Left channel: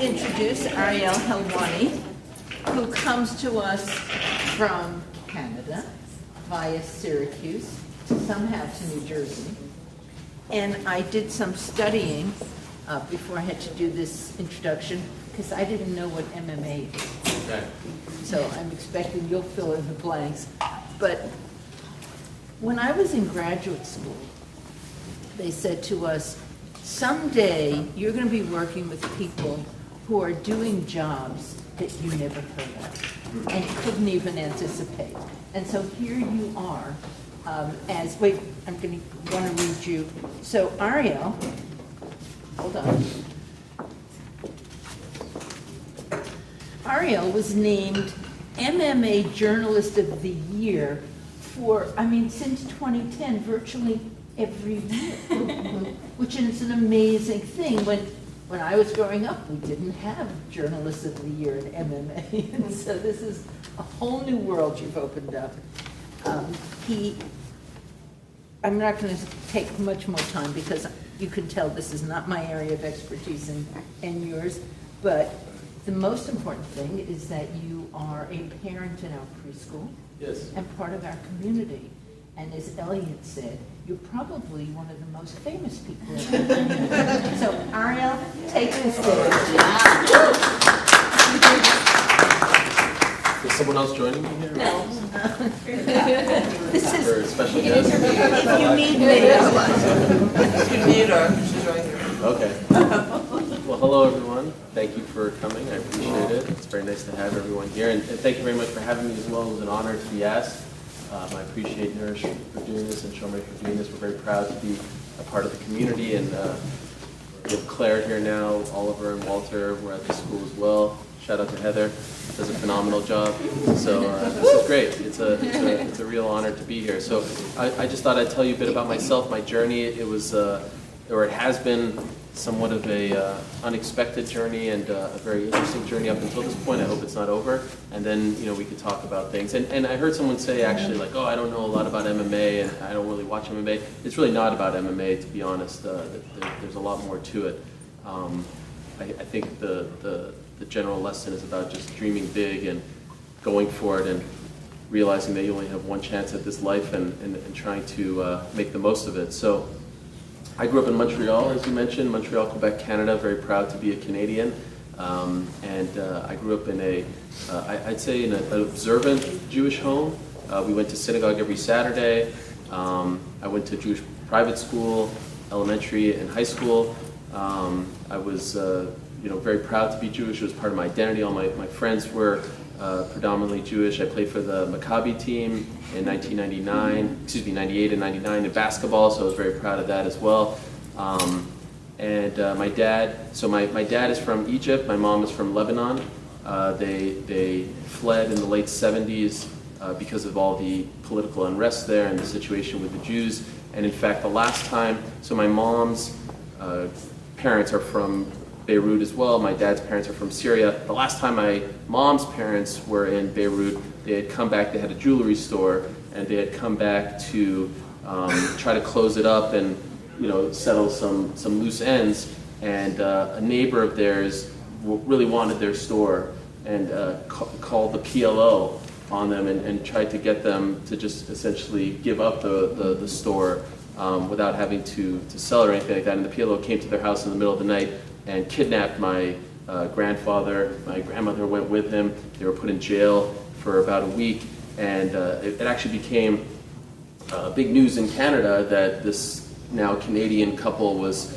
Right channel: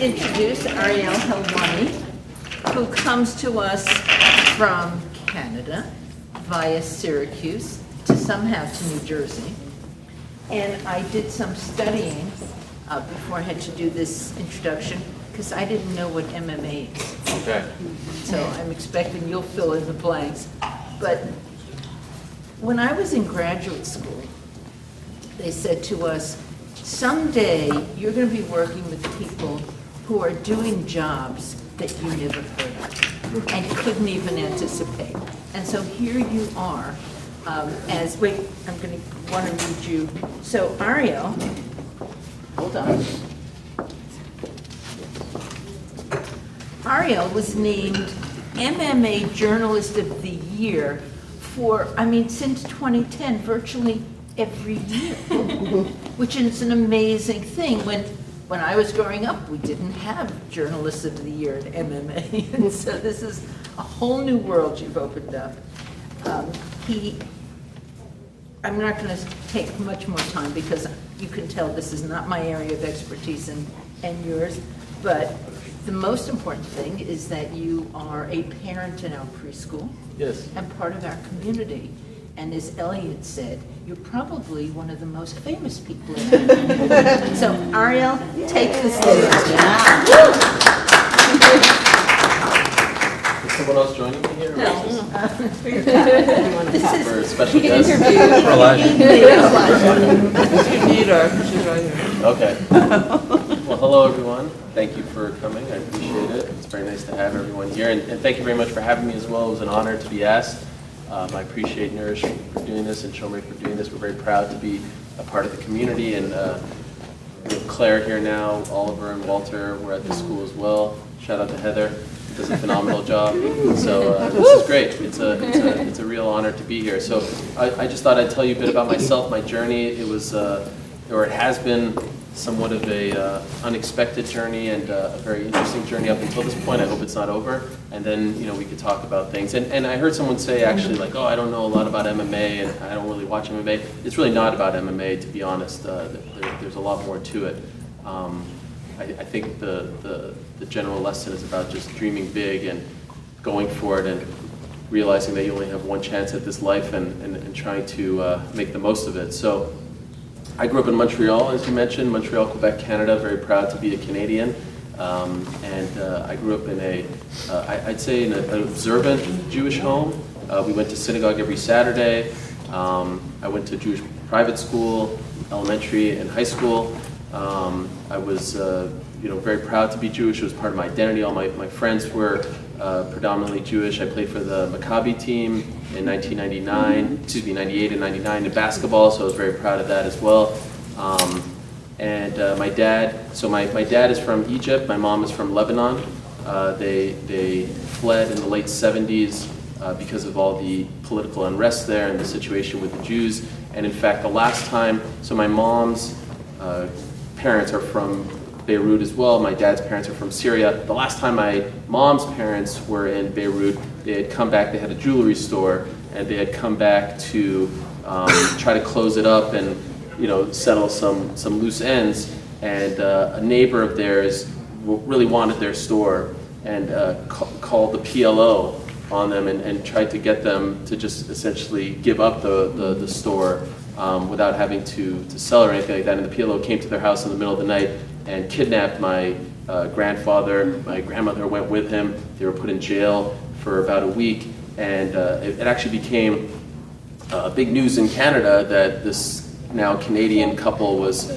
introduce Ariel Helwani, who comes to us from Canada via Syracuse to somehow to New Jersey. And I did some studying before I had to do this introduction because I didn't know what MMA is. Okay. So I'm expecting you'll fill in the blanks. But when I was in graduate school, they said to us, someday you're going to be working with people who are doing jobs that you never heard of and couldn't even anticipate. And so here you are wait, I'm going to want to read you. So Ariel, hold on. Ariel was named MMA Journalist of the Year since 2010, virtually every year, which is an amazing thing. When I was growing up, we didn't have Journalists of the Year in MMA, and so this is a whole new world you've opened up. I'm not going to take much more time because you can tell this is not my area of expertise and yours, but the most important thing is that you are a parent in our preschool. Yes. And part of our community. And as Elliot said, you're probably one of the most famous people in our community. So Ariel, take the stage. Is someone else joining me here? No. This is for a special guest. You need her. She's right here. Okay. Well, hello everyone. Thank you for coming. I appreciate it. It's very nice to have everyone here, and thank you very much for having me as well. It was an honor to be asked. I appreciate Nourish for doing this and Shomrei for doing this. We're very proud to be a part of the community, and we have Claire here now, Oliver and Walter. We're at the school as well. Shout out to Heather. Does a phenomenal job. So this is great. It's a real honor to be here. So I just thought I'd tell you a bit about myself, my journey. It was, or it has been, somewhat of a unexpected journey and a very interesting journey up until this point. I hope it's not over. And then we could talk about things. And I heard someone say actually like, oh, I don't know a lot about MMA and I don't really watch MMA. It's really not about MMA, to be honest. There's a lot more to it. I think the general lesson is about just dreaming big and going for it and realizing that you only have one chance at this life and trying to make the most of it. So I grew up in Montreal, as you mentioned, Montreal, Quebec, Canada, very proud to be a Canadian. I grew up in I'd say in an observant Jewish home. We went to synagogue every Saturday. I went to Jewish private school, elementary and high school. I was very proud to be Jewish. It was part of my identity. All my friends were predominantly Jewish. I played for the Maccabi team in 98 and 99 in basketball, so I was very proud of that as well. My dad is from Egypt. My mom is from Lebanon. They fled in the late 70s because of all the political unrest there and the situation with the Jews. And in fact, the last time, so my mom's parents are from Beirut as well. My dad's parents are from Syria. The last time my mom's parents were in Beirut, they had come back, they had a jewelry store, and they had come back to try to close it up and settle some loose ends. And a neighbor of theirs really wanted their store and called the PLO on them and tried to get them to just essentially give up the store without having to sell or anything like that. And the PLO came to their house in the middle of the night and kidnapped my grandfather. My grandmother went with him. They were put in jail for about a week, and it actually became big news in Canada that this now Canadian couple was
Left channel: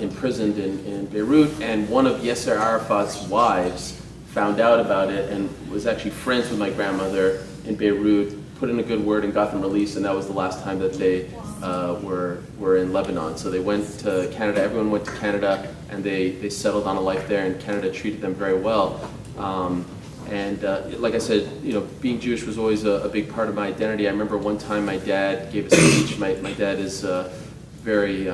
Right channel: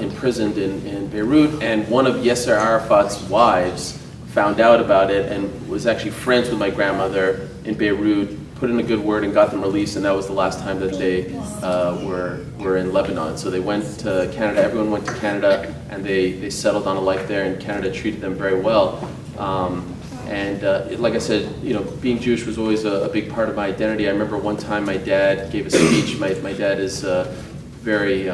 imprisoned in Beirut, and one of Yasser Arafat's wives found out about it and was actually friends with my grandmother in Beirut, put in a good word and got them released, and that was the last time that they were in Lebanon. So they went to Canada, everyone went to Canada, and they settled on a life there, and Canada treated them very well. Like I said, being Jewish was always a big part of my identity. I remember one time my dad gave a speech. My dad is very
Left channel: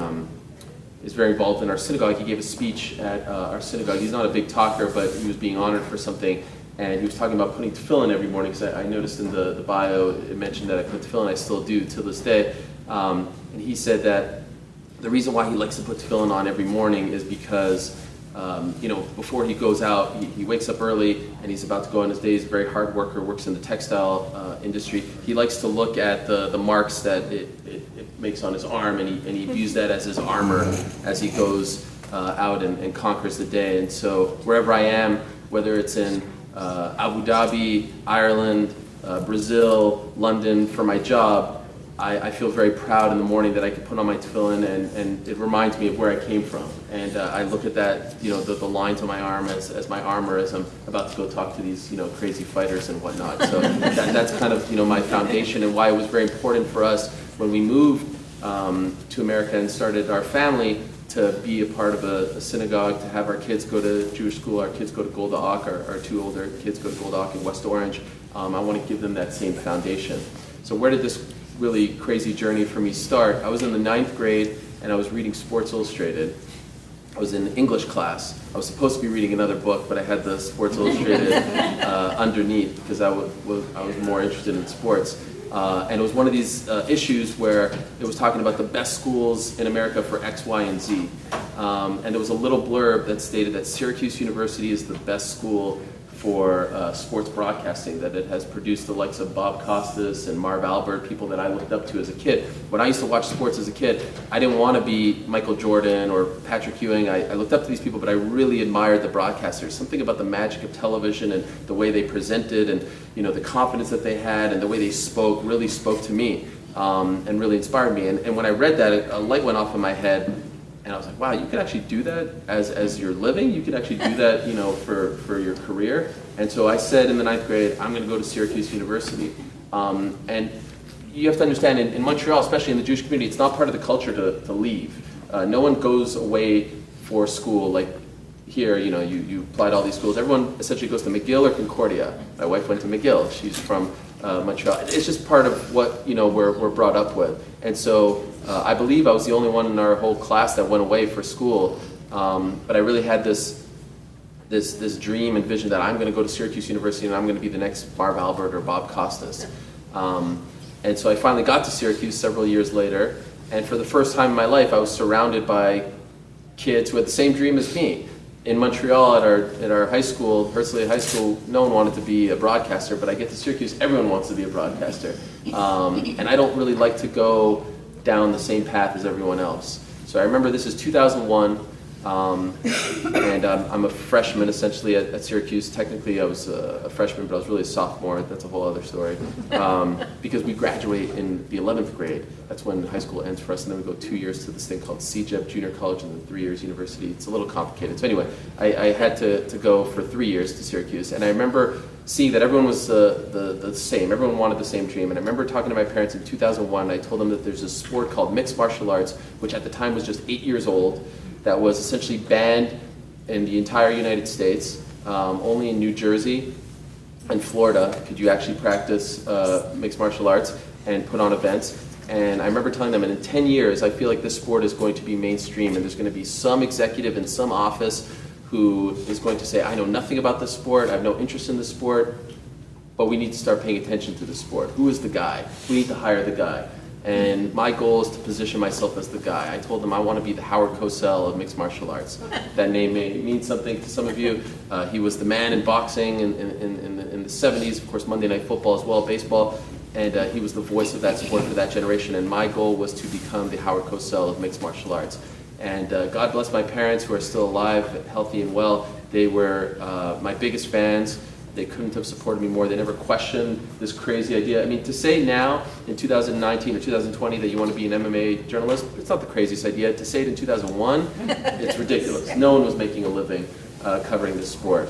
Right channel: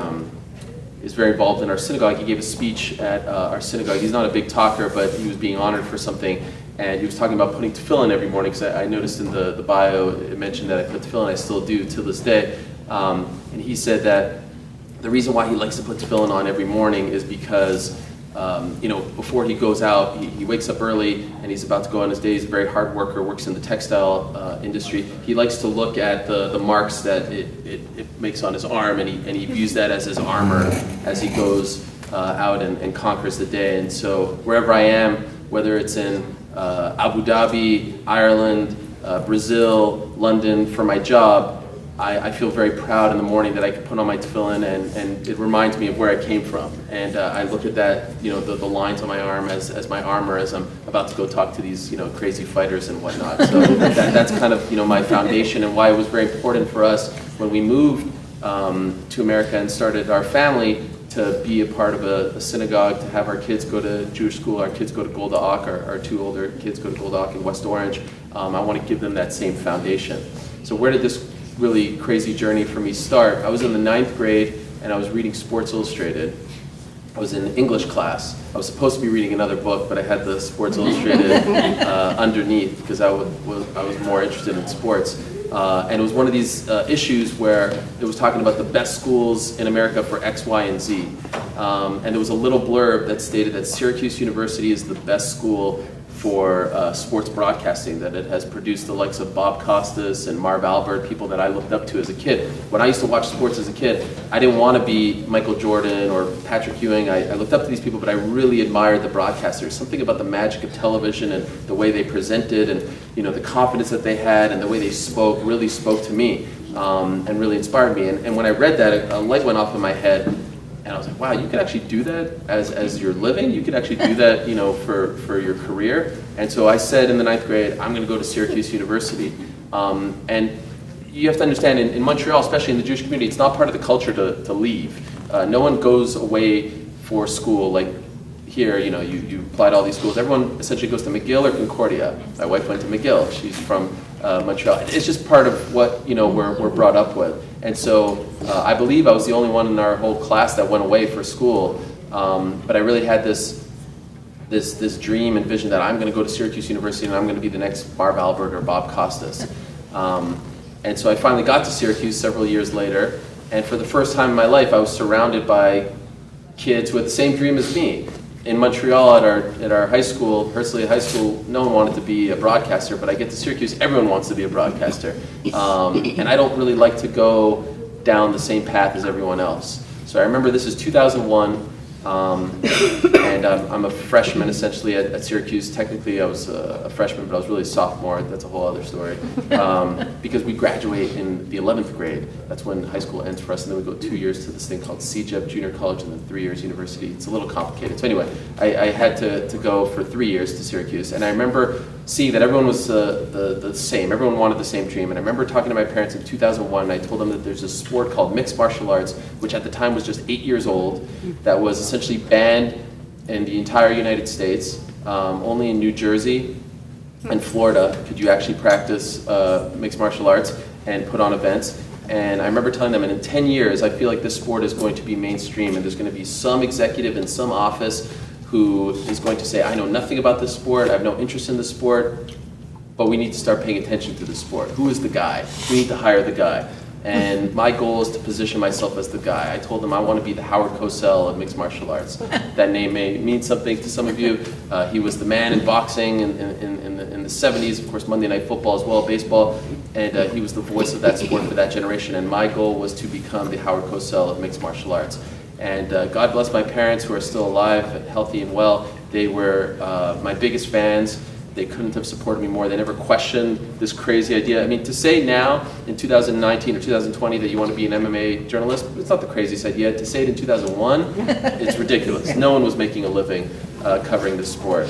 involved in our synagogue. He gave a speech at our synagogue. He's not a big talker, but he was being honored for something. And he was talking about putting tefillin every morning, because I noticed in the bio it mentioned that I put tefillin. I still do to this day. And he said that the reason why he likes to put tefillin on every morning is because before he goes out, he wakes up early and he's about to go on his day. He's a very hard worker, works in the textile industry. He likes to look at the marks that it makes on his arm, and he views that as his armor as he goes out and conquers the day. And so wherever I am, whether it's in Abu Dhabi, Ireland, Brazil, London, for my job, I feel very proud in the morning that I can put on my tefillin, and it reminds me of where I came from. And I look at that, the lines on my arm as my armor as I'm about to go talk to these, crazy fighters and whatnot. So that's kind of, my foundation, and why it was very important for us when we moved to America and started our family to be a part of a synagogue, to have our kids go to Jewish school, our kids go to Golda Ak, our two older kids go to Golda Ak in West Orange. I want to give them that same foundation. So where did this really crazy journey for me start? I was in the 9th grade and I was reading Sports Illustrated. I was in English class. I was supposed to be reading another book, but I had the Sports Illustrated underneath because I was more interested in sports. And it was one of these issues where it was talking about the best schools in America for X, Y, and Z. And there was a little blurb that stated that Syracuse University is the best school for sports broadcasting, that it has produced the likes of Bob Costas and Marv Albert, people that I looked up to as a kid. When I used to watch sports as a kid, I didn't want to be Michael Jordan or Patrick Ewing. I looked up to these people, but I really admired the broadcasters. Something about the magic of television and the way they presented, and the confidence that they had and the way they spoke really spoke to me and really inspired me. And when I read that, a light went off in my head. And I was like, wow, you can actually do that as your living? You can actually do that, for your career? And so I said in the 9th grade, I'm going to go to Syracuse University. And you have to understand, in Montreal, especially in the Jewish community, it's not part of the culture to leave. No one goes away for school like here, you apply to all these schools. Everyone essentially goes to McGill or Concordia. My wife went to McGill. She's from Montreal. It's just part of what, we're brought up with. And so I believe I was the only one in our whole class that went away for school. But I really had this dream and vision that I'm going to go to Syracuse University and I'm going to be the next Marv Albert or Bob Costas. And so I finally got to Syracuse several years later. And for the first time in my life, I was surrounded by kids who had the same dream as me. In Montreal, at our high school, Herzliya High School, no one wanted to be a broadcaster, but I get to Syracuse, everyone wants to be a broadcaster. And I don't really like to go down the same path as everyone else. So I remember this is 2001, and I'm a freshman essentially at Syracuse. Technically I was a freshman, but I was really a sophomore. That's a whole other story. Because we graduate in the 11th grade. That's when high school ends for us, and then we go 2 years to this thing called CJEP, junior college, and then 3 years university. It's a little complicated. So anyway, I had to go for 3 years to Syracuse, and I remember seeing that everyone was the same. Everyone wanted the same dream, and I remember talking to my parents in 2001, and I told them that there's a sport called mixed martial arts, which at the time was just 8 years old, that was essentially banned in the entire United States. Only in New Jersey and Florida could you actually practice mixed martial arts and put on events. And I remember telling them, and in 10 years, I feel like this sport is going to be mainstream, and there's going to be some executive in some office who is going to say, I know nothing about this sport, I have no interest in the sport, but we need to start paying attention to the sport. Who is the guy? We need to hire the guy. And my goal is to position myself as the guy. I told them I want to be the Howard Cosell of mixed martial arts. That name may mean something to some of you. He was the man in boxing in the 70s, of course Monday Night Football as well, baseball, and he was the voice of that sport for that generation. And my goal was to become the Howard Cosell of mixed martial arts. And God bless my parents who are still alive, healthy and well. They were my biggest fans. They couldn't have supported me more. They never questioned this crazy idea. I mean, to say now in 2019 or 2020 that you want to be an MMA journalist, it's not the craziest idea. To say it in 2001, it's ridiculous. No one was making a living covering this sport.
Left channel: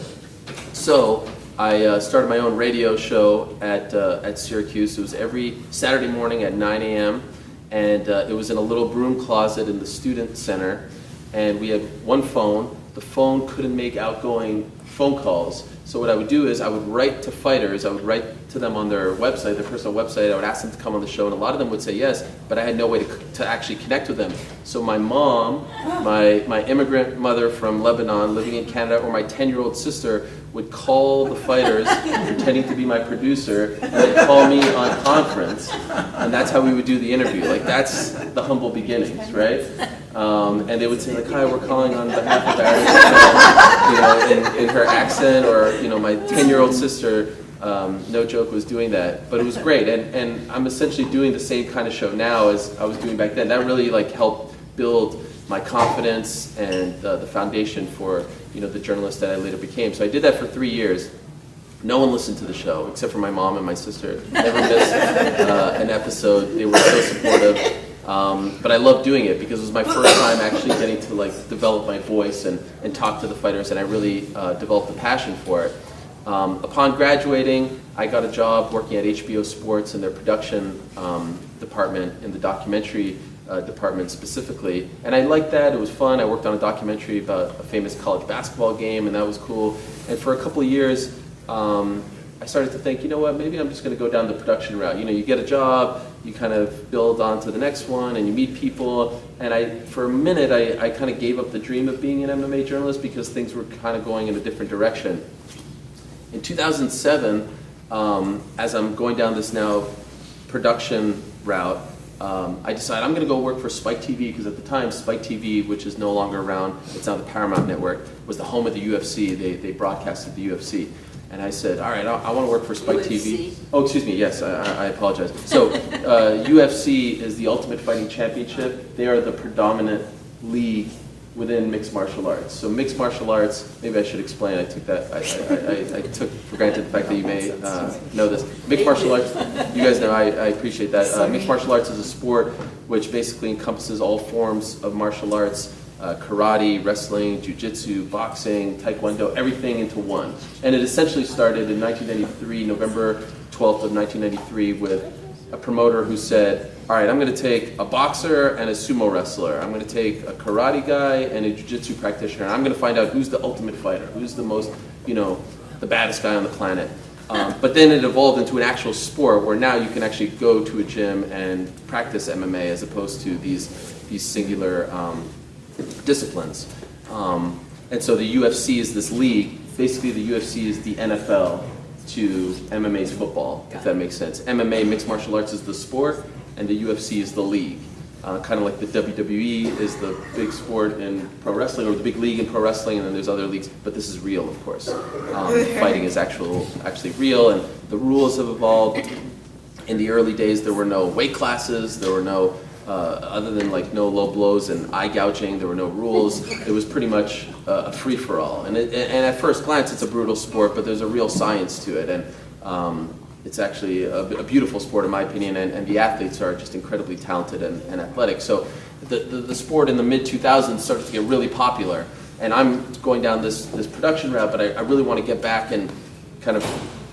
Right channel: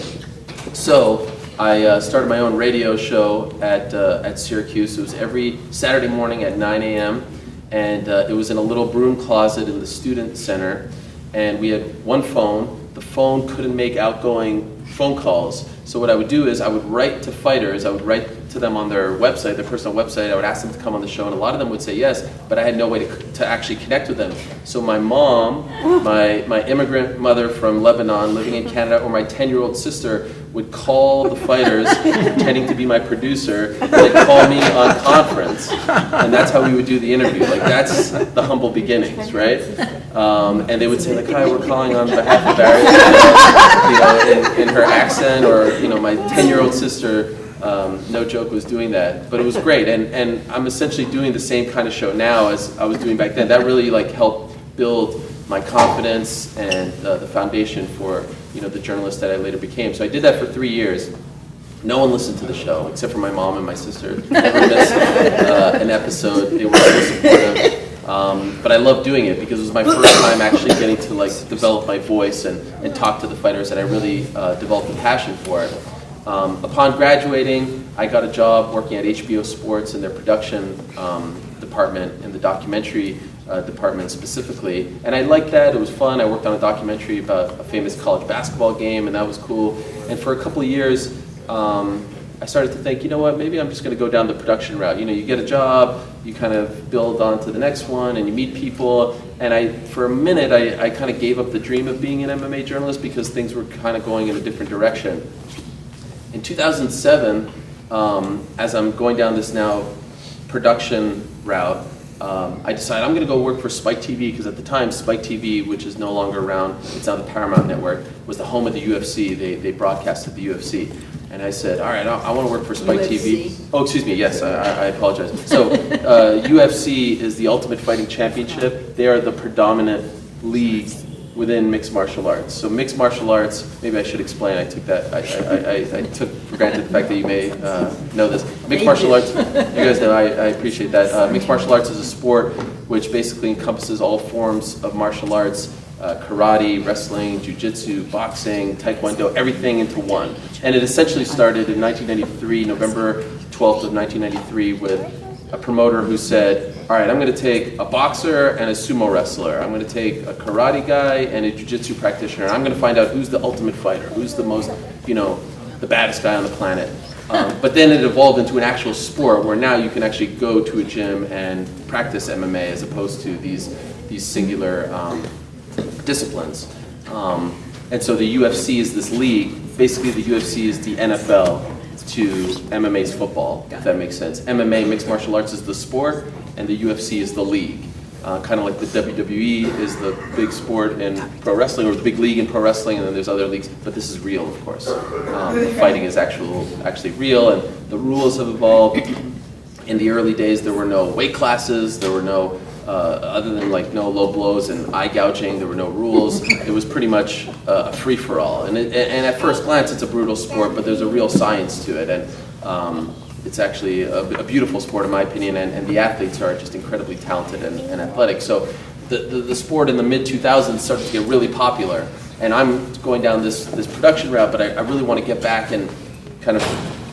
So I started my own radio show at Syracuse. It was every Saturday morning at 9 a.m. And it was in a little broom closet in the student center. And we had one phone. The phone couldn't make outgoing phone calls. So what I would do is I would write to fighters, I would write to them on their website, their personal website, I would ask them to come on the show, and a lot of them would say yes, but I had no way to actually connect with them. So my mom, my immigrant mother from Lebanon living in Canada, or my 10-year-old sister would call the fighters, pretending to be my producer, and they'd call me on conference, and that's how we would do the interview. Like, that's the humble beginnings, right? And they would say, like, hi, we're calling on behalf of Ariel, in her accent, or, my 10-year-old sister, no joke, was doing that. But it was great, and I'm essentially doing the same kind of show now as I was doing back then. That really, helped build my confidence and the foundation for, the journalist that I later became. So I did that for 3 years. No one listened to the show, except for my mom and my sister. Never missed an episode. They were so supportive. But I loved doing it because it was my first time actually getting to develop my voice and talk to the fighters, and I really developed a passion for it. Upon graduating, I got a job working at HBO Sports in their production department, in the documentary department specifically, and I liked that. It was fun. I worked on a documentary about a famous college basketball game, and that was cool. And for a couple of years, I started to think, maybe I'm just going to go down the production route. You get a job, you kind of build on to the next one, and you meet people. And for a minute, I kind of gave up the dream of being an MMA journalist because things were kind of going in a different direction. In 2007, as I'm going down this now production route, I decided I'm going to go work for Spike TV, because at the time, Spike TV, which is no longer around, it's now the Paramount Network, was the home of the UFC. They broadcasted the UFC. And I said, all right, I want to work for Spike UFC? TV. Oh, excuse me, yes, I apologize. So UFC is the Ultimate Fighting Championship. They are the predominant league within mixed martial arts. So mixed martial arts, maybe I should explain, I took for granted the fact that you may know this. Mixed martial arts, you guys know, I appreciate that. Mixed martial arts is a sport which basically encompasses all forms of martial arts, karate, wrestling, jiu-jitsu, boxing, taekwondo, everything into one. And it essentially started in 1993, November 12th of 1993, with a promoter who said, all right, I'm going to take a boxer and a sumo wrestler. I'm going to take a karate guy and a jiu-jitsu practitioner. And I'm going to find out who's the ultimate fighter, who's the most, the baddest guy on the planet. But then it evolved into an actual sport where now you can actually go to a gym and practice MMA as opposed to these singular disciplines. And so the UFC is this league. Basically, the UFC is the NFL to MMA's football, if that makes sense. MMA, mixed martial arts, is the sport, and the UFC is the league. Kind of like the WWE is the big sport in pro wrestling, or the big league in pro wrestling, and then there's other leagues, but this is real, of course. Fighting is actually real, and the rules have evolved. In the early days, there were no weight classes, there were no other than no low blows and eye gouging, there were no rules. It was pretty much a free-for-all. And at first glance, it's a brutal sport, but there's a real science to it. And it's actually a beautiful sport, in my opinion, and the athletes are just incredibly talented and athletic. So the sport in the mid-2000s started to get really popular. And I'm going down this production route, but I really want to get back and kind of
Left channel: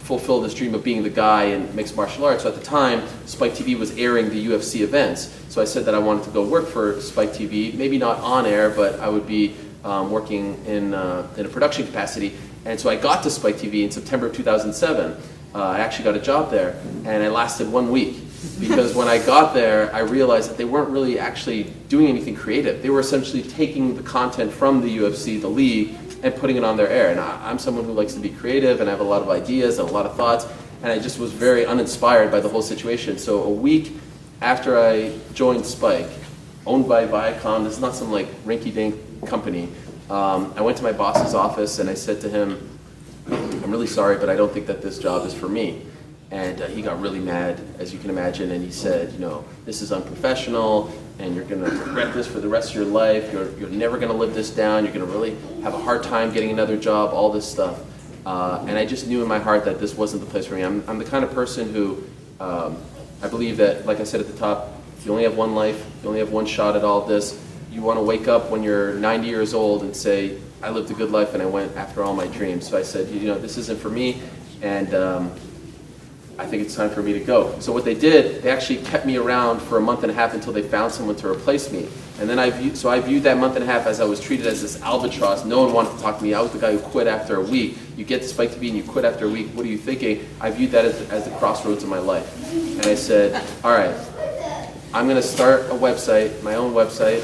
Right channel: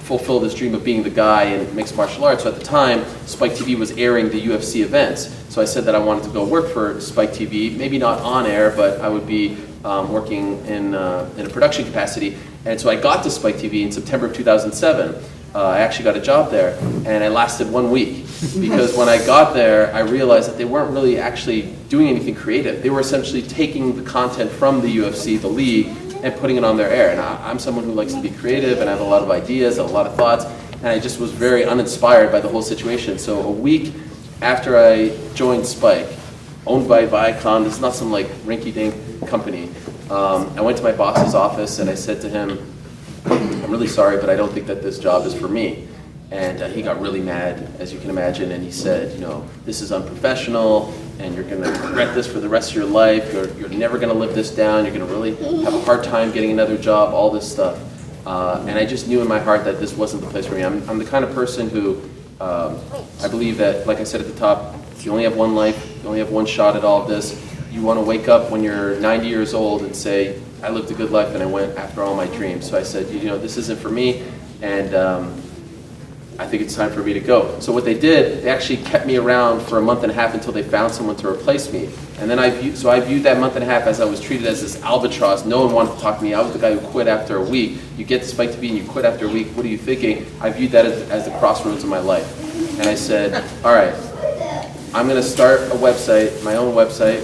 fulfill this dream of being the guy in mixed martial arts. So at the time, Spike TV was airing the UFC events. So I said that I wanted to go work for Spike TV, maybe not on air, but I would be working in a production capacity. And so I got to Spike TV in September of 2007. I actually got a job there, and I lasted 1 week. Because when I got there, I realized that they weren't really actually doing anything creative. They were essentially taking the content from the UFC, the league, and putting it on their air. And I'm someone who likes to be creative, and I have a lot of ideas, a lot of thoughts, and I just was very uninspired by the whole situation. So a week after I joined Spike, owned by Viacom, it's not some rinky-dink company, I went to my boss's office and I said to him, I'm really sorry, but I don't think that this job is for me. And he got really mad, as you can imagine, and he said, this is unprofessional, and you're going to regret this for the rest of your life. You're never going to live this down. You're going to really have a hard time getting another job, all this stuff. And I just knew in my heart that this wasn't the place for me. I'm the kind of person who, I believe that, like I said at the top, if you only have one life, you only have one shot at all of this, you want to wake up when you're 90 years old and say, I lived a good life and I went after all my dreams. So I said, this isn't for me. And I think it's time for me to go. So what they did, they actually kept me around for a month and a half until they found someone to replace me. And then I viewed that month and a half as I was treated as this albatross. No one wanted to talk to me. I was the guy who quit after a week. You get to Spike TV and you quit after a week. What are you thinking? I viewed that as the crossroads of my life. And I said, all right, I'm going to start a website, my own website.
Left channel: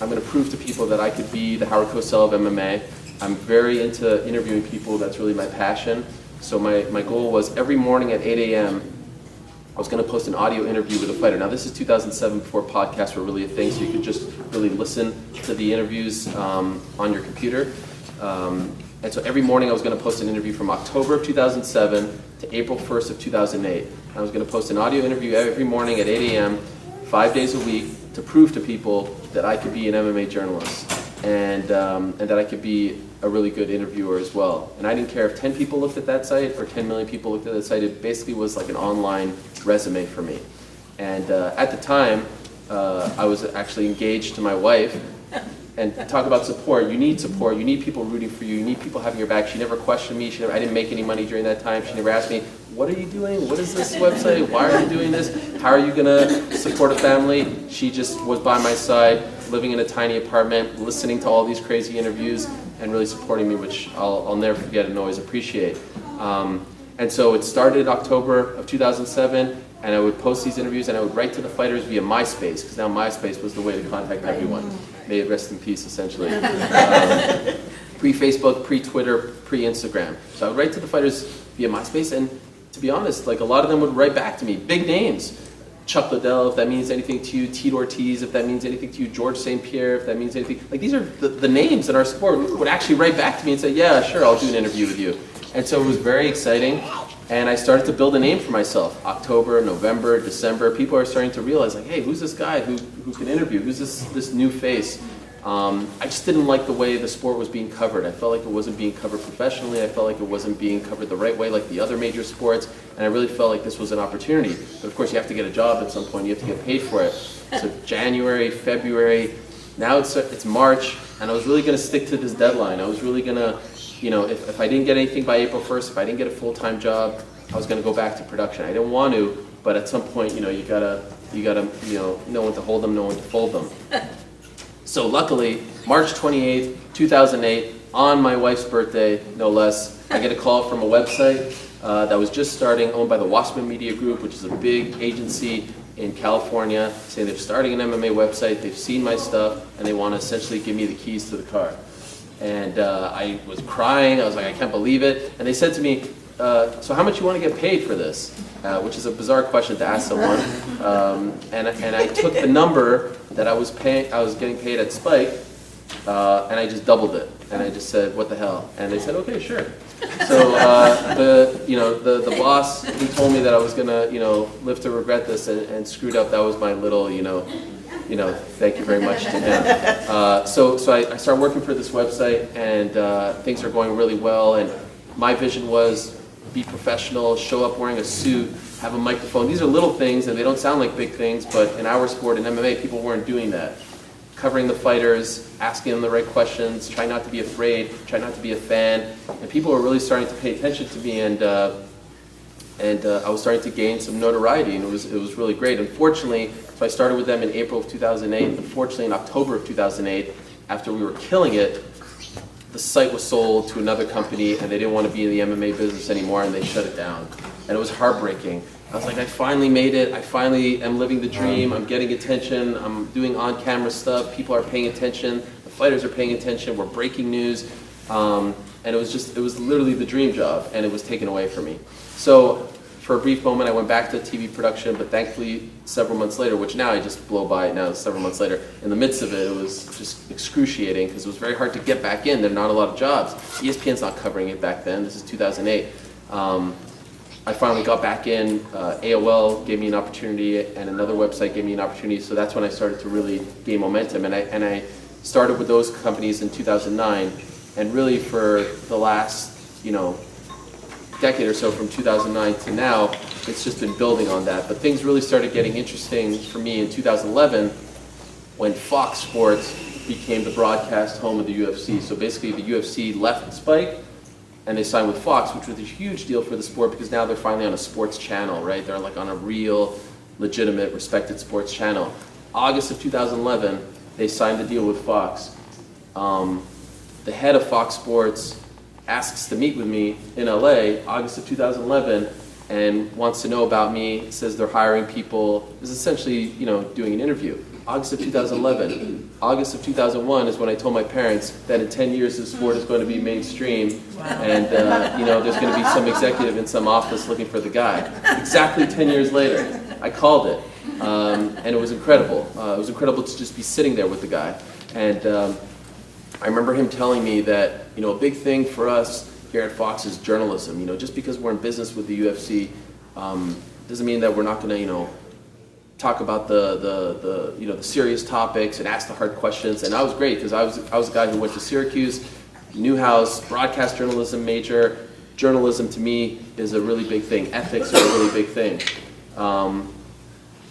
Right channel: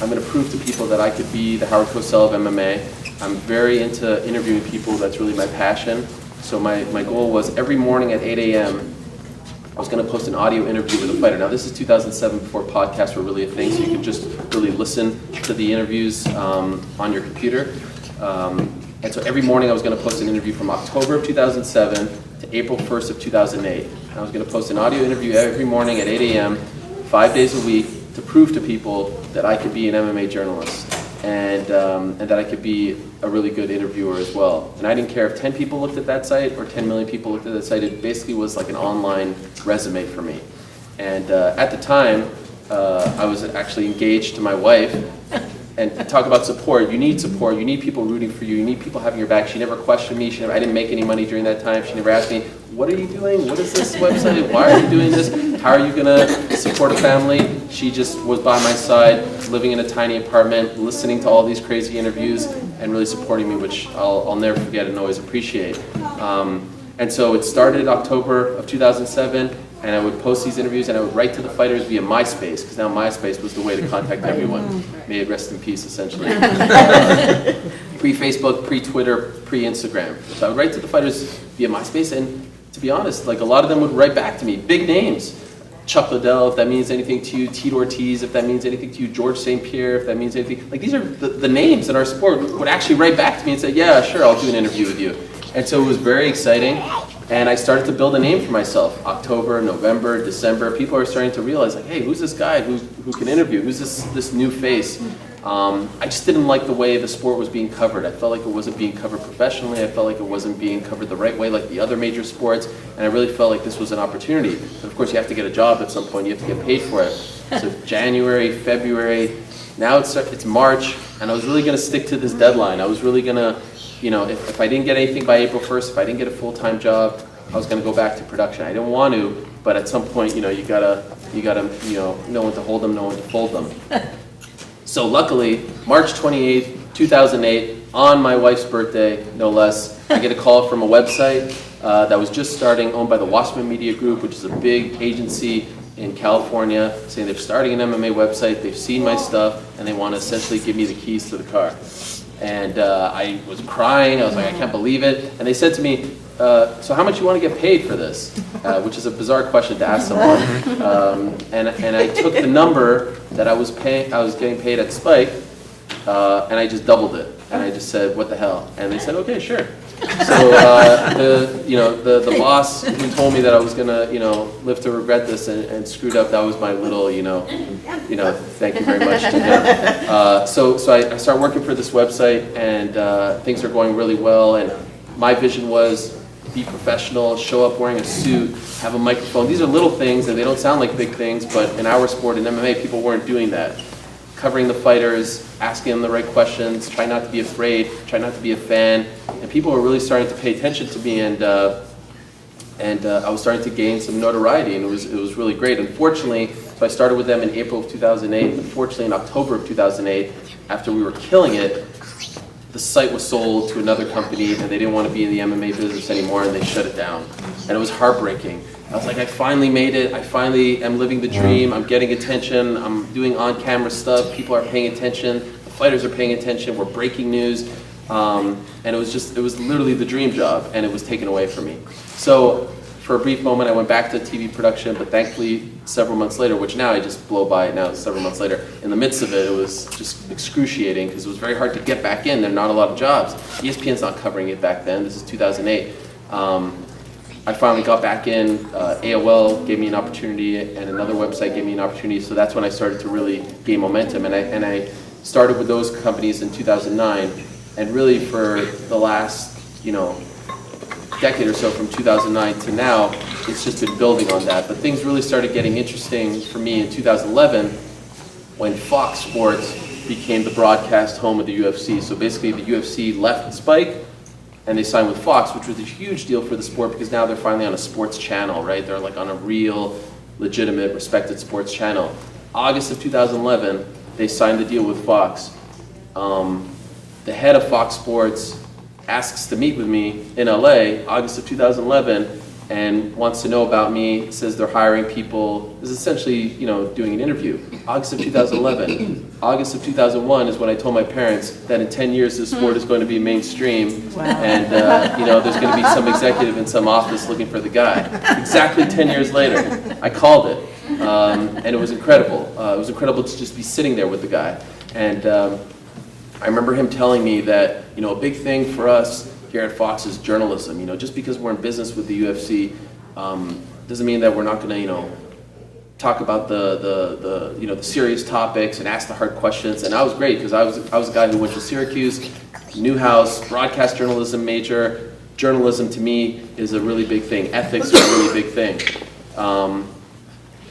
I'm going to prove to people that I could be the Howard Cosell of MMA. I'm very into interviewing people. That's really my passion. So my goal was every morning at 8 a.m., I was going to post an audio interview with a fighter. Now, this is 2007 before podcasts were really a thing, so you could just really listen to the interviews on your computer. And so every morning I was going to post an interview from October of 2007 to April 1st of 2008. And I was going to post an audio interview every morning at 8 a.m., 5 days a week, to prove to people that I could be an MMA journalist. And that I could be a really good interviewer as well. And I didn't care if 10 people looked at that site or 10 million people looked at that site. It basically was like an online resume for me. And at the time, I was actually engaged to my wife. And talk about support. You need support. You need people rooting for you. You need people having your back. She never questioned me. I didn't make any money during that time. She never asked me, what are you doing? What is this website? Why are you doing this? How are you going to support a family? She just was by my side, living in a tiny apartment, listening to all these crazy interviews, and really supporting me, which I'll never forget and always appreciate. And so it started October of 2007, and I would post these interviews, and I would write to the fighters via MySpace, because now MySpace was the way to contact everyone. May it rest in peace, essentially. Pre-Facebook, pre-Twitter, pre-Instagram. So I would write to the fighters via MySpace, and to be honest, like a lot of them would write back to me, big names. Chuck Liddell, if that means anything to you, Tito Ortiz, if that means anything to you, George St. Pierre, if that means anything. Like these are the names in our sport would actually write back to me and say, yeah, sure, I'll do an interview with you. And so it was very exciting, and I started to build a name for myself. October, November, December, people are starting to realize, like, hey, who's this guy who can interview? Who's this new face? I just didn't like the way the sport was being covered. I felt like it wasn't being covered professionally. I felt like it wasn't being covered the right way like the other major sports, and I really felt like this was an opportunity. But of course, you have to get a job at some point. You have to get paid for it. So January, February, now it's March, and I was really going to stick to this deadline. I was really going to, if I didn't get anything by April 1st, if I didn't get a full-time job, I was going to go back to production. I didn't want to, but at some point, you gotta know when to hold them, know when to fold them. So luckily, March 28th, 2008, on my wife's birthday, no less, I get a call from a website that was just starting, owned by the Wasserman Media Group, which is a big agency in California, saying they're starting an MMA website, they've seen my stuff, and they want to essentially give me the keys to the car. And I was crying, I was like, I can't believe it. And they said to me, so how much you want to get paid for this? Which is a bizarre question to ask someone. And I took the number that I was getting paid at Spike, and I just doubled it. And I just said, what the hell? And they said, okay, sure. So the boss who told me that I was gonna live to regret this and screwed up, that was my little thank you very much to him. So I started working for this website, and things are going really well. And my vision was be professional, show up wearing a suit, have a microphone. These are little things, and they don't sound like big things, but in our sport, in MMA, people weren't doing that. Covering the fighters, asking them the right questions, try not to be afraid, try not to be a fan. And people were really starting to pay attention to me, and I was starting to gain some notoriety, and it was really great. Unfortunately, so I started with them in April of 2008. Unfortunately, in October of 2008, after we were killing it, the site was sold to another company, and they didn't want to be in the MMA business anymore, and they shut it down. And it was heartbreaking. I was like, I finally made it. I finally am living the dream. I'm getting attention. I'm doing on-camera stuff. People are paying attention. The fighters are paying attention. We're breaking news. And it was literally the dream job, and it was taken away from me. So for a brief moment, I went back to TV production, but thankfully, several months later, which now I just blow by now, several months later, in the midst of it, it was just excruciating, because it was very hard to get back in. There are not a lot of jobs. ESPN's not covering it back then. This is 2008. I finally got back in. AOL gave me an opportunity, and another website gave me an opportunity, so that's when I started to really gain momentum. And I started with those companies in 2009, and really for the last, decade or so, from 2009 to now, it's just been building on that. But things really started getting interesting for me in 2011 when Fox Sports became the broadcast home of the UFC. So basically the UFC left Spike, and they signed with Fox, which was a huge deal for the sport because now they're finally on a sports channel, right? They're like on a real, legitimate, respected sports channel. August of 2011, they signed the deal with Fox. The head of Fox Sports asks to meet with me in LA, August of 2011, and wants to know about me, says they're hiring people, is essentially, doing an interview. August of 2011. August of 2001 is when I told my parents that in 10 years the sport is going to be mainstream, and there's going to be some executive in some office looking for the guy. Exactly 10 years later, I called it, and it was incredible. It was incredible to just be sitting there with the guy. And I remember him telling me that, a big thing for us here at Fox is journalism. Just because we're in business with the UFC doesn't mean that we're not going to, talk about the serious topics and ask the hard questions. And I was great because I was a guy who went to Syracuse, Newhouse, broadcast journalism major. Journalism to me is a really big thing. Ethics are a really big thing.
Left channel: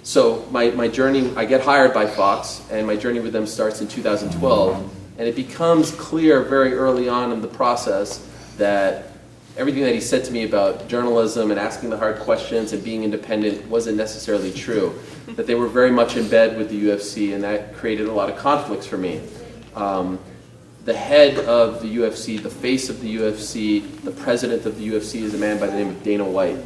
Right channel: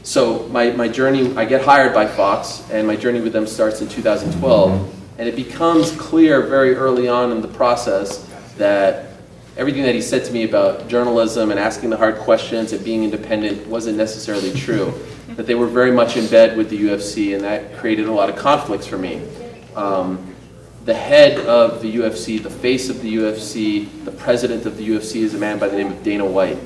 So my journey, I get hired by Fox, and my journey with them starts in 2012. And it becomes clear very early on in the process that everything that he said to me about journalism and asking the hard questions and being independent wasn't necessarily true. That they were very much in bed with the UFC, and that created a lot of conflicts for me. The head of the UFC, the face of the UFC, the president of the UFC is a man by the name of Dana White.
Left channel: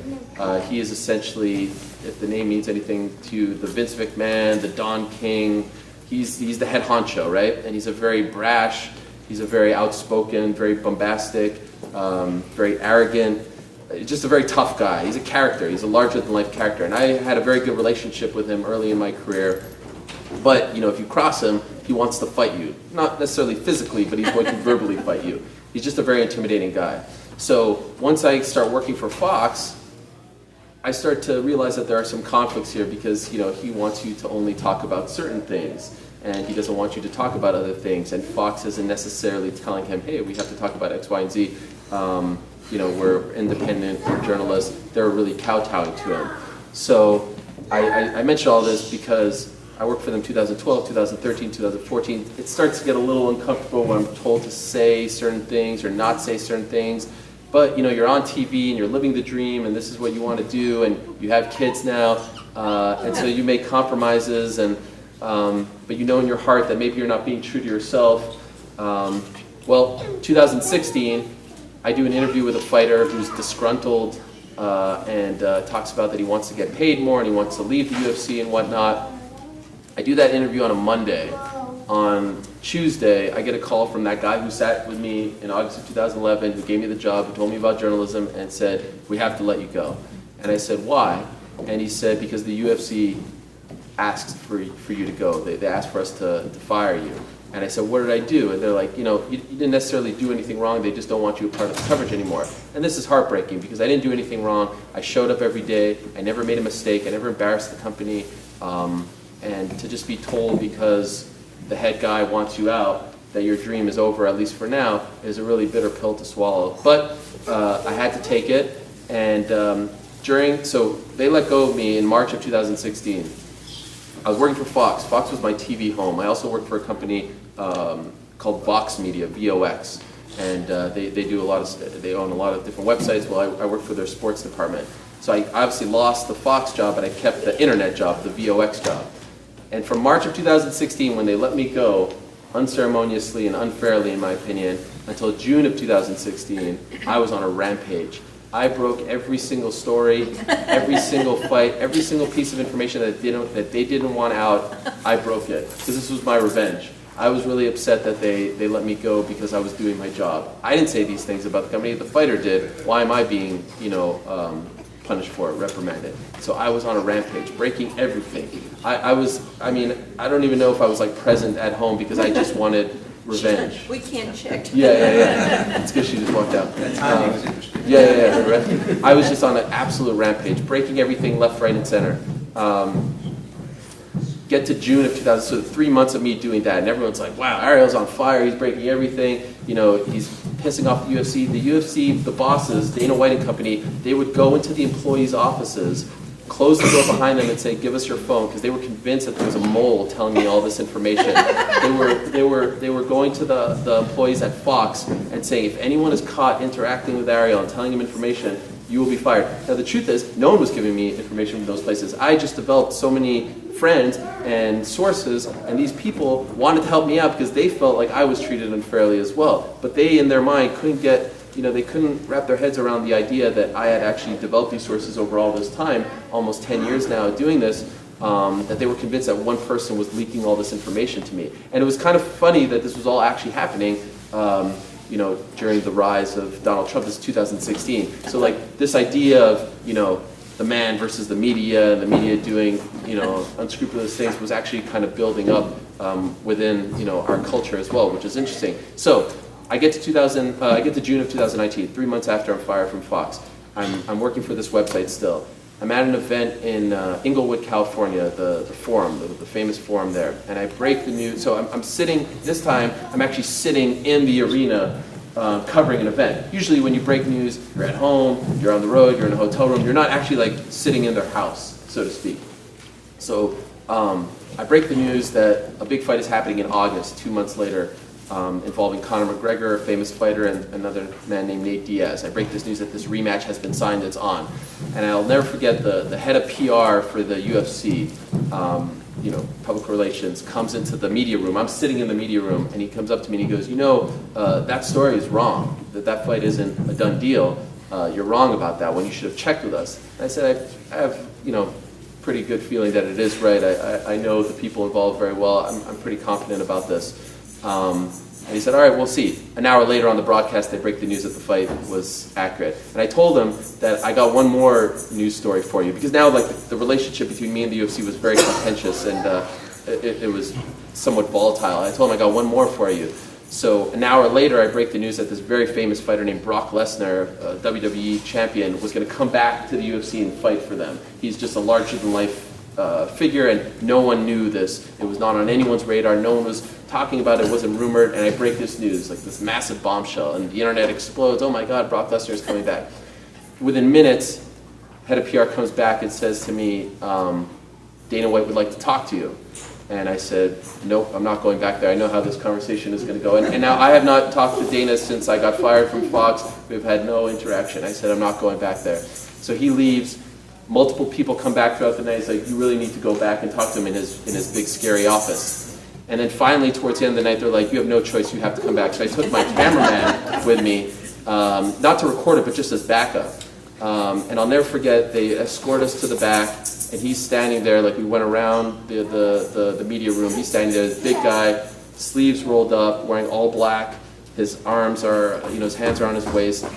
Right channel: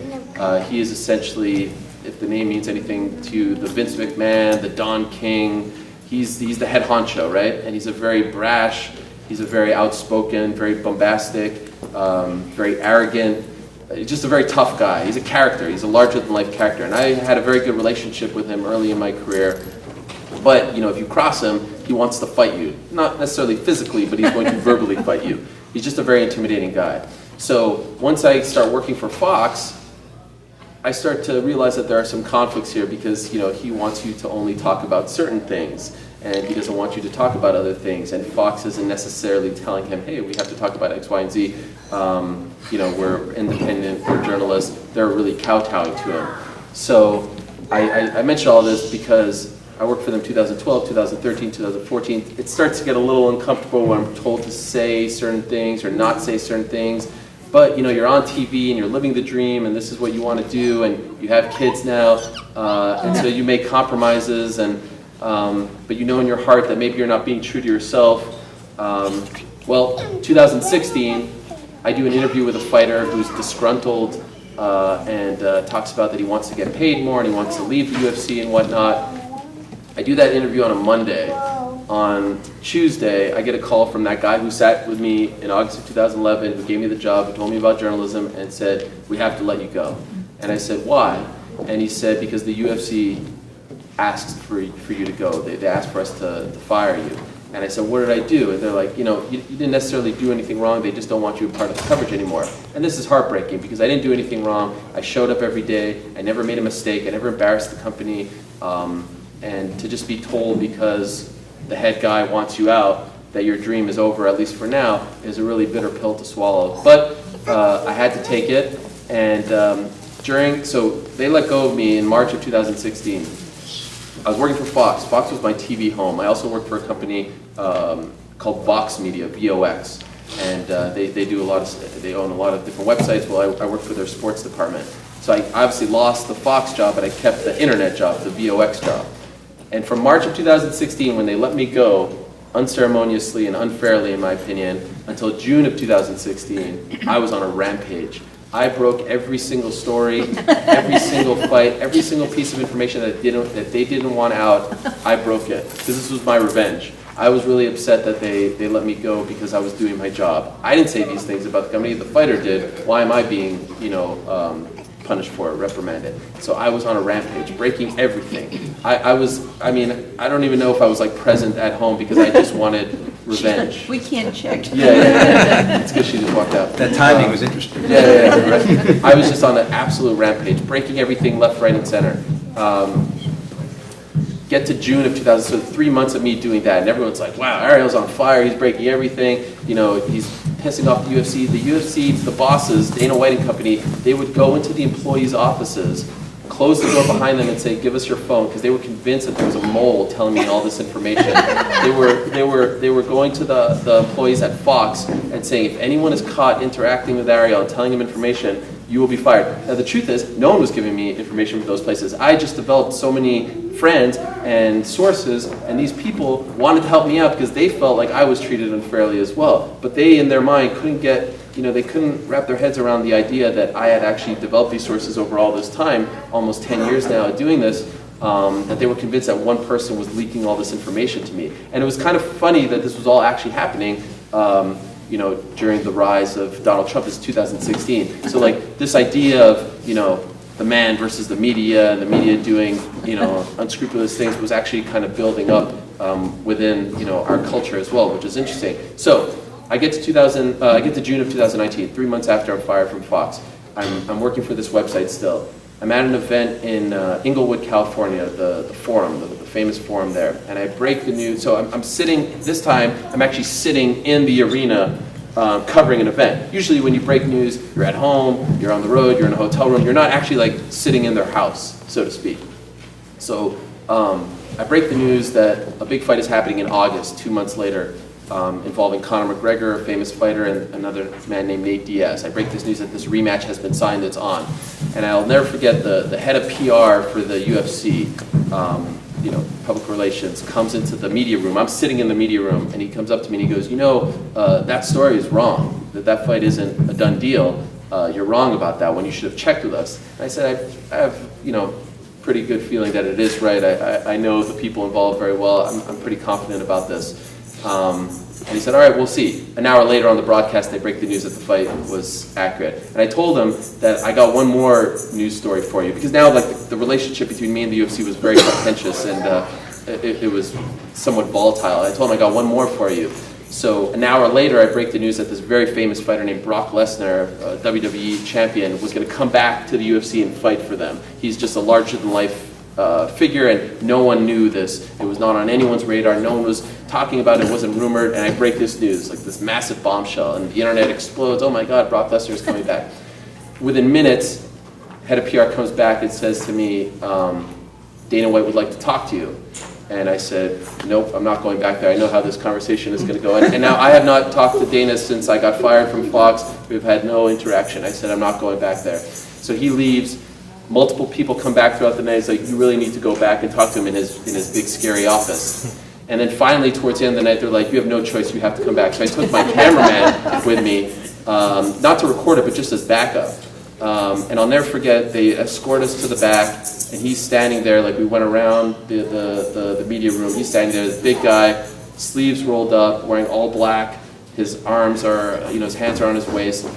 He is essentially, if the name means anything to you, the Vince McMahon, the Don King. He's the head honcho, right? And he's a very brash, he's a very outspoken, very bombastic, very arrogant, just a very tough guy. He's a character, he's a larger-than-life character. And I had a very good relationship with him early in my career. But, if you cross him, he wants to fight you. Not necessarily physically, but he's going to verbally fight you. He's just a very intimidating guy. So once I start working for Fox, I start to realize that there are some conflicts here because, he wants you to only talk about certain things and he doesn't want you to talk about other things. And Fox isn't necessarily telling him, hey, we have to talk about X, Y, and Z. We're independent, we're journalists. They're really kowtowing to him. So I mention all this because I worked for them 2012, 2013, 2014. It starts to get a little uncomfortable when I'm told to say certain things or not say certain things. But you're on TV and you're living the dream and this is what you want to do and you have kids now and so you make compromises and but in your heart that maybe you're not being true to yourself. 2016 I do an interview with a fighter who's disgruntled and talks about that he wants to get paid more and he wants to leave the UFC and whatnot. I do that interview on a Monday. On Tuesday, I get a call from that guy who sat with me in August of 2011, who gave me the job, who told me about journalism, and said, we have to let you go. And I said, why? And he said, because the UFC asked for you to go. They asked for us to fire you. And I said, what did I do? And they're like, you didn't necessarily do anything wrong. They just don't want you a part of the coverage anymore. And this is heartbreaking because I didn't do anything wrong. I showed up every day. I never made a mistake. I never embarrassed the company. And to just be told because the head guy wants you out, that your dream is over, at least for now, is a really bitter pill to swallow. But I had to take it, and so they let go of me in March of 2016. I was working for Fox. Fox was my TV home. I also worked for a company called Vox Media, VOX, and they own a lot of different websites. Well, I worked for their sports department. So I obviously lost the Fox job, but I kept the internet job, the VOX job. And from March of 2016, when they let me go, unceremoniously and unfairly in my opinion, until June of 2016, I was on a rampage. I broke every single story, every single fight, every single piece of information that they didn't want out, I broke it. Because this was my revenge. I was really upset that they let me go because I was doing my job. I didn't say these things about the company, the fighter did. Why am I being, punished for it, reprimanded? So I was on a rampage, breaking everything. I don't even know if I was present at home because I just wanted revenge. We can't check. Yeah. It's because she just walked out. That timing was interesting. Yeah. Right. I was just on an absolute rampage, breaking everything left, right, and center. Get to June of 2000, so 3 months of me doing that, and everyone's like, wow, Ariel's on fire, he's breaking everything, he's pissing off the UFC. The UFC, the bosses, Dana White and company, they would go into the employees' offices close the door behind them and say, give us your phone, because they were convinced that there was a mole telling me all this information. They were going to the employees at Fox and saying, if anyone is caught interacting with Ariel and telling him information, you will be fired. Now the truth is, no one was giving me information from those places. I just developed so many friends and sources, and these people wanted to help me out because they felt like I was treated unfairly as well. But they, in their mind, they couldn't wrap their heads around the idea that I had actually developed these sources over all this time, almost 10 years now doing this, that they were convinced that one person was leaking all this information to me. And it was kind of funny that this was all actually happening during the rise of Donald Trump. This is 2016. So like this idea of, the man versus the media, and the media doing, unscrupulous things was actually kind of building up within, our culture as well, which is interesting. So I get to June of 2019, 3 months after I'm fired from Fox. I'm working for this website still. I'm at an event in Inglewood, California, the forum, the famous forum there, and I break the news. So I'm sitting, this time, I'm actually sitting in the arena covering an event. Usually when you break news, you're at home, you're on the road, you're in a hotel room, you're not actually like sitting in their house, so to speak. So I break the news that a big fight is happening in August, 2 months later, involving Conor McGregor, a famous fighter, and another man named Nate Diaz. I break this news that this rematch has been signed, it's on. And I'll never forget the head of PR for the UFC, public relations, comes into the media room. I'm sitting in the media room, and he comes up to me and he goes, that story is wrong, that fight isn't a done deal. You're wrong about that one, you should have checked with us. And I said, I have, pretty good feeling that it is right. I know the people involved very well. I'm pretty confident about this. And he said, all right, we'll see. An hour later on the broadcast, they break the news that the fight was accurate. And I told him that I got one more news story for you, because now the relationship between me and the UFC was very contentious, and it was somewhat volatile. I told him I got one more for you. So an hour later, I break the news that this very famous fighter named Brock Lesnar, a WWE champion, was going to come back to the UFC and fight for them. He's just a larger-than-life figure, and no one knew this. It was not on anyone's radar. No one was talking about it. It wasn't rumored. And I break this news, like this massive bombshell, and the internet explodes. Oh my God, Brock Lesnar is coming back. Within minutes, head of PR comes back and says to me, Dana White would like to talk to you. And I said, nope, I'm not going back there. I know how this conversation is going to go. And now I have not talked to Dana since I got fired from Fox. We've had no interaction. I said, I'm not going back there. So he leaves. Multiple people come back throughout the night. He's like, you really need to go back and talk to him in his big, scary office. And then finally, towards the end of the night, they're like, you have no choice, you have to come back. So I took my cameraman with me, not to record it, but just as backup. And I'll never forget, they escort us to the back, and he's standing there, like we went around the media room. He's standing there, this big guy, sleeves rolled up, wearing all black. His arms are, his hands are on his waist.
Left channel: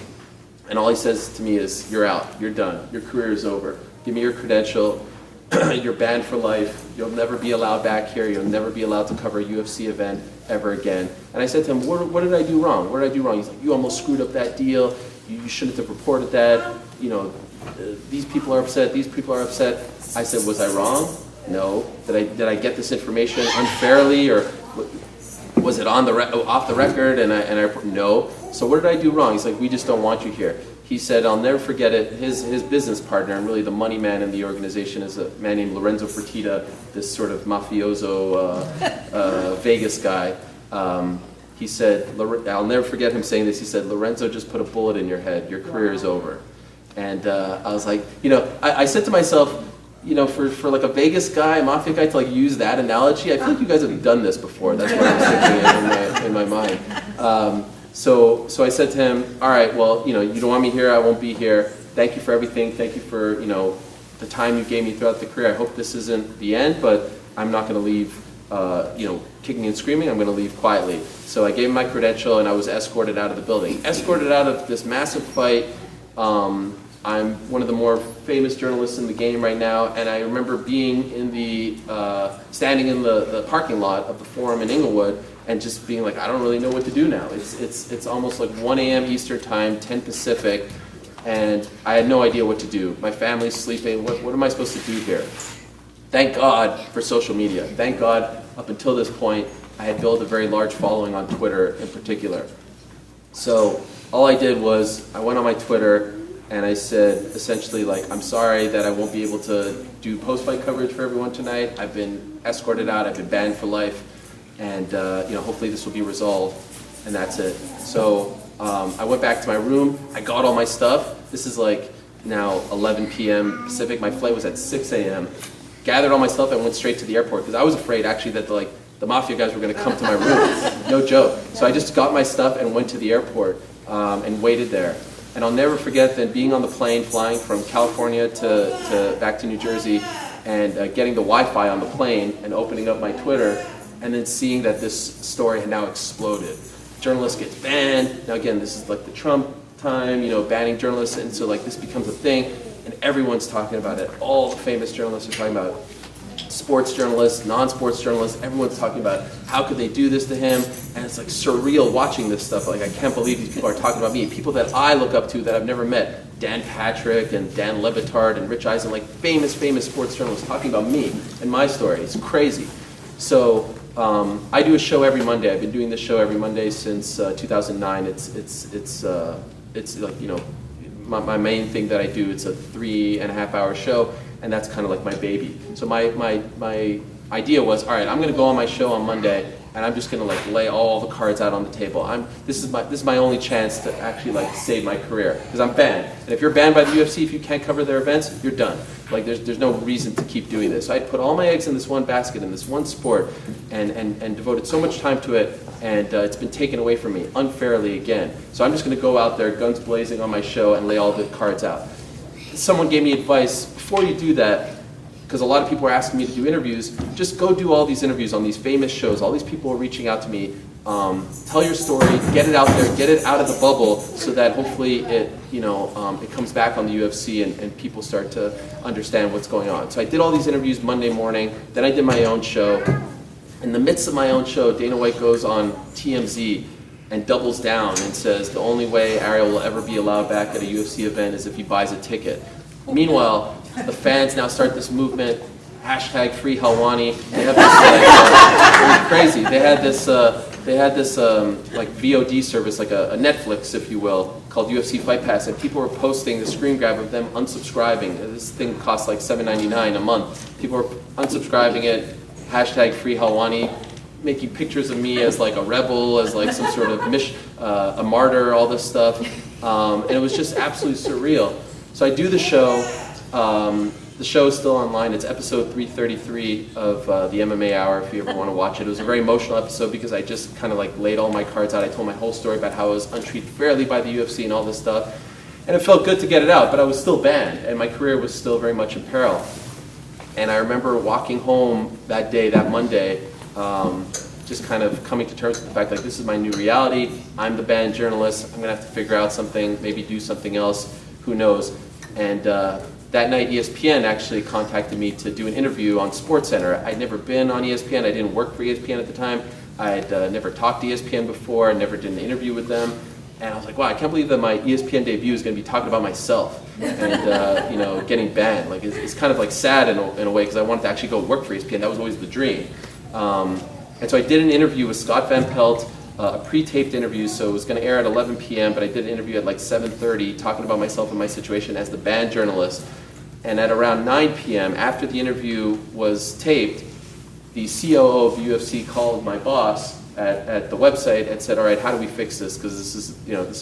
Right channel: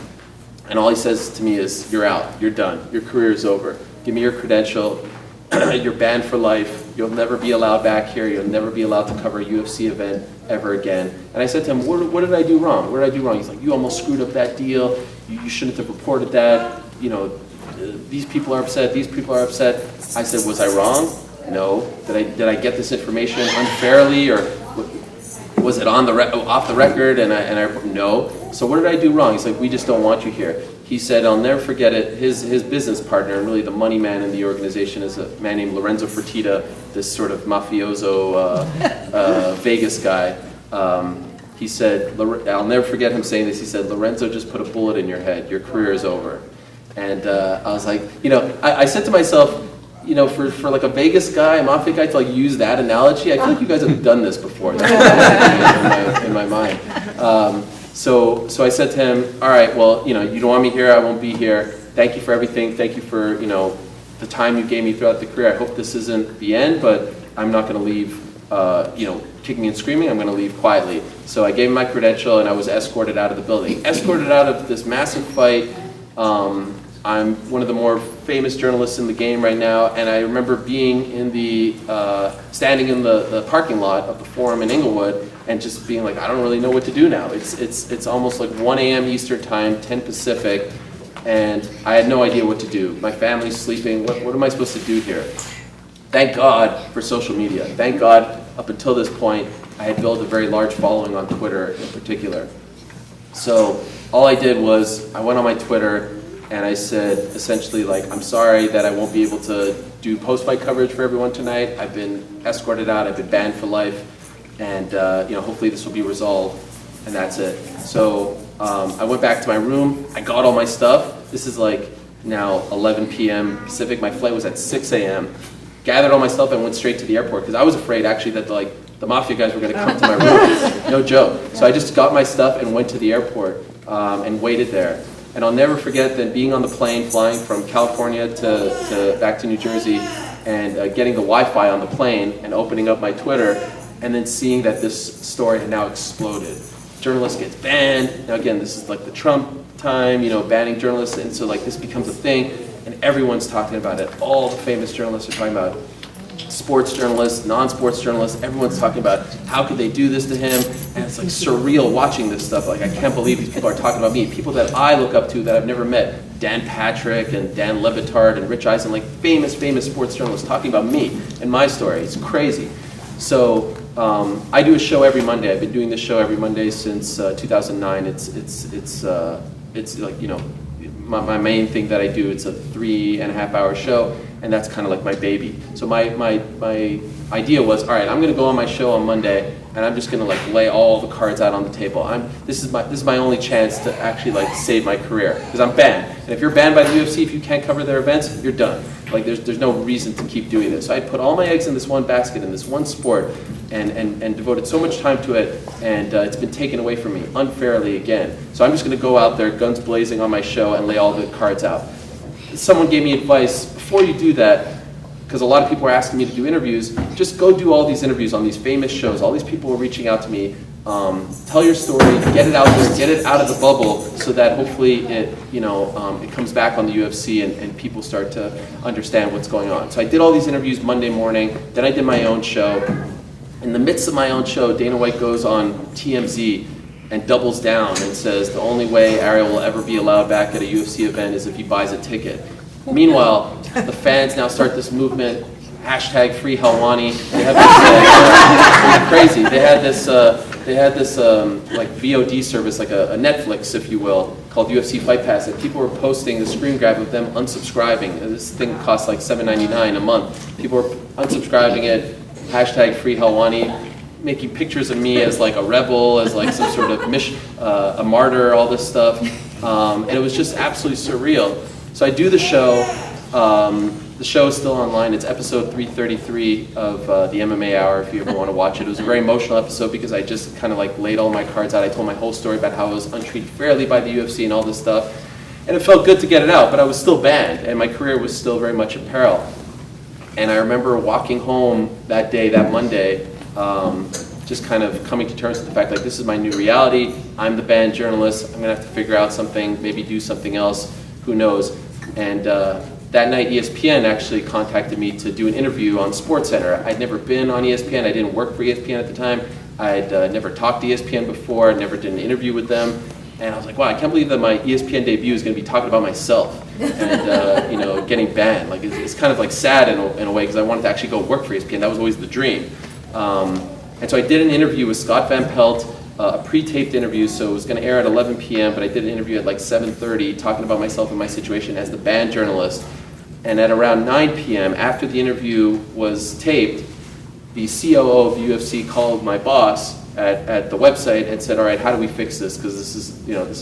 And all he says to me is, you're out, you're done, your career is over. Give me your credential, you're banned for life, you'll never be allowed back here, you'll never be allowed to cover a UFC event ever again. And I said to him, what did I do wrong? What did I do wrong? He's like, you almost screwed up that deal, you shouldn't have reported that, these people are upset, these people are upset. I said, was I wrong? No. Did I get this information unfairly, or was it off the record? And I no. So what did I do wrong? He's like, we just don't want you here. He said, I'll never forget it. His business partner, and really the money man in the organization, is a man named Lorenzo Fertitta, this sort of mafioso Vegas guy. He said, I'll never forget him saying this. He said, Lorenzo just put a bullet in your head. Your career is over. And I was like, I said to myself, for like a Vegas guy, a mafia guy, to like use that analogy, I feel like you guys have done this before. That's what I was thinking in my mind. So I said to him, all right, well, you don't want me here, I won't be here. Thank you for everything. Thank you for, the time you gave me throughout the career. I hope this isn't the end, but I'm not going to leave, kicking and screaming. I'm going to leave quietly. So I gave him my credential, and I was escorted out of the building. Escorted out of this massive fight. I'm one of the more famous journalists in the game right now, and I remember being in standing in the parking lot of the forum in Inglewood, and just being like, I don't really know what to do now. It's almost like 1 a.m. Eastern time, 10 Pacific, and I had no idea what to do. My family's sleeping. What am I supposed to do here? Thank God for social media. Thank God, up until this point, I had built a very large following on Twitter in particular. So all I did was, I went on my Twitter, and I said essentially like, I'm sorry that I won't be able to do post-fight coverage for everyone tonight. I've been escorted out, I've been banned for life, and hopefully this will be resolved, and that's it. So I went back to my room, I got all my stuff. This is like now 11 p.m. Pacific, my flight was at 6 a.m. Gathered all my stuff and went straight to the airport, because I was afraid actually that the mafia guys were gonna come to my room, no joke. So I just got my stuff and went to the airport and waited there. And I'll never forget that being on the plane, flying from California to back to New Jersey, and getting the Wi-Fi on the plane and opening up my Twitter, and then seeing that this story had now exploded. Journalist gets banned. Now again, this is like the Trump time, banning journalists, and so like this becomes a thing, and everyone's talking about it. All the famous journalists are talking about it. Sports journalists, non-sports journalists, everyone's talking about how could they do this to him, and it's like surreal watching this stuff. Like I can't believe these people are talking about me, people that I look up to that I've never met. Dan Patrick and Dan Levitard and Rich Eisen, like famous sports journalists talking about me and my story. It's crazy. So I do a show every Monday. I've been doing this show every Monday since 2009. It's like, my main thing that I do. It's a 3.5 hour show, and that's kind of like my baby. So my idea was, all right, I'm going to go on my show on Monday, and I'm just going to like lay all the cards out on the table. This is my only chance to actually like save my career, because I'm banned. And if you're banned by the UFC, if you can't cover their events, you're done. Like there's no reason to keep doing this. So I put all my eggs in this one basket, in this one sport, and devoted so much time to it, and it's been taken away from me unfairly again. So I'm just going to go out there, guns blazing on my show, and lay all the cards out. Someone gave me advice, before you do that, because a lot of people are asking me to do interviews, just go do all these interviews on these famous shows. All these people are reaching out to me. Tell your story, get it out there, get it out of the bubble, so that hopefully it comes back on the UFC and people start to understand what's going on. So I did all these interviews Monday morning, then I did my own show. In the midst of my own show, Dana White goes on TMZ and doubles down and says the only way Ariel will ever be allowed back at a UFC event is if he buys a ticket. Meanwhile, the fans now start this movement, hashtag free Helwani. They have this, crazy. They had this like VOD service, like a Netflix, if you will, called UFC Fight Pass, and people were posting the screen grab of them unsubscribing. This thing costs like $7.99 a month. People were unsubscribing it, hashtag free Helwani, making pictures of me as like a rebel, as like some sort of a martyr, all this stuff. And it was just absolutely surreal. So I do the show. The show is still online. It's episode 333 of the MMA Hour, if you ever want to watch it. It was a very emotional episode because I just kind of like laid all my cards out. I told my whole story about how I was untreated fairly by the UFC and all this stuff. And it felt good to get it out, but I was still banned, and my career was still very much in peril. And I remember walking home that day, that Monday, just kind of coming to terms with the fact, like, this is my new reality. I'm the banned journalist. I'm going to have to figure out something, maybe do something else. Who knows? And that night, ESPN actually contacted me to do an interview on SportsCenter. I'd never been on ESPN. I didn't work for ESPN at the time. I'd never talked to ESPN before. Never did an interview with them. And I was like, wow, I can't believe that my ESPN debut is going to be talking about myself and getting banned. Like it's kind of like sad in a way, because I wanted to actually go work for ESPN. That was always the dream. And so I did an interview with Scott Van Pelt, a pre-taped interview, so it was going to air at 11 p.m., but I did an interview at like 7:30 talking about myself and my situation as the banned journalist. And at around 9 p.m., after the interview was taped, the COO of the UFC called my boss at the website and said, all right, how do we fix this? Because this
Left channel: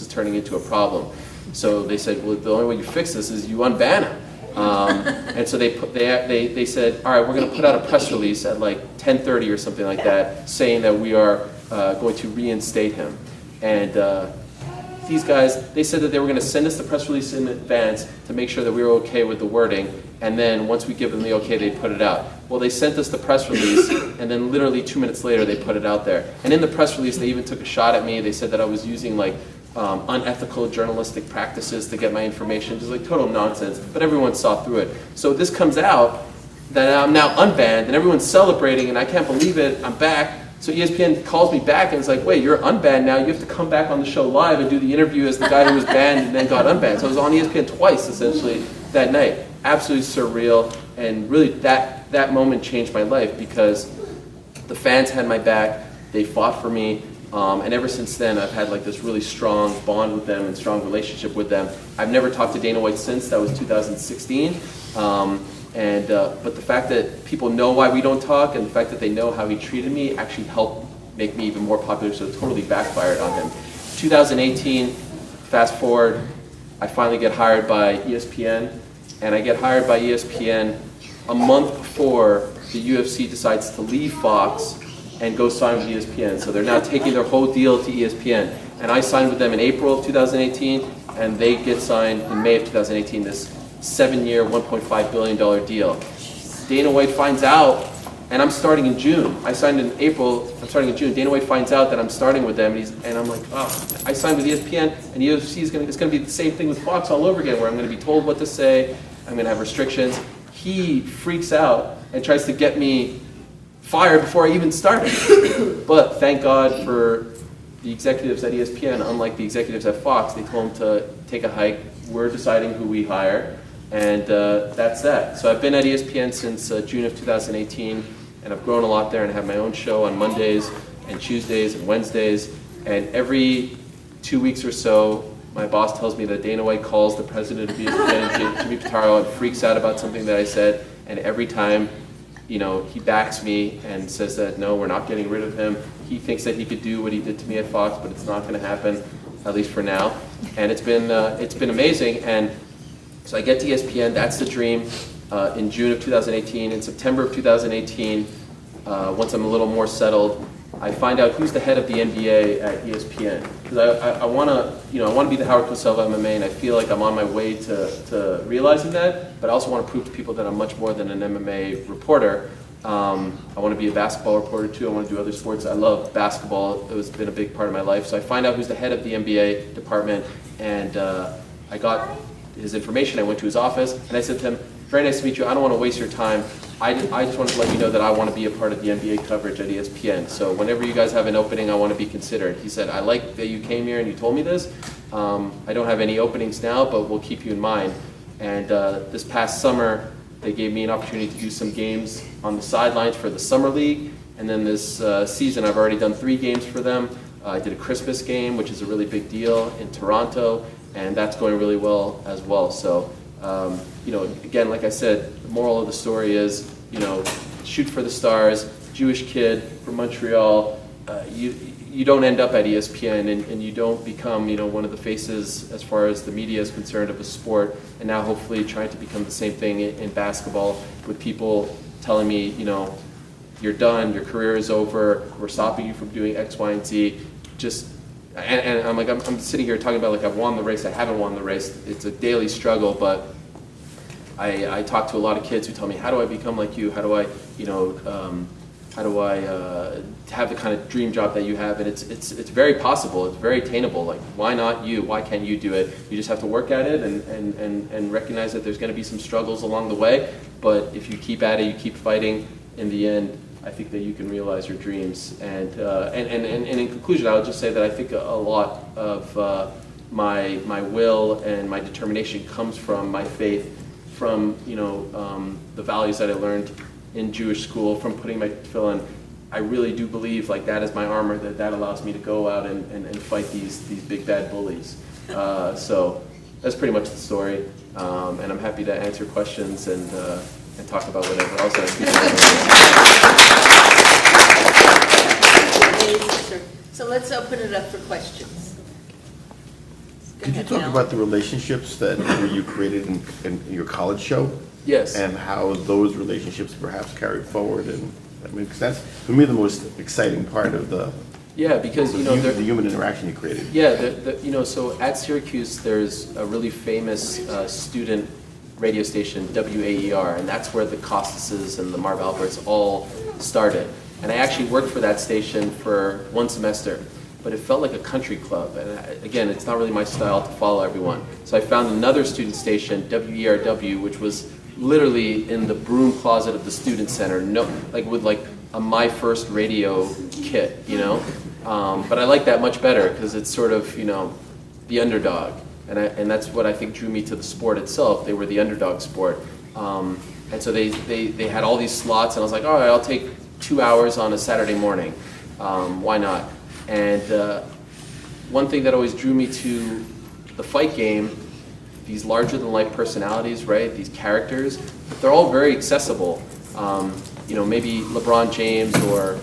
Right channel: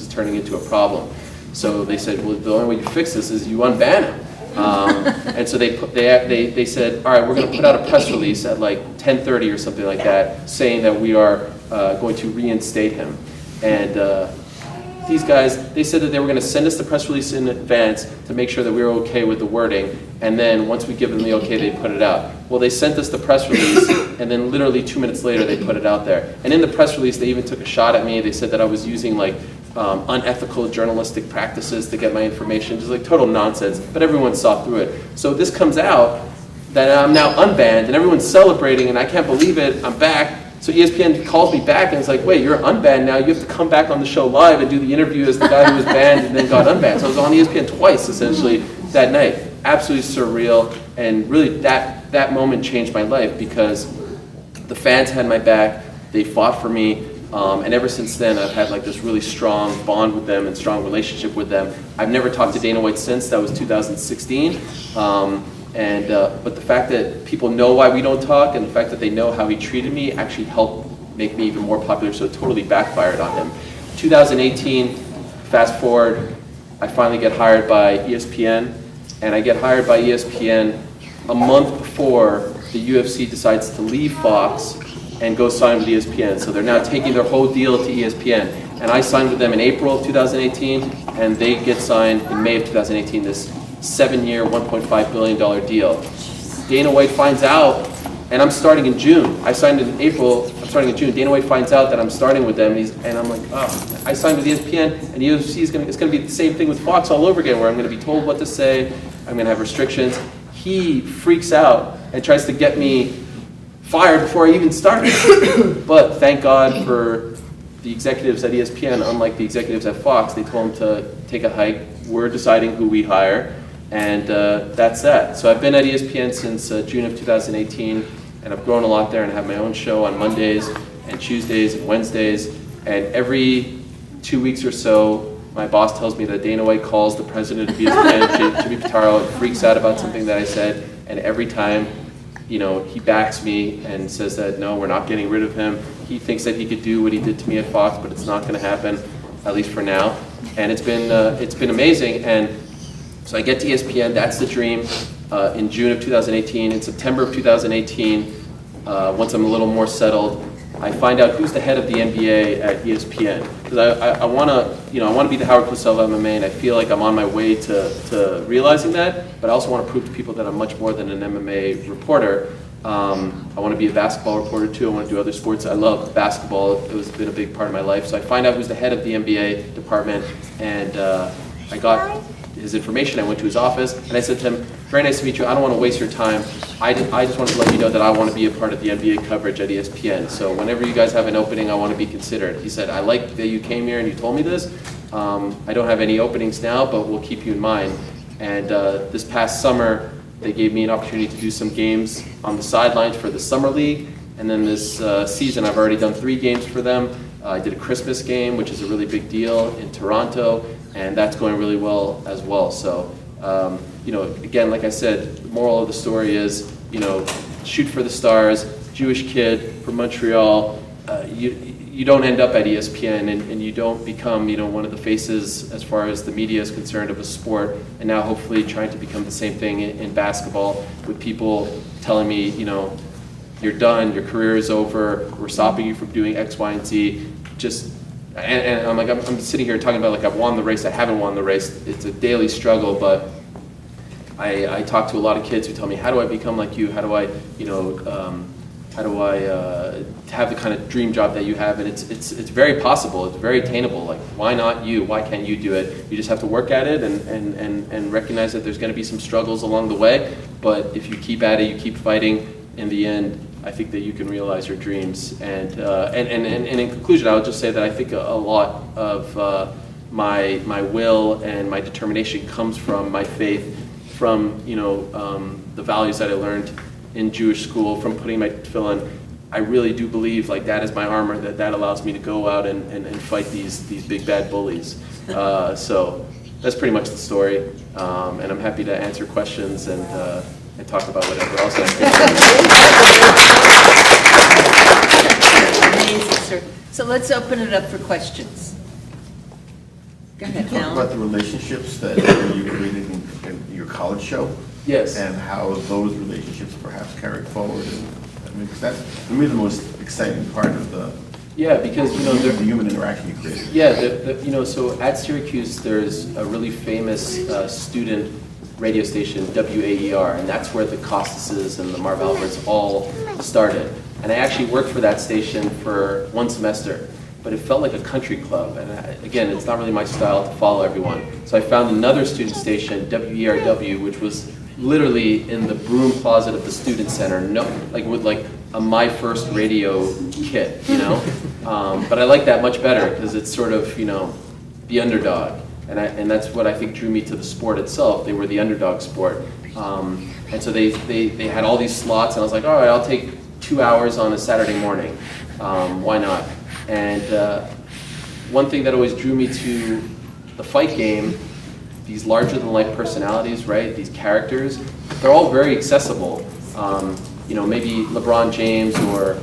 is turning into a problem. So they said, well, the only way you fix this is you unban him. And so they said, all right, we're going to put out a press release at like 10:30 or something like that, saying that we are going to reinstate him. And these guys, they said that they were going to send us the press release in advance to make sure that we were okay with the wording, and then once we give them the okay, they put it out. Well, they sent us the press release, and then literally 2 minutes later, they put it out there. And in the press release, they even took a shot at me. They said that I was using like unethical journalistic practices to get my information, just like total nonsense, but everyone saw through it. So this comes out that I'm now unbanned, and everyone's celebrating, and I can't believe it, I'm back. So ESPN calls me back and it's like, wait, you're unbanned now. You have to come back on the show live and do the interview as the guy who was banned and then got unbanned. So I was on ESPN twice, essentially, that night. Absolutely surreal. And really, that moment changed my life because the fans had my back. They fought for me. And ever since then, I've had like this really strong bond with them and strong relationship with them. I've never talked to Dana White since. That was 2016. But the fact that people know why we don't talk and the fact that they know how he treated me actually helped make me even more popular, so it totally backfired on him. 2018, fast forward, I finally get hired by ESPN, and I get hired by ESPN a month before the UFC decides to leave Fox and go sign with ESPN. So they're now taking their whole deal to ESPN. And I signed with them in April of 2018, and they get signed in May of 2018, this 7-year, $1.5 billion deal. Dana White finds out, and I'm starting in June. I signed in April, I'm starting in June. Dana White finds out that I'm starting with them, and I'm like, oh, I signed with ESPN, and UFC it's going to be the same thing with Fox all over again, where I'm going to be told what to say, I'm going to have restrictions. He freaks out and tries to get me fired before I even started. But thank God for the executives at ESPN, unlike the executives at Fox, they told him to take a hike. We're deciding who we hire, and that's that. So I've been at ESPN since June of 2018, and I've grown a lot there and have my own show on Mondays and Tuesdays and Wednesdays. And every 2 weeks or so, my boss tells me that Dana White calls the president of ESPN, Jimmy Pitaro, and freaks out about something that I said, and every time, he backs me and says that, no, we're not getting rid of him. He thinks that he could do what he did to me at Fox, but it's not going to happen, at least for now. And it's been amazing. And so I get to ESPN, that's the dream, in June of 2018. In September of 2018, once I'm a little more settled, I find out who's the head of the NBA at ESPN. Because I want to be the Howard Cosell of MMA, and I feel like I'm on my way to realizing that, but I also want to prove to people that I'm much more than an MMA reporter. I want to be a basketball reporter too. I want to do other sports. I love basketball. It's been a big part of my life. So I find out who's the head of the NBA department, and I got his information. I went to his office, and I said to him, very nice to meet you. I don't want to waste your time. I just want to let you know that I want to be a part of the NBA coverage at ESPN. So whenever you guys have an opening, I want to be considered. He said, I like that you came here and you told me this. I don't have any openings now, but we'll keep you in mind. And this past summer, they gave me an opportunity to do some games on the sidelines for the Summer League. And then this season, I've already done 3 games for them. I did a Christmas game, which is a really big deal in Toronto, and that's going really well as well. So, again, like I said, the moral of the story is, shoot for the stars, Jewish kid from Montreal. You don't end up at ESPN, and you don't become, one of the faces as far as the media is concerned of a sport. And now hopefully trying to become the same thing in basketball, with people telling me, you're done, your career is over, we're stopping you from doing X, Y, and Z. And I'm like, I'm sitting here talking about like I've won the race, I haven't won the race. It's a daily struggle, but I talk to a lot of kids who tell me, how do I become like you? How do I, have the kind of dream job that you have? And it's very possible. It's very attainable. Like, why not you? Why can't you do it? You just have to work at it and recognize that there's going to be some struggles along the way. But if you keep at it, you keep fighting, in the end, I think that you can realize your dreams. And in conclusion, I would just say that I think a lot of my will and my determination comes from my faith, from the values that I learned in Jewish school, from putting my tefillin. I really do believe like that is my armor, that allows me to go out and fight these big bad bullies. So that's pretty much the story, and I'm happy to answer questions and talk about whatever else. Amazing, sir. So let's open it up for questions. Go Could you ahead, talk Al. about the relationships that you created in your college show? Yes. And how those relationships perhaps carried forward, and that makes sense. For me, the most exciting part of the Because the human interaction you created. So at Syracuse there's a really famous student radio station, WAER, and that's where the Costases and the Marv Alberts all started. And I actually worked for that station for 1 semester, but it felt like a country club. And again, it's not really my style to follow everyone. So I found another student station, WERW, which was literally in the broom closet of the student center, with a My First Radio kit, But I like that much better because it's sort of, the underdog. And that's what I think drew me to the sport itself. They were the underdog sport. And so they had all these slots, and I was like, all right, I'll take 2 hours on a Saturday morning. Why not? And one thing that always drew me to the fight game, these larger-than-life personalities, right? These characters, they're all very accessible. You know, maybe LeBron James or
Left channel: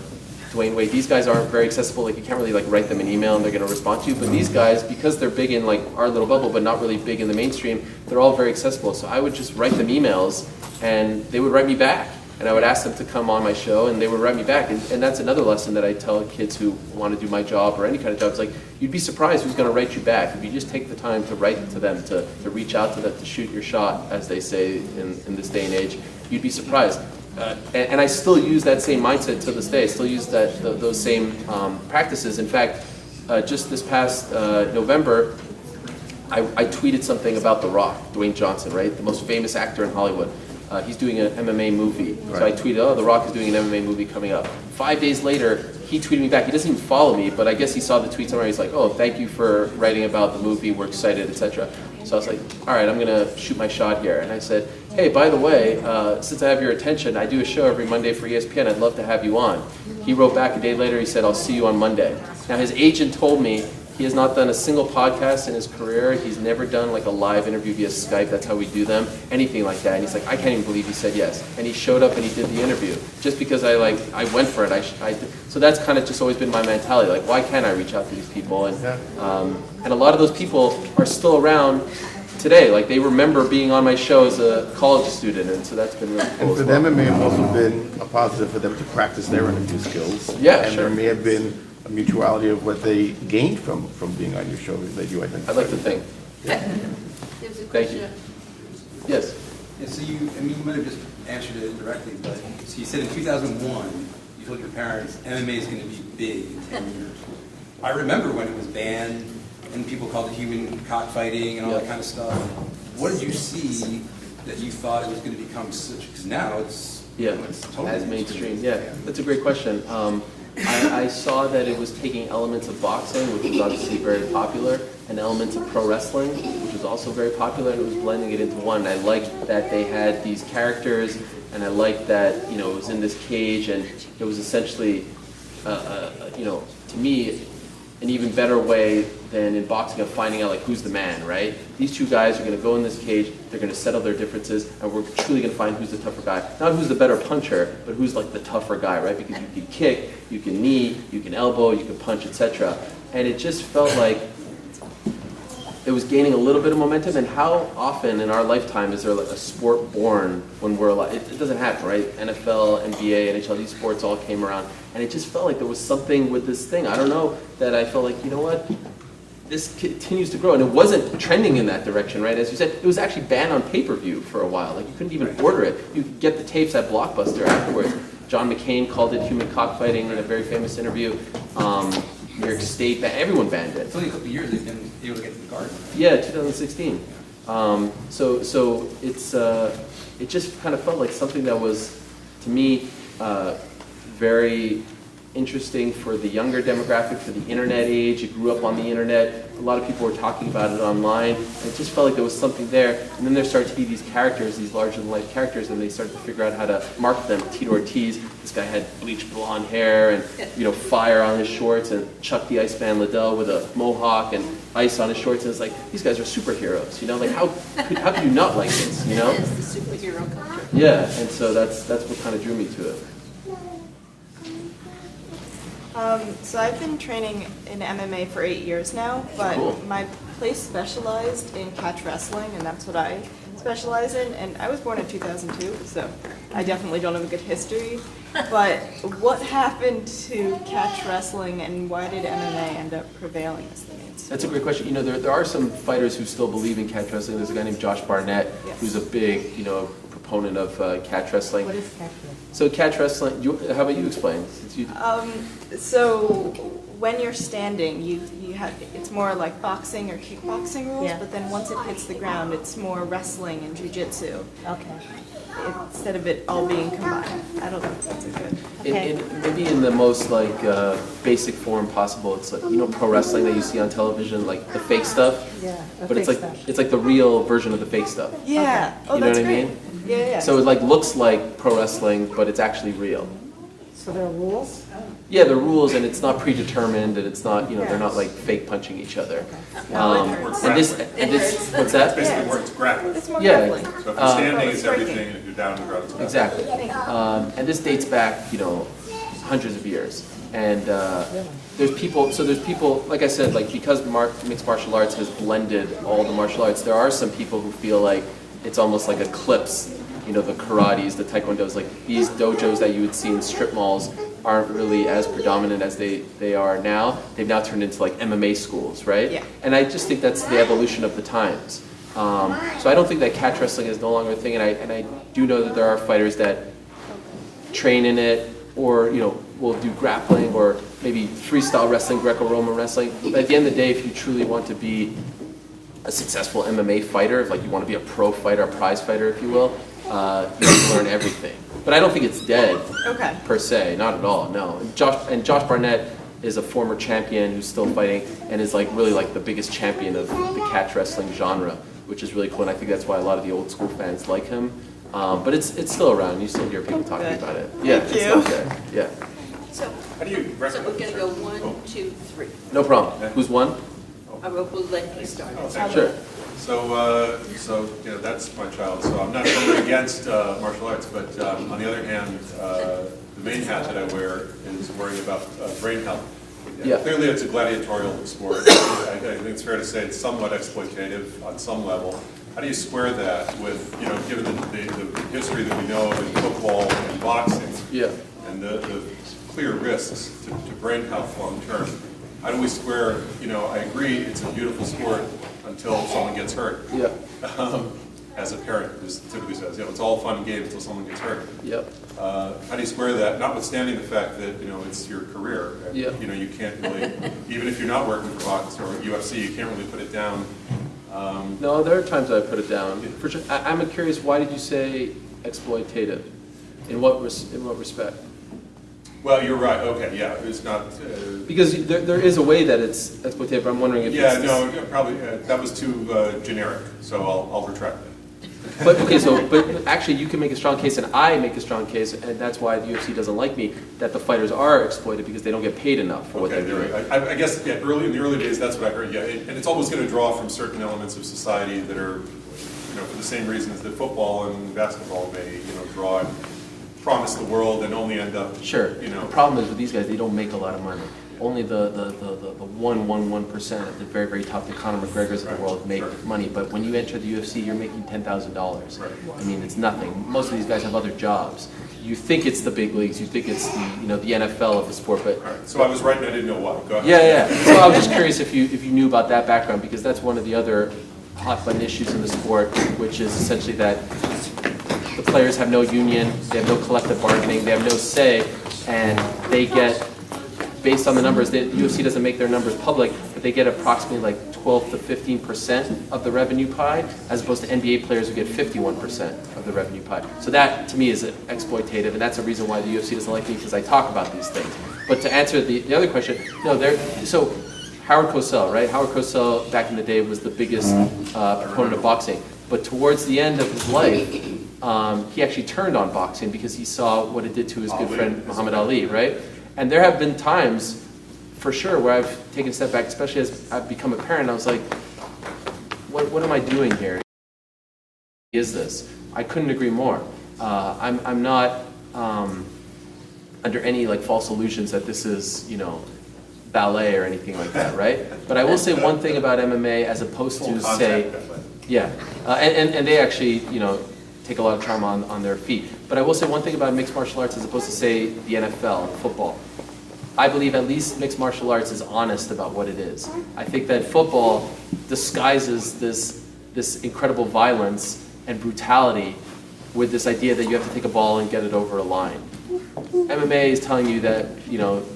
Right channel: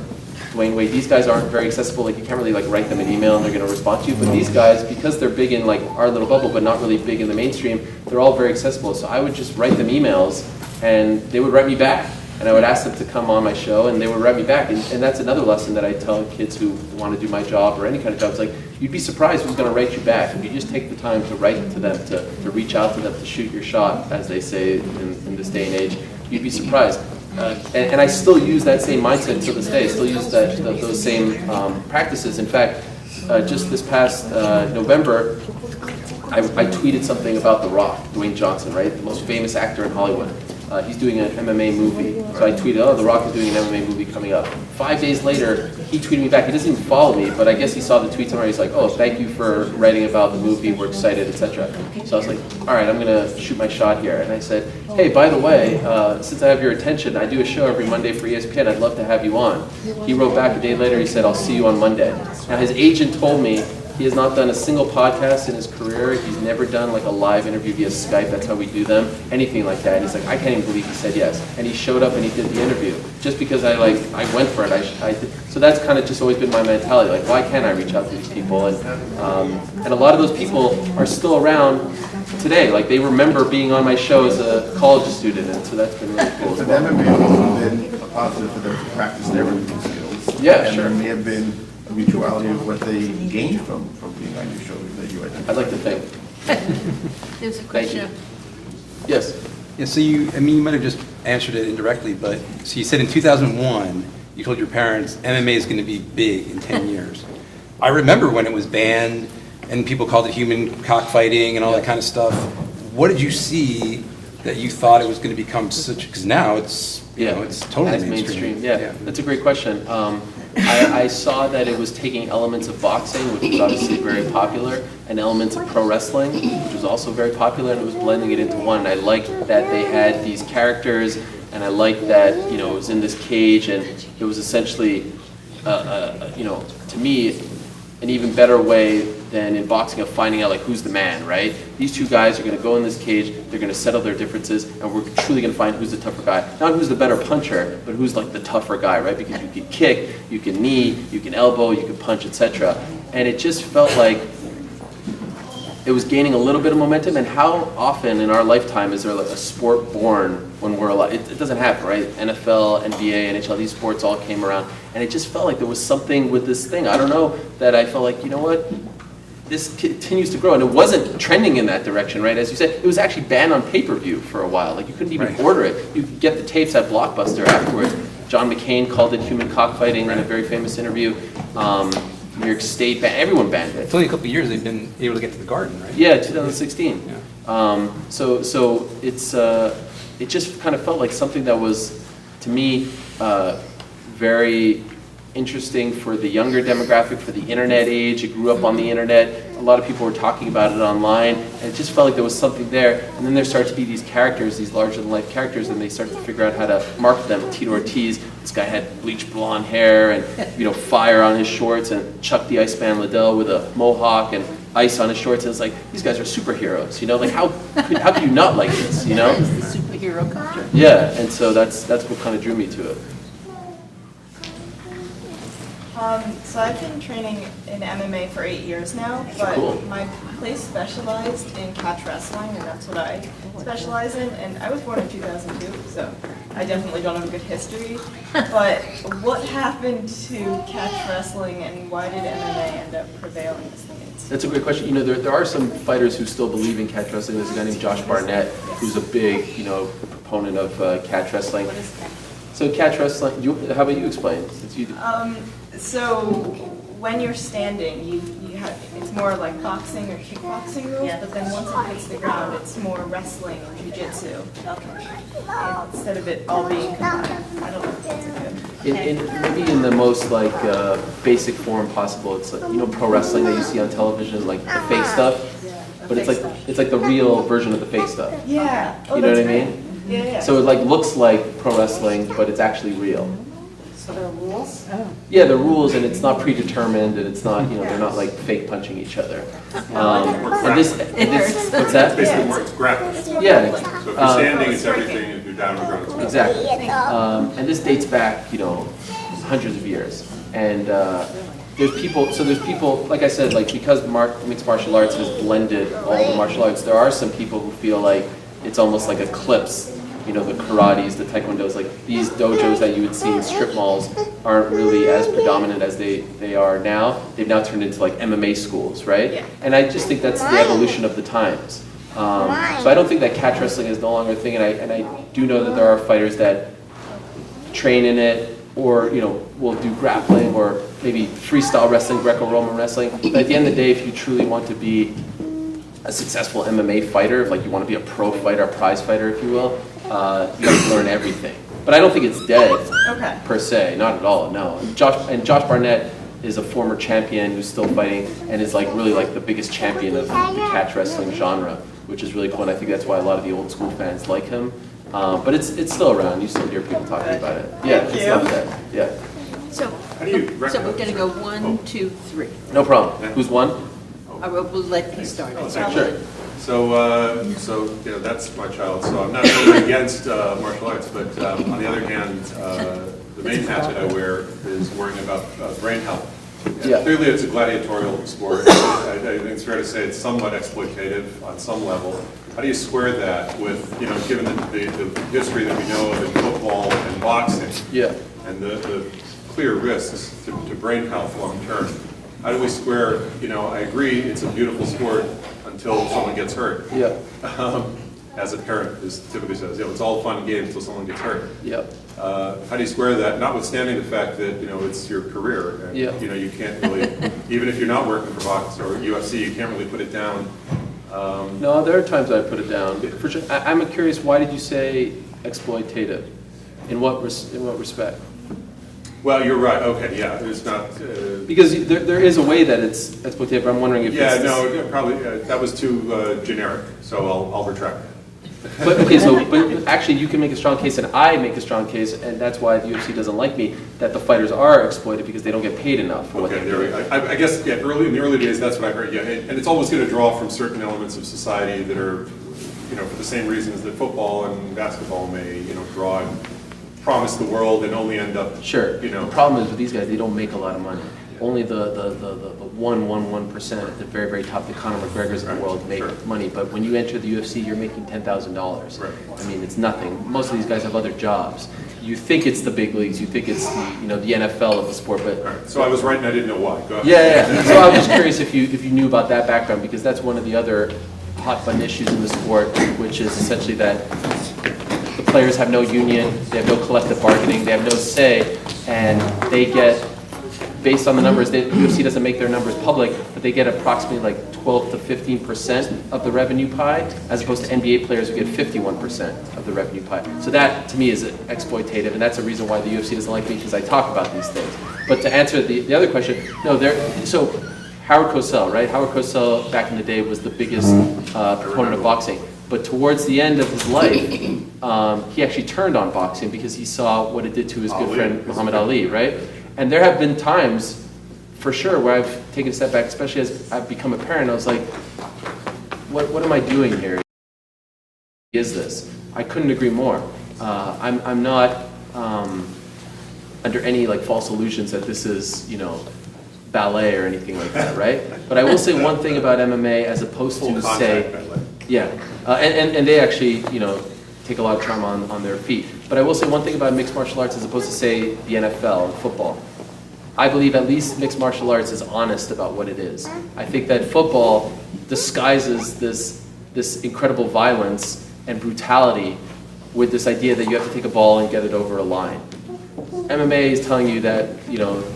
Dwayne Wade, these guys aren't very accessible. Like, you can't really like write them an email and they're going to respond to you. But these guys, because they're big in like our little bubble, but not really big in the mainstream, they're all very accessible. So I would just write them emails, and they would write me back. And I would ask them to come on my show, and they would write me back. And that's another lesson that I tell kids who want to do my job or any kind of job. It's like, you'd be surprised who's going to write you back. If you just take the time to write to them, to reach out to them, to shoot your shot, as they say in this day and age, you'd be surprised. And I still use that same mindset to this day. I still use those same practices. In fact, just this past November, I tweeted something about The Rock, Dwayne Johnson, right? The most famous actor in Hollywood. He's doing an MMA movie. So I tweeted, oh, The Rock is doing an MMA movie coming up. 5 days later, he tweeted me back. He doesn't even follow me, but I guess he saw the tweet somewhere. He's like, oh, thank you for writing about the movie. We're excited, etc. So I was like, all right, I'm going to shoot my shot here. And I said, hey, by the way, since I have your attention, I do a show every Monday for ESPN. I'd love to have you on. He wrote back a day later. He said, I'll see you on Monday. Now, his agent told me he has not done a single podcast in his career. He's never done like a live interview via Skype. That's how we do them. Anything like that. He's like, I can't even believe he said yes. And he showed up and he did the interview. Just because I went for it. So that's kind of just always been my mentality. Like, why can't I reach out to these people? And a lot of those people are still around today. Like, they remember being on my show as a college student. And so that's been really cool. And for them, it may have also been a positive for them to practice their interview skills. Yeah, and sure. there may have been a mutuality of what they gained from being on your show that you identified. I'd like to think. There's a Thank question you. of, Yes. Yeah, so you might have just answered it indirectly, but, so you said in 2001, you told your parents MMA is going to be big in 10 years. I remember when it was banned and people called it human cockfighting and all that kind of stuff. What did you see that you thought it was going to become such, because now it's, you know, it's totally As mainstream. Yeah, that's a great question. I saw that it was taking elements of boxing, which was obviously very popular, and elements of pro wrestling, which was also very popular, and it was blending it into one. And I liked that they had these characters, and I liked that, you know, it was in this cage, and it was essentially, you know, to me, an even better way than in boxing of finding out like who's the man, right? These two guys are going to go in this cage, they're going to settle their differences, and we're truly going to find who's the tougher guy. Not who's the better puncher, but who's like the tougher guy, right? Because you can kick, you can knee, you can elbow, you can punch, etc. And it just felt like it was gaining a little bit of momentum. And how often in our lifetime is there like a sport born when we're alive? It doesn't happen, right? NFL, NBA, NHL, these sports all came around. And it just felt like there was something with this thing. I don't know, that I felt like, you know what? This continues to grow, and it wasn't trending in that direction, right? As you said, it was actually banned on pay-per-view for a while. Like, you couldn't even order it. You could get the tapes at Blockbuster afterwards. John McCain called it human cockfighting in a very famous interview. New York State, everyone banned it. It's only a couple of years they've been able to get to the Garden, right? Yeah, 2016. Yeah. So it's it just kind of felt like something that was, to me, very interesting for the younger demographic, for the internet age. It grew up on the internet. A lot of people were talking about it online, and it just felt like there was something there. And then there started to be these characters, these larger-than-life characters, and they started to figure out how to market them. Tito Ortiz, this guy had bleached blonde hair and, you know, fire on his shorts, and Chuck the Iceman Liddell with a mohawk and ice on his shorts. And it's like, these guys are superheroes, you know? Like, how could you not like this, you know? it's the superhero culture. Yeah, and so that's what kind of drew me to it. So I've been training in MMA for 8 years now, but Cool. my place specialized in catch wrestling, and that's what I specialize in. And I was born in 2002, so I definitely don't have a good history. But what happened to catch wrestling, and why did MMA end up prevailing as the mainstream? That's a great question. You know, there are some fighters who still believe in catch wrestling. There's a guy named Josh Barnett, who's a big, you know, proponent of catch wrestling. What is that? So catch wrestling, how about you explain? Since you, So when you're standing, you have, it's more like boxing or kickboxing rules, Yeah. but then once it hits the ground, it's more wrestling and jujitsu. Okay. Instead of it all being combined. I don't know if that's a good. maybe in the most like basic form possible, it's like, you know, pro wrestling that you see on television, like the fake stuff. Yeah, the But it's fake like stuff. the real version of the fake stuff. Yeah. Oh, You know that's what I great. mean? Yeah. So it like looks like pro wrestling, but it's actually real. So there are rules? Yeah, the rules, and it's not predetermined, and it's not, they're not like fake punching each other. And this, what's that? It's basically more, it's grappling. Yeah. So if you're standing, it's everything, if you're down on the ground, it's grappling. Exactly. And this dates back, hundreds of years. And there's people, like I said, like because mixed martial arts has blended all the martial arts, there are some people who feel like it's almost like eclipse, the karates, the taekwondos, like these dojos that you would see in strip malls aren't really as predominant as they are now. They've now turned into like MMA schools, right? Yeah. And I just think that's the evolution of the times. So I don't think that catch wrestling is no longer a thing, and I do know that there are fighters that train in it, or will do grappling, or maybe freestyle wrestling, Greco-Roman wrestling. But at the end of the day, if you truly want to be a successful MMA fighter, if like you want to be a pro fighter, a prize fighter, if you will, you have to learn everything. But I don't think it's dead per se, not at all. No. And Josh Barnett is a former champion who's still fighting and is like really like the biggest champion of the catch wrestling genre, which is really cool. And I think that's why a lot of the old school fans like him. But it's still around. You still hear people talking about it. Yeah, it's still there. Yeah. So, How do you so recognize? we're gonna go 1, 2, 3. No problem. Who's one? We'll let you start. Sure. So that's my child. So I'm not really against martial arts, but on the other hand, the main hat that I wear is worrying about brain health. Yeah. Clearly, it's a gladiatorial sport. I think it's fair to say it's somewhat exploitative on some level. How do you square that with, given the history that we know of in football and boxing, Yeah. and the clear risks to brain health long term? How do we square, I agree, it's a beautiful sport until someone gets hurt. Yeah. As a parent, who typically says, it's all fun and games until someone gets hurt. Yep. How do you square that, notwithstanding the fact that, it's your career? And, Yeah. you can't really, even if you're not working for box or UFC, you can't really put it down. No, there are times I put it down. For sure. I'm curious, why did you say exploitative? In what respect? Well, you're right, okay, yeah, it's not... Because there is a way that it's exploitative, but I'm wondering if yeah, it's... no, probably, that was too generic, so I'll retract that. But okay, but actually you can make a strong case, and I make a strong case, and that's why the UFC doesn't like me, that the fighters are exploited because they don't get paid enough for what Okay, they're doing. I guess, in the early days, that's what I heard, yeah, and it's always going to draw from certain elements of society that are, for the same reasons that football and basketball may, draw and promise the world and only end up, Sure. The problem is with these guys, they don't make a lot of money. Only the 1% at the very, very top, the Conor McGregors of the world make money. But when you enter the UFC, you're making $10,000. Right. I mean, it's nothing. Most of these guys have other jobs. You think it's the big leagues, you think it's the NFL of the sport, but Right. So I was right and I didn't know why. Go ahead. yeah. So I'm just curious if you knew about that background, because that's one of the other hot button issues in the sport, which is essentially that the players have no union, they have no collective bargaining, they have no say, and they get, based on the numbers, the UFC doesn't make their numbers public, but they get approximately like 12 to 15% of the revenue pie, as opposed to NBA players who get 51% of the revenue pie. So that, to me, is exploitative, and that's a reason why the UFC doesn't like me, because I talk about these things. But to answer the other question, no, so Howard Cosell, right? Howard Cosell, back in the day, was the biggest proponent of boxing. But towards the end of his life, he actually turned on boxing because he saw what it did to his good friend Muhammad Ali, right? And there have been times, for sure, where I've taken a step back, especially as I've become a parent. I was like, what am I doing here? Is this? I couldn't agree more. I'm not under any like false illusions that this is, ballet or anything like that, right? But I will say one thing about MMA, as opposed to say, yeah, and they actually, take a lot of trauma on their feet. But I will say one thing about mixed martial arts, as opposed to say the NFL, football. I believe at least mixed martial arts is honest about what it is. I think that football disguises this incredible violence and brutality with this idea that you have to take a ball and get it over a line. MMA is telling you that,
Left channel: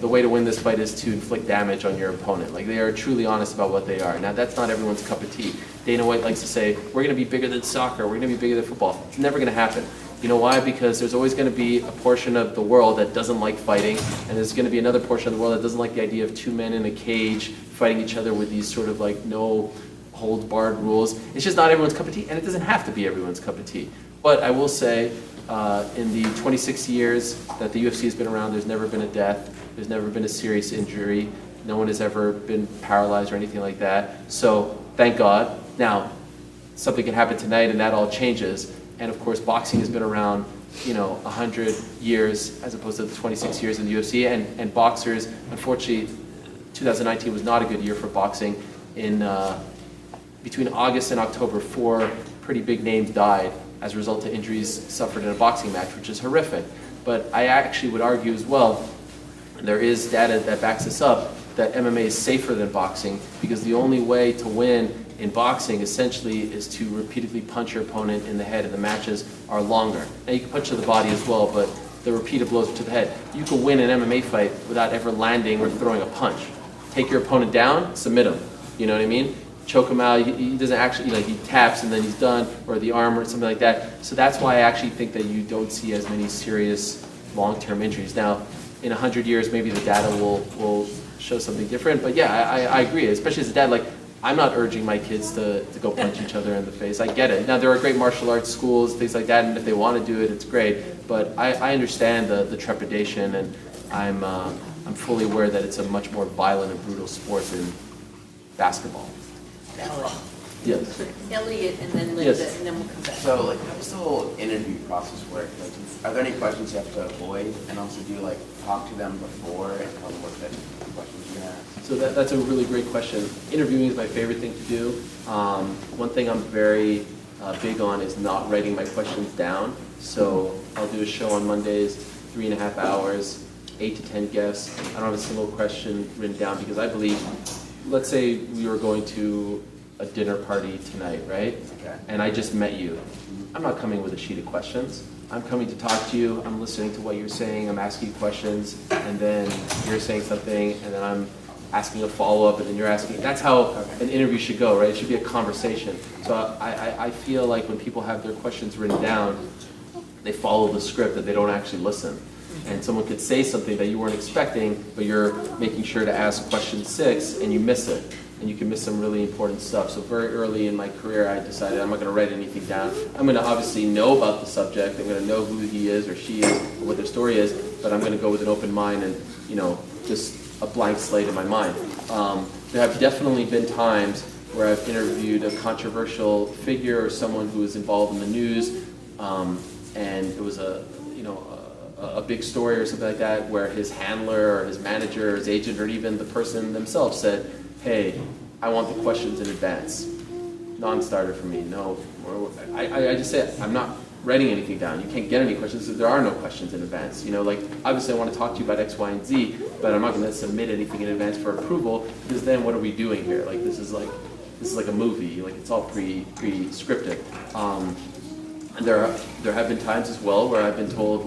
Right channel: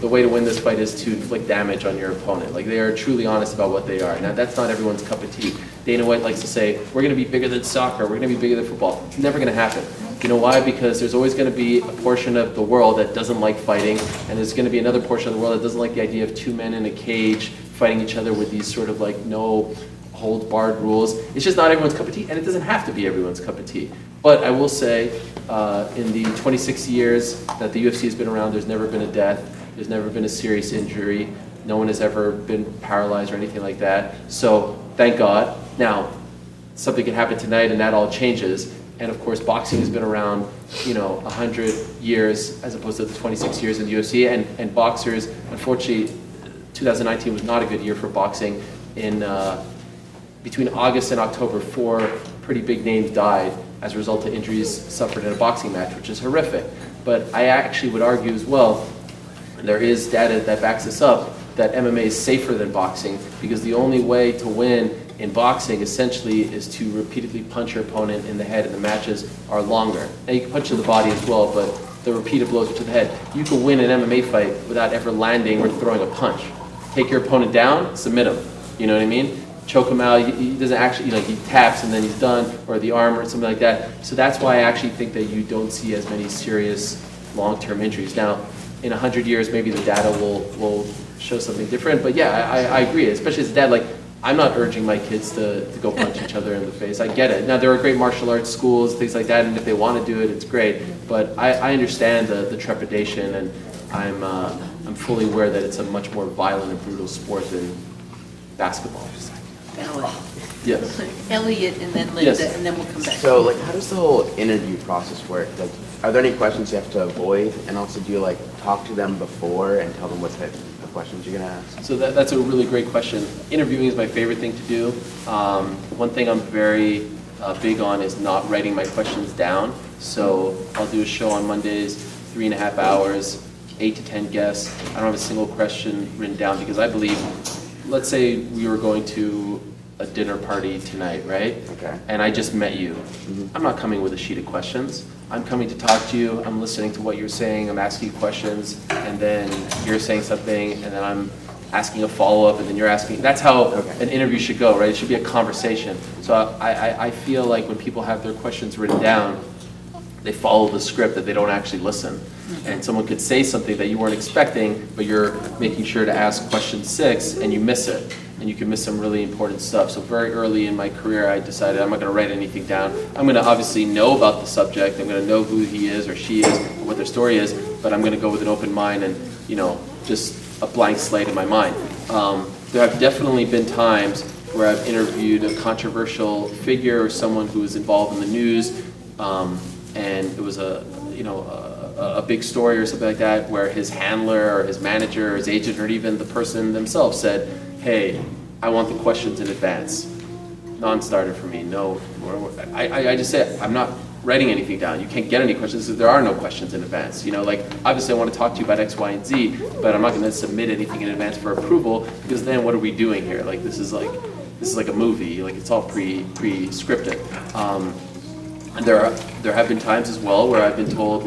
the way to win this fight is to inflict damage on your opponent. Like, they are truly honest about what they are. Now, that's not everyone's cup of tea. Dana White likes to say, we're going to be bigger than soccer, we're going to be bigger than football. It's never going to happen. You know why? Because there's always going to be a portion of the world that doesn't like fighting, and there's going to be another portion of the world that doesn't like the idea of two men in a cage fighting each other with these sort of like no hold barred rules. It's just not everyone's cup of tea, and it doesn't have to be everyone's cup of tea. But I will say, in the 26 years that the UFC has been around, there's never been a death, there's never been a serious injury, no one has ever been paralyzed or anything like that. So thank God. Now, something can happen tonight and that all changes. And of course, boxing has been around, 100 years as opposed to the 26 years in the UFC. And boxers, unfortunately, 2019 was not a good year for boxing. Between August and October, 4 pretty big names died as a result of injuries suffered in a boxing match, which is horrific. But I actually would argue as well, and there is data that backs this up, that MMA is safer than boxing because the only way to win in boxing essentially is to repeatedly punch your opponent in the head, and the matches are longer. Now you can punch to the body as well, but the repeated blows are to the head. You can win an MMA fight without ever landing or throwing a punch. Take your opponent down, submit him. You know what I mean? Choke him out. He doesn't actually, he taps and then he's done, or the arm or something like that. So that's why I actually think that you don't see as many serious long-term injuries. Now, in 100 years, maybe the data will show something different. But yeah, I agree, especially as a dad. Like, I'm not urging my kids to go punch each other in the face. I get it. Now, there are great martial arts schools, things like that, and if they want to do it, it's great. But I understand the trepidation, and I'm fully aware that it's a much more violent and brutal sport than basketball. Yes. Elliot and then Linda, Yes. and then we'll come back. So, how does the whole interview process work? Like, are there any questions you have to avoid? And also, do you, talk to them before and tell them what type of questions you're going to ask? So that's a really great question. Interviewing is my favorite thing to do. One thing I'm very big on is not writing my questions down. So I'll do a show on Mondays, 3.5 hours, 8 to 10 guests. I don't have a single question written down because I believe, let's say we were going to a dinner party tonight, right? Okay. And I just met you. I'm not coming with a sheet of questions. I'm coming to talk to you, I'm listening to what you're saying, I'm asking you questions, and then you're saying something, and then I'm asking a follow-up, and then you're asking. That's how an interview should go, right? It should be a conversation. So I feel like when people have their questions written down, they follow the script, that they don't actually listen. And someone could say something that you weren't expecting, but you're making sure to ask question 6, and you miss it. And you can miss some really important stuff. So very early in my career, I decided I'm not going to write anything down. I'm going to obviously know about the subject. I'm going to know who he is or she is, or what their story is, but I'm going to go with an open mind and, just a blank slate in my mind. There have definitely been times where I've interviewed a controversial figure or someone who was involved in the news, and it was a big story or something like that, where his handler or his manager or his agent or even the person themselves said, hey, I want the questions in advance. Non-starter for me, no. I just say, I'm not writing anything down. You can't get any questions if there are no questions in advance. Obviously I want to talk to you about X, Y, and Z, but I'm not going to submit anything in advance for approval, because then what are we doing here? This is like a movie. It's all pre-scripted. And there have been times as well where I've been told,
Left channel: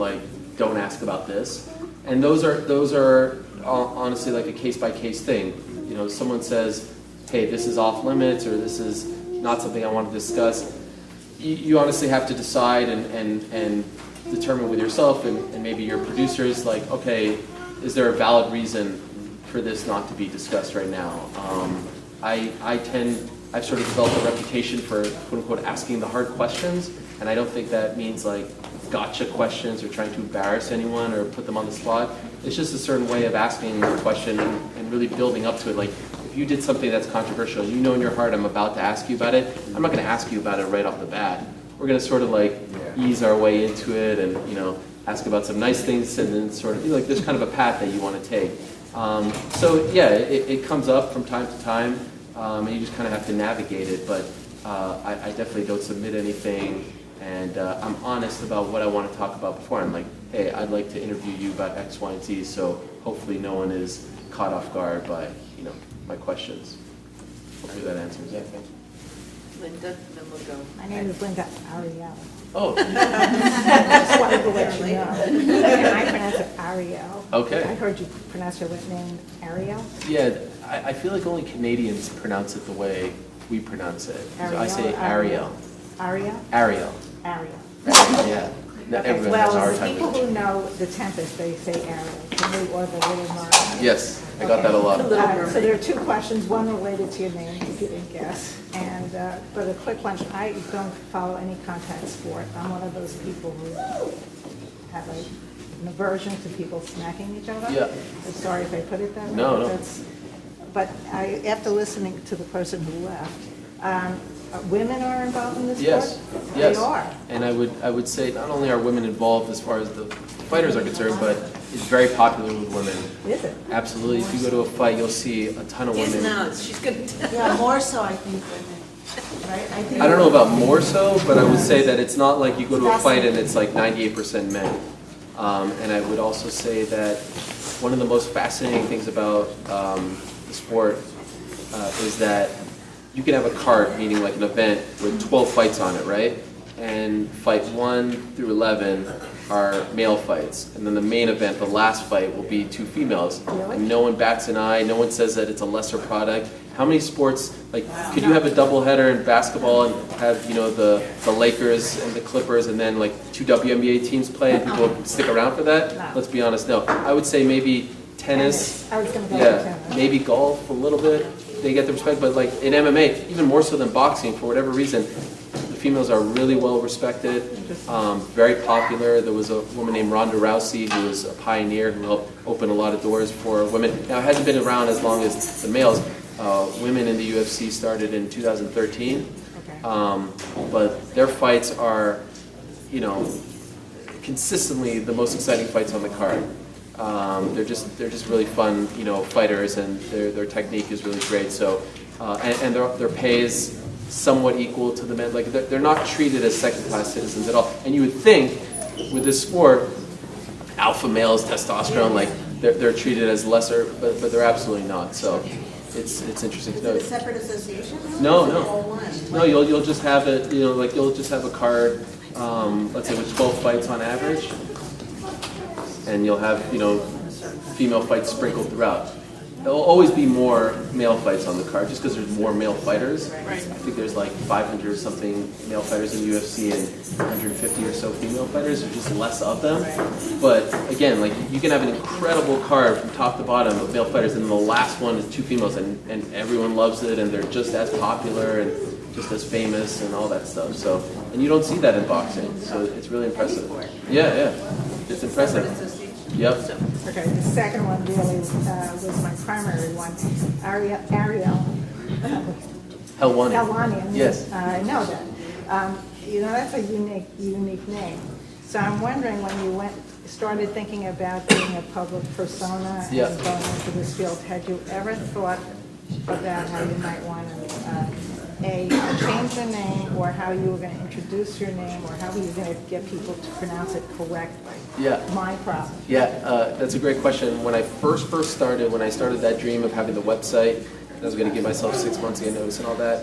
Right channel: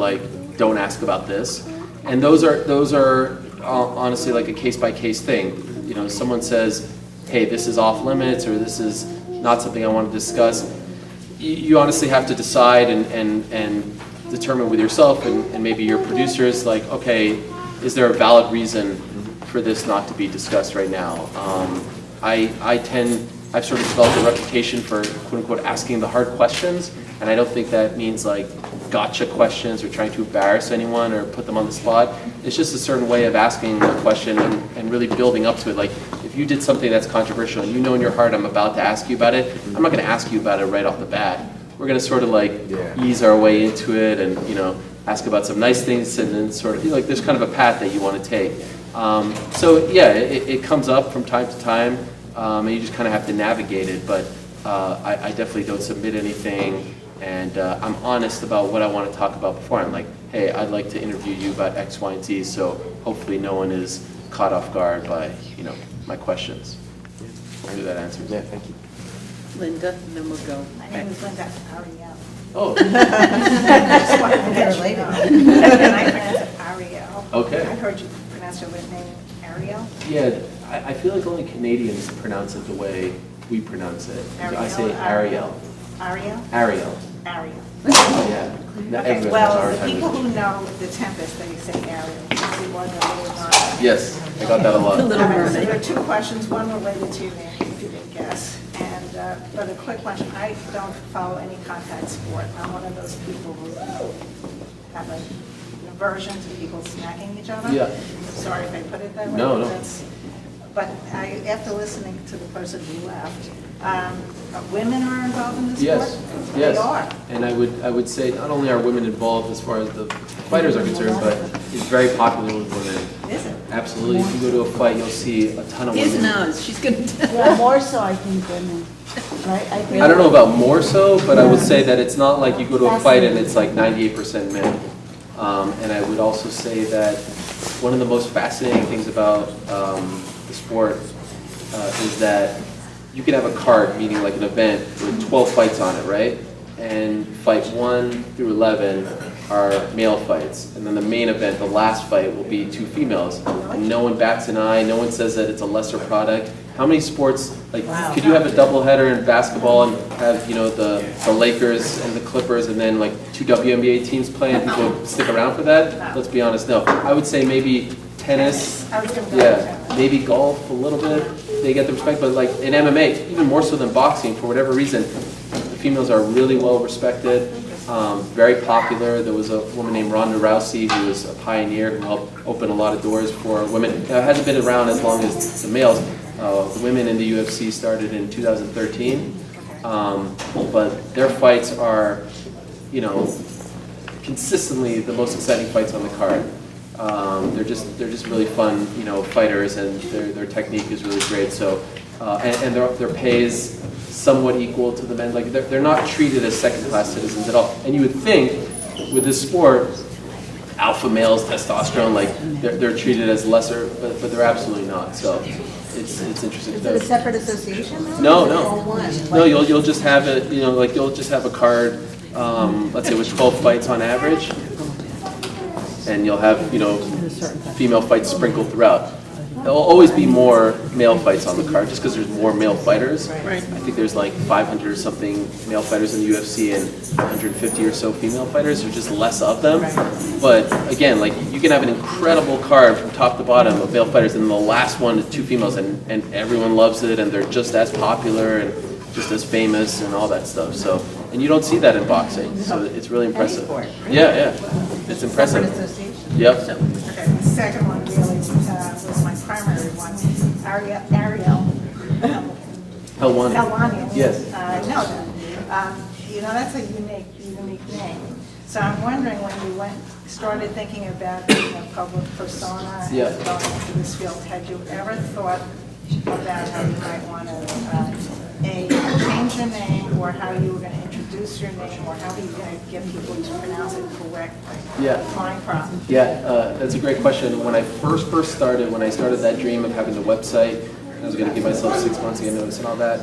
don't ask about this. And those are honestly like a case-by-case thing. Someone says, hey, this is off limits, or this is not something I want to discuss. You honestly have to decide and determine with yourself and maybe your producers, okay, is there a valid reason for this not to be discussed right now? I've sort of developed a reputation for quote-unquote asking the hard questions, and I don't think that means gotcha questions or trying to embarrass anyone or put them on the spot. It's just a certain way of asking a question and really building up to it. If you did something that's controversial, in your heart I'm about to ask you about it, I'm not going to ask you about it right off the bat. We're going to sort of ease our way into it and, ask about some nice things, and then sort of there's kind of a path that you want to take. So yeah, it comes up from time to time, and you just kind of have to navigate it, but I definitely don't submit anything. And I'm honest about what I want to talk about before. I'm like, hey, I'd like to interview you about X, Y, and Z, so hopefully no one is caught off guard by, my questions. I knew that answers it. Thank you. Linda, and then we'll go. My name is Linda Ariel. Oh, Just wanted to let you know. And I pronounce it Ariel. Okay. I heard you pronounce your last name Ariel. yeah, I feel like only Canadians pronounce it the way we pronounce it. So I Ariel say or Ariel. Ariel? Ariel. Ariel. Yeah. Not Okay, everyone has a well, hard the time people with it. who know the Tempest, they say Ariel. They want a little more. Yes, I got that a lot. Little So Mermaid. there are two questions, one related to your name, if you didn't guess, and, but a quick one, I don't follow any contact sport. I'm one of those people who have an aversion to people smacking each other. Yeah. Sorry if I put it that way. No, no. But after listening to the person who left, women are involved in this sport? Yes, yes. They are. And I would say not only are women involved as far as the fighters are concerned, but it's very popular with women. Is it? Absolutely. If you go to a fight, you'll see a ton of Here's women. Naz, she's gonna tell. Yeah, more so, I think, women. Right? think I don't know about more so, but I would say that it's not like you go to a fight and it's like 98% men. And I would also say that one of the most fascinating things about the sport is that you can have a card, meaning like an event with 12 fights on it, right? And fight 1 through 11 are male fights. And then the main event, the last fight, will be 2 females. And no one bats an eye, no one says that it's a lesser product. How many sports, like, could you have a doubleheader in basketball and have, you know, the Lakers and the Clippers and then like 2 WNBA teams play and people stick around for that? Let's be honest, no. I would say maybe tennis, I was going to go with yeah, tennis. maybe golf a little bit. They get the respect, but like in MMA, even more so than boxing, for whatever reason, the females are really well respected, very popular. There was a woman named Ronda Rousey who was a pioneer who helped open a lot of doors for women. Now, it hasn't been around as long as the males. Women in the UFC started in 2013, but their fights are, you know, consistently the most exciting fights on the card. They're just really fun, you know, fighters, and their technique is really great. So, and their pay is somewhat equal to the men. Like they're not treated as second-class citizens at all. And you would think with this sport, alpha males, testosterone, like they're treated as lesser, but they're absolutely not. So it's interesting. Is it a separate association? No, Or no, one? no. You'll just have it. You know, like you'll just have a card. Let's say with 12 fights on average. And you'll have, you know, female fights sprinkled throughout. There'll always be more male fights on the card just because there's more male fighters. Right. I think there's like 500 something male fighters in the UFC and 150 or so female fighters. There's just less of them. But again, like you can have an incredible card from top to bottom of male fighters, and the last one is 2 females, and everyone loves it, and they're just as popular and just as famous and all that stuff. So, and you don't see that in boxing, so it's really impressive. Yeah, yeah, it's impressive. Yep. Okay, the second one really was my primary one. Ariel Helwani. Helwani. Yes. I know that. You know, that's a unique name. So I'm wondering, when you started thinking about being a public persona Yeah. and going into this field, had you ever thought about how you might want to change your name, or how you were going to introduce your name, or how were you going to get people to pronounce it correctly? Yeah. My problem. Yeah, that's a great question. When I first started, when I started that dream of having the website, I was going to give myself 6 months to get notice and all that.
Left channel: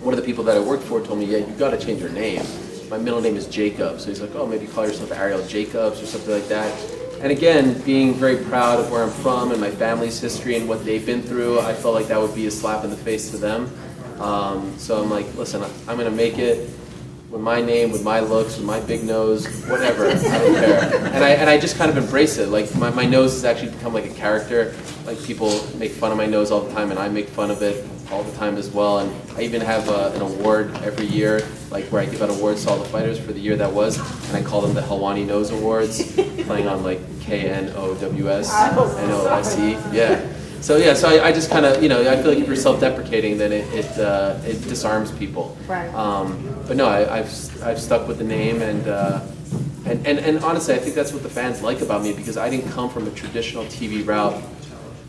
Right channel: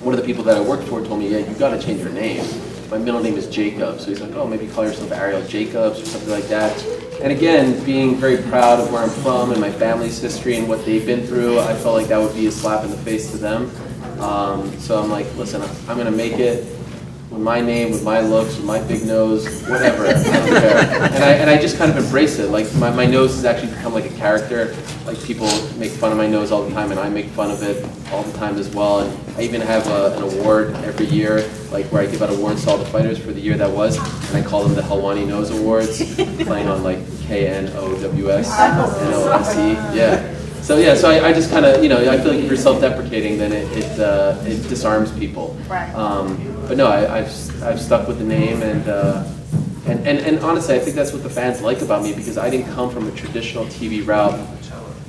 One of the people that I worked for told me, yeah, you've got to change your name. My middle name is Jacob, so he's like, oh, maybe call yourself Ariel Jacobs or something like that. And again, being very proud of where I'm from and my family's history and what they've been through, I felt like that would be a slap in the face to them. So I'm like, listen, I'm going to make it with my name, with my looks, with my big nose, whatever. I don't care. And I just kind of embrace it. Like my nose has actually become like a character. Like people make fun of my nose all the time, and I make fun of it all the time as well. And I even have an award every year, like where I give out awards to all the fighters for the year that was, and I call them the Helwani Nose Awards, playing on like KNOWS, NOSE. Yeah. So yeah, so I just kind of, you know, I feel like if you're self-deprecating, then it disarms people. Right. But no, I've stuck with the name, and honestly, I think that's what the fans like about me, because I didn't come from a traditional TV route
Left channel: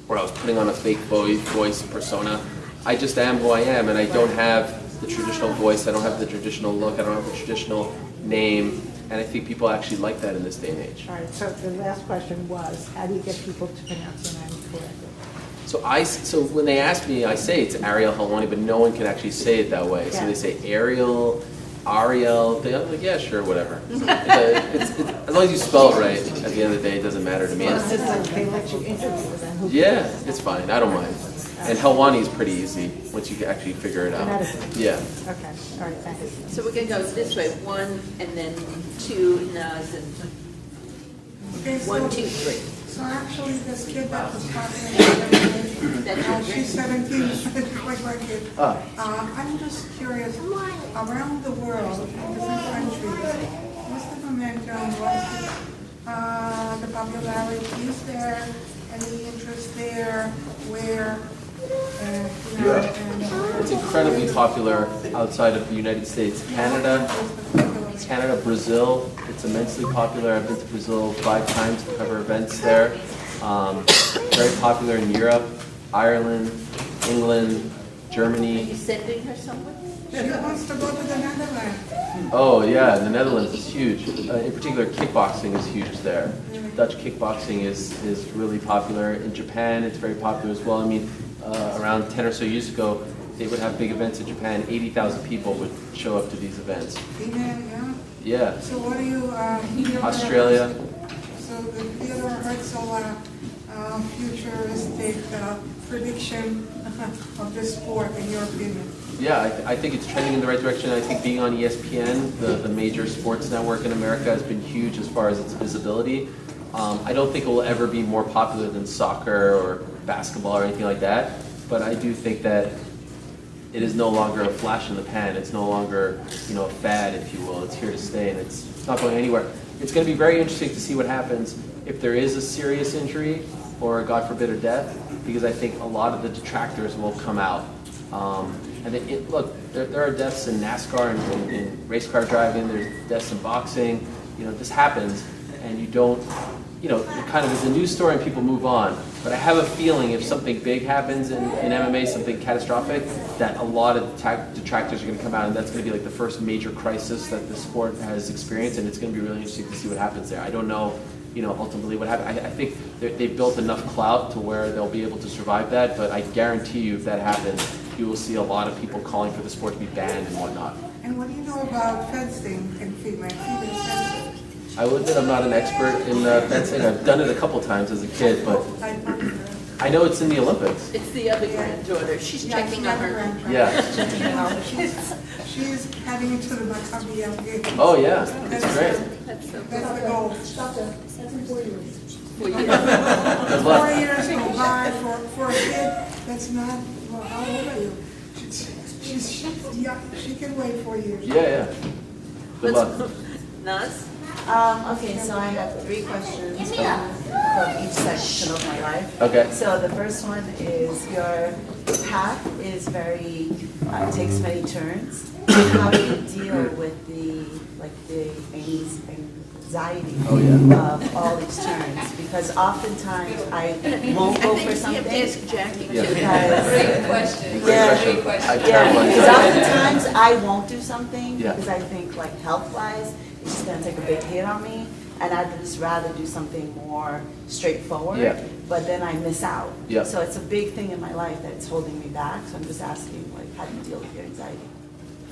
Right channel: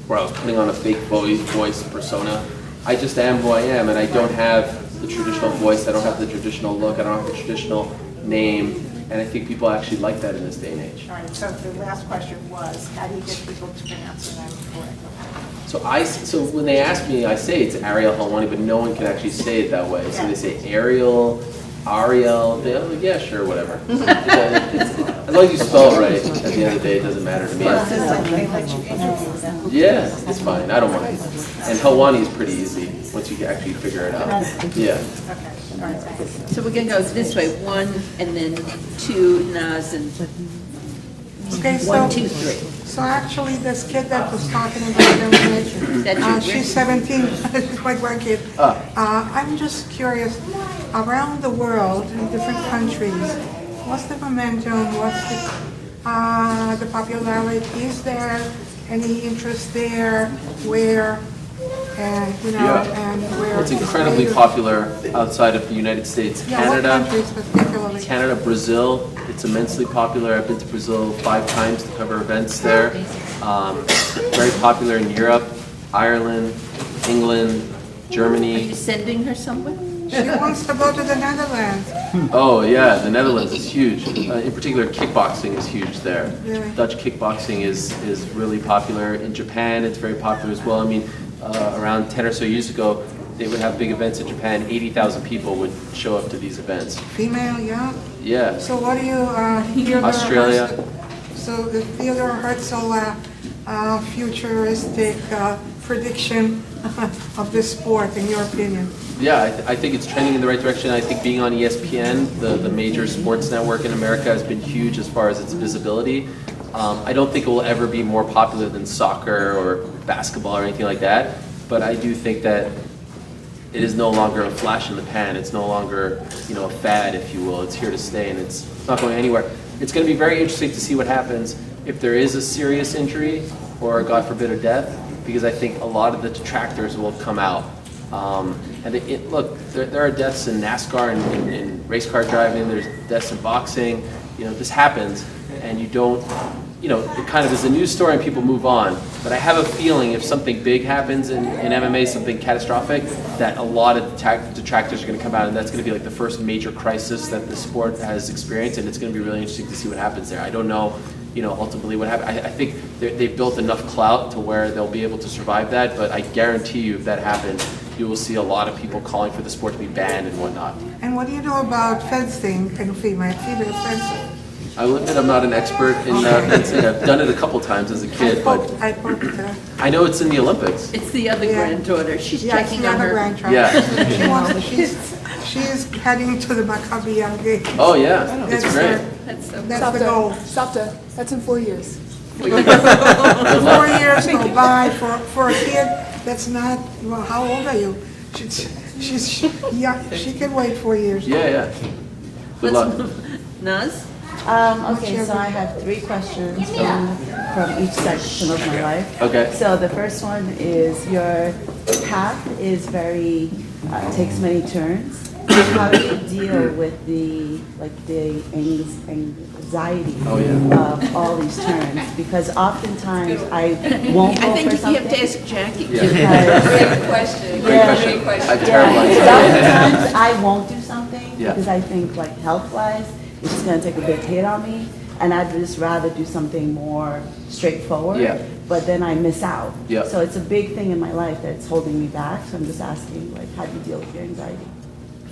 where I was putting on a fake voice persona. I just am who I am, and I don't have the traditional voice. I don't have the traditional look. I don't have the traditional name. And I think people actually like that in this day and age. All right, so the last question was, how do you get people to pronounce your name correctly? So when they ask me, I say it's Ariel Helwani, but no one can actually say it that way. So they say Ariel, Ariel. They're like, yeah, sure, whatever. As long as you spell it right, at the end of the day, it doesn't matter to me. It's just like they let you interview them. Yeah, it's fine. I don't mind. And Helwani is pretty easy once you can actually figure it out. Yeah. Okay, all right, thanks. So we're gonna go this way, 1 and then 2, Naz, and Okay, so. 1, 2, 3. So actually, this kid that was talking about them, she's 17, she's my grandkid. I'm just curious, around the world, in different countries, what's the momentum, what's the popularity? Is there any interest there, where, and, you know, and where? It's incredibly popular outside of the United States. Yeah, what Canada, countries particularly? Canada, Brazil, it's immensely popular. I've been to Brazil 5 times to cover events there. Very popular in Europe, Ireland, England, Are Germany. you sending her somewhere? She wants to go to the Netherlands. Oh yeah, the Netherlands is huge. In particular, kickboxing is huge there. Really? Dutch kickboxing is really popular. In Japan, it's very popular as well. I mean, around 10 or so years ago, they would have big events in Japan. 80,000 people would show up to these events. Female, yeah? Yeah. So what do you, Theodore Australia. So the Theodore Herzl futuristic prediction of this sport, in your opinion? Yeah, I think it's trending in the right direction. I think being on ESPN, the major sports network in America, has been huge as far as its visibility. I don't think it will ever be more popular than soccer or basketball or anything like that, but I do think that it is no longer a flash in the pan. It's no longer, you know, a fad, if you will. It's here to stay, and it's not going anywhere. It's going to be very interesting to see what happens if there is a serious injury or, God forbid, a death, because I think a lot of the detractors will come out. And look, there are deaths in NASCAR and in race car driving. There's deaths in boxing. You know, this happens, and you don't, you know, it kind of is a news story and people move on. But I have a feeling if something big happens in MMA, something catastrophic, that a lot of detractors are going to come out, and that's going to be like the first major crisis that the sport has experienced, and it's going to be really interesting to see what happens there. I don't know, you know, ultimately what happens. I think they've built enough clout to where they'll be able to survive that, but I guarantee you if that happens, you will see a lot of people calling for the sport to be banned and whatnot. And what do you know about fencing and female fencing? I will admit I'm not an expert in fencing. I've done it a couple times as a kid, but I know it's in the Olympics. It's the other granddaughter. She's Yes, checking the on other her. grandchild. Yeah. She's heading to the Maccabi game. Oh yeah, it's great. That's the goal. Shavta, that's in 4 years. 4 years go by for a kid. That's not. Well, how old are you? She's yeah. She can wait 4 years. Yeah. Good luck. Naz? Okay, so I have 3 questions from each section of my life. Okay. So the first one is your path is very, takes many turns. How do you deal with the anxiety of all these turns? Because oftentimes I won't go for something. I think you have to ask Jackie. Great question. Great question. I terrible Because anxiety. oftentimes I won't do something Yeah. because I think like health-wise, it's just gonna take a big hit on me, and I'd just rather do something more straightforward. Yeah. But then I miss out. Yeah. So it's a big thing in my life that's holding me back. So I'm just asking, like, how do you deal with your anxiety?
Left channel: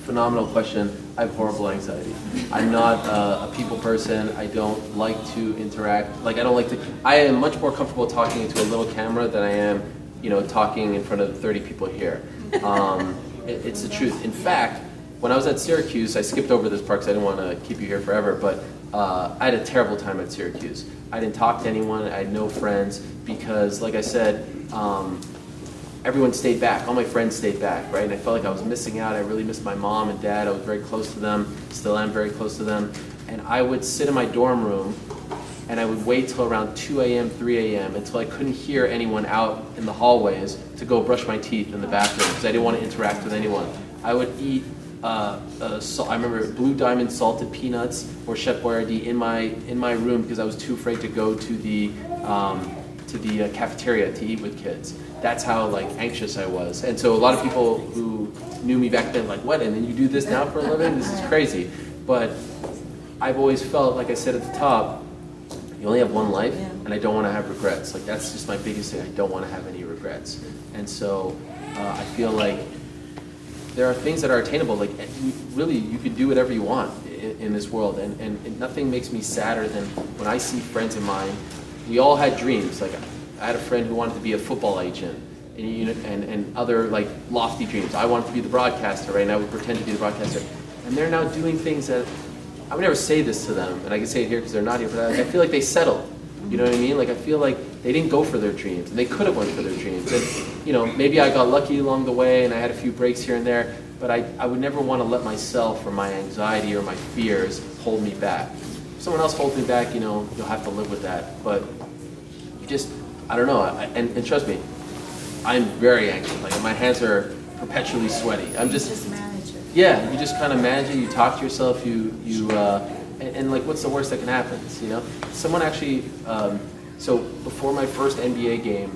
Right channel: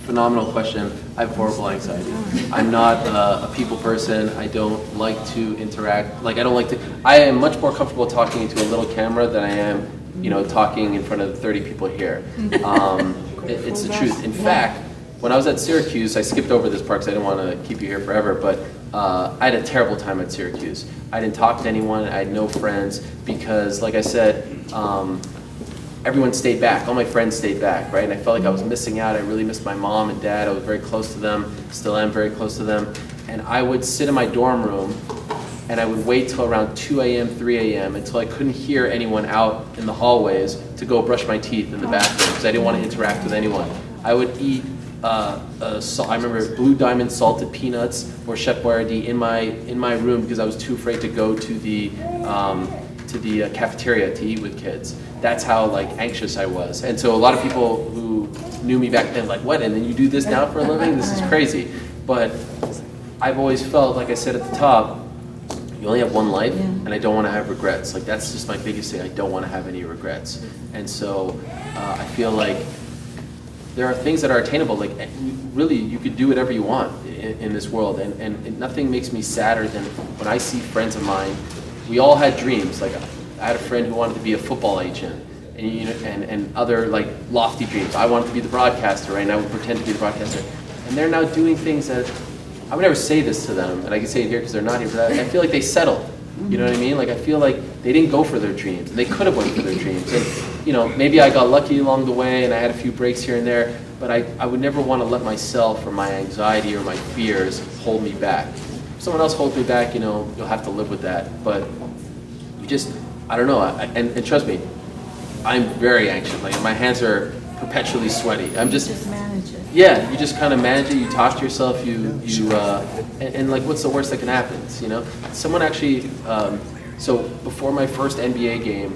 Phenomenal question. I have horrible anxiety. I'm not a people person. I don't like to interact. Like, I am much more comfortable talking into a little camera than I am, you know, talking in front of 30 people here. It's the truth. In fact, when I was at Syracuse, I skipped over this part because I didn't want to keep you here forever, but I had a terrible time at Syracuse. I didn't talk to anyone. I had no friends because, like I said, everyone stayed back. All my friends stayed back, right? And I felt like I was missing out. I really missed my mom and dad. I was very close to them, still am very close to them. And I would sit in my dorm room and I would wait till around 2 a.m., 3 a.m. until I couldn't hear anyone out in the hallways to go brush my teeth in the bathroom because I didn't want to interact with anyone. I would eat, I remember Blue Diamond salted peanuts or Chef Boyardee in my room because I was too afraid to go to the cafeteria to eat with kids. That's how like anxious I was. And so a lot of people who knew me back then like, what, and then you do this now for a living? This is crazy. But I've always felt, like I said at the top, you only have one life, and I don't want to have regrets. Like that's just my biggest thing. I don't want to have any regrets. And so I feel like there are things that are attainable. Like really, you could do whatever you want in this world. And nothing makes me sadder than when I see friends of mine. We all had dreams. Like I had a friend who wanted to be a football agent, and other like lofty dreams. I wanted to be the broadcaster, right? And I would pretend to be the broadcaster. And they're now doing things that I would never say this to them, and I can say it here because they're not here, but I feel like they settled. You know what I mean? Like, I feel like they didn't go for their dreams, and they could have went for their dreams. And, you know, maybe I got lucky along the way, and I had a few breaks here and there, but I would never want to let myself or my anxiety or my fears hold me back. If someone else holds me back, you know, you'll have to live with that. But you just, I don't know, and trust me, I'm very anxious. Like, my hands are perpetually sweaty. I'm Just manage it. yeah, you just kind of manage it, you talk to yourself, and like, what's the worst that can happen, you know? Someone actually, so before my first NBA game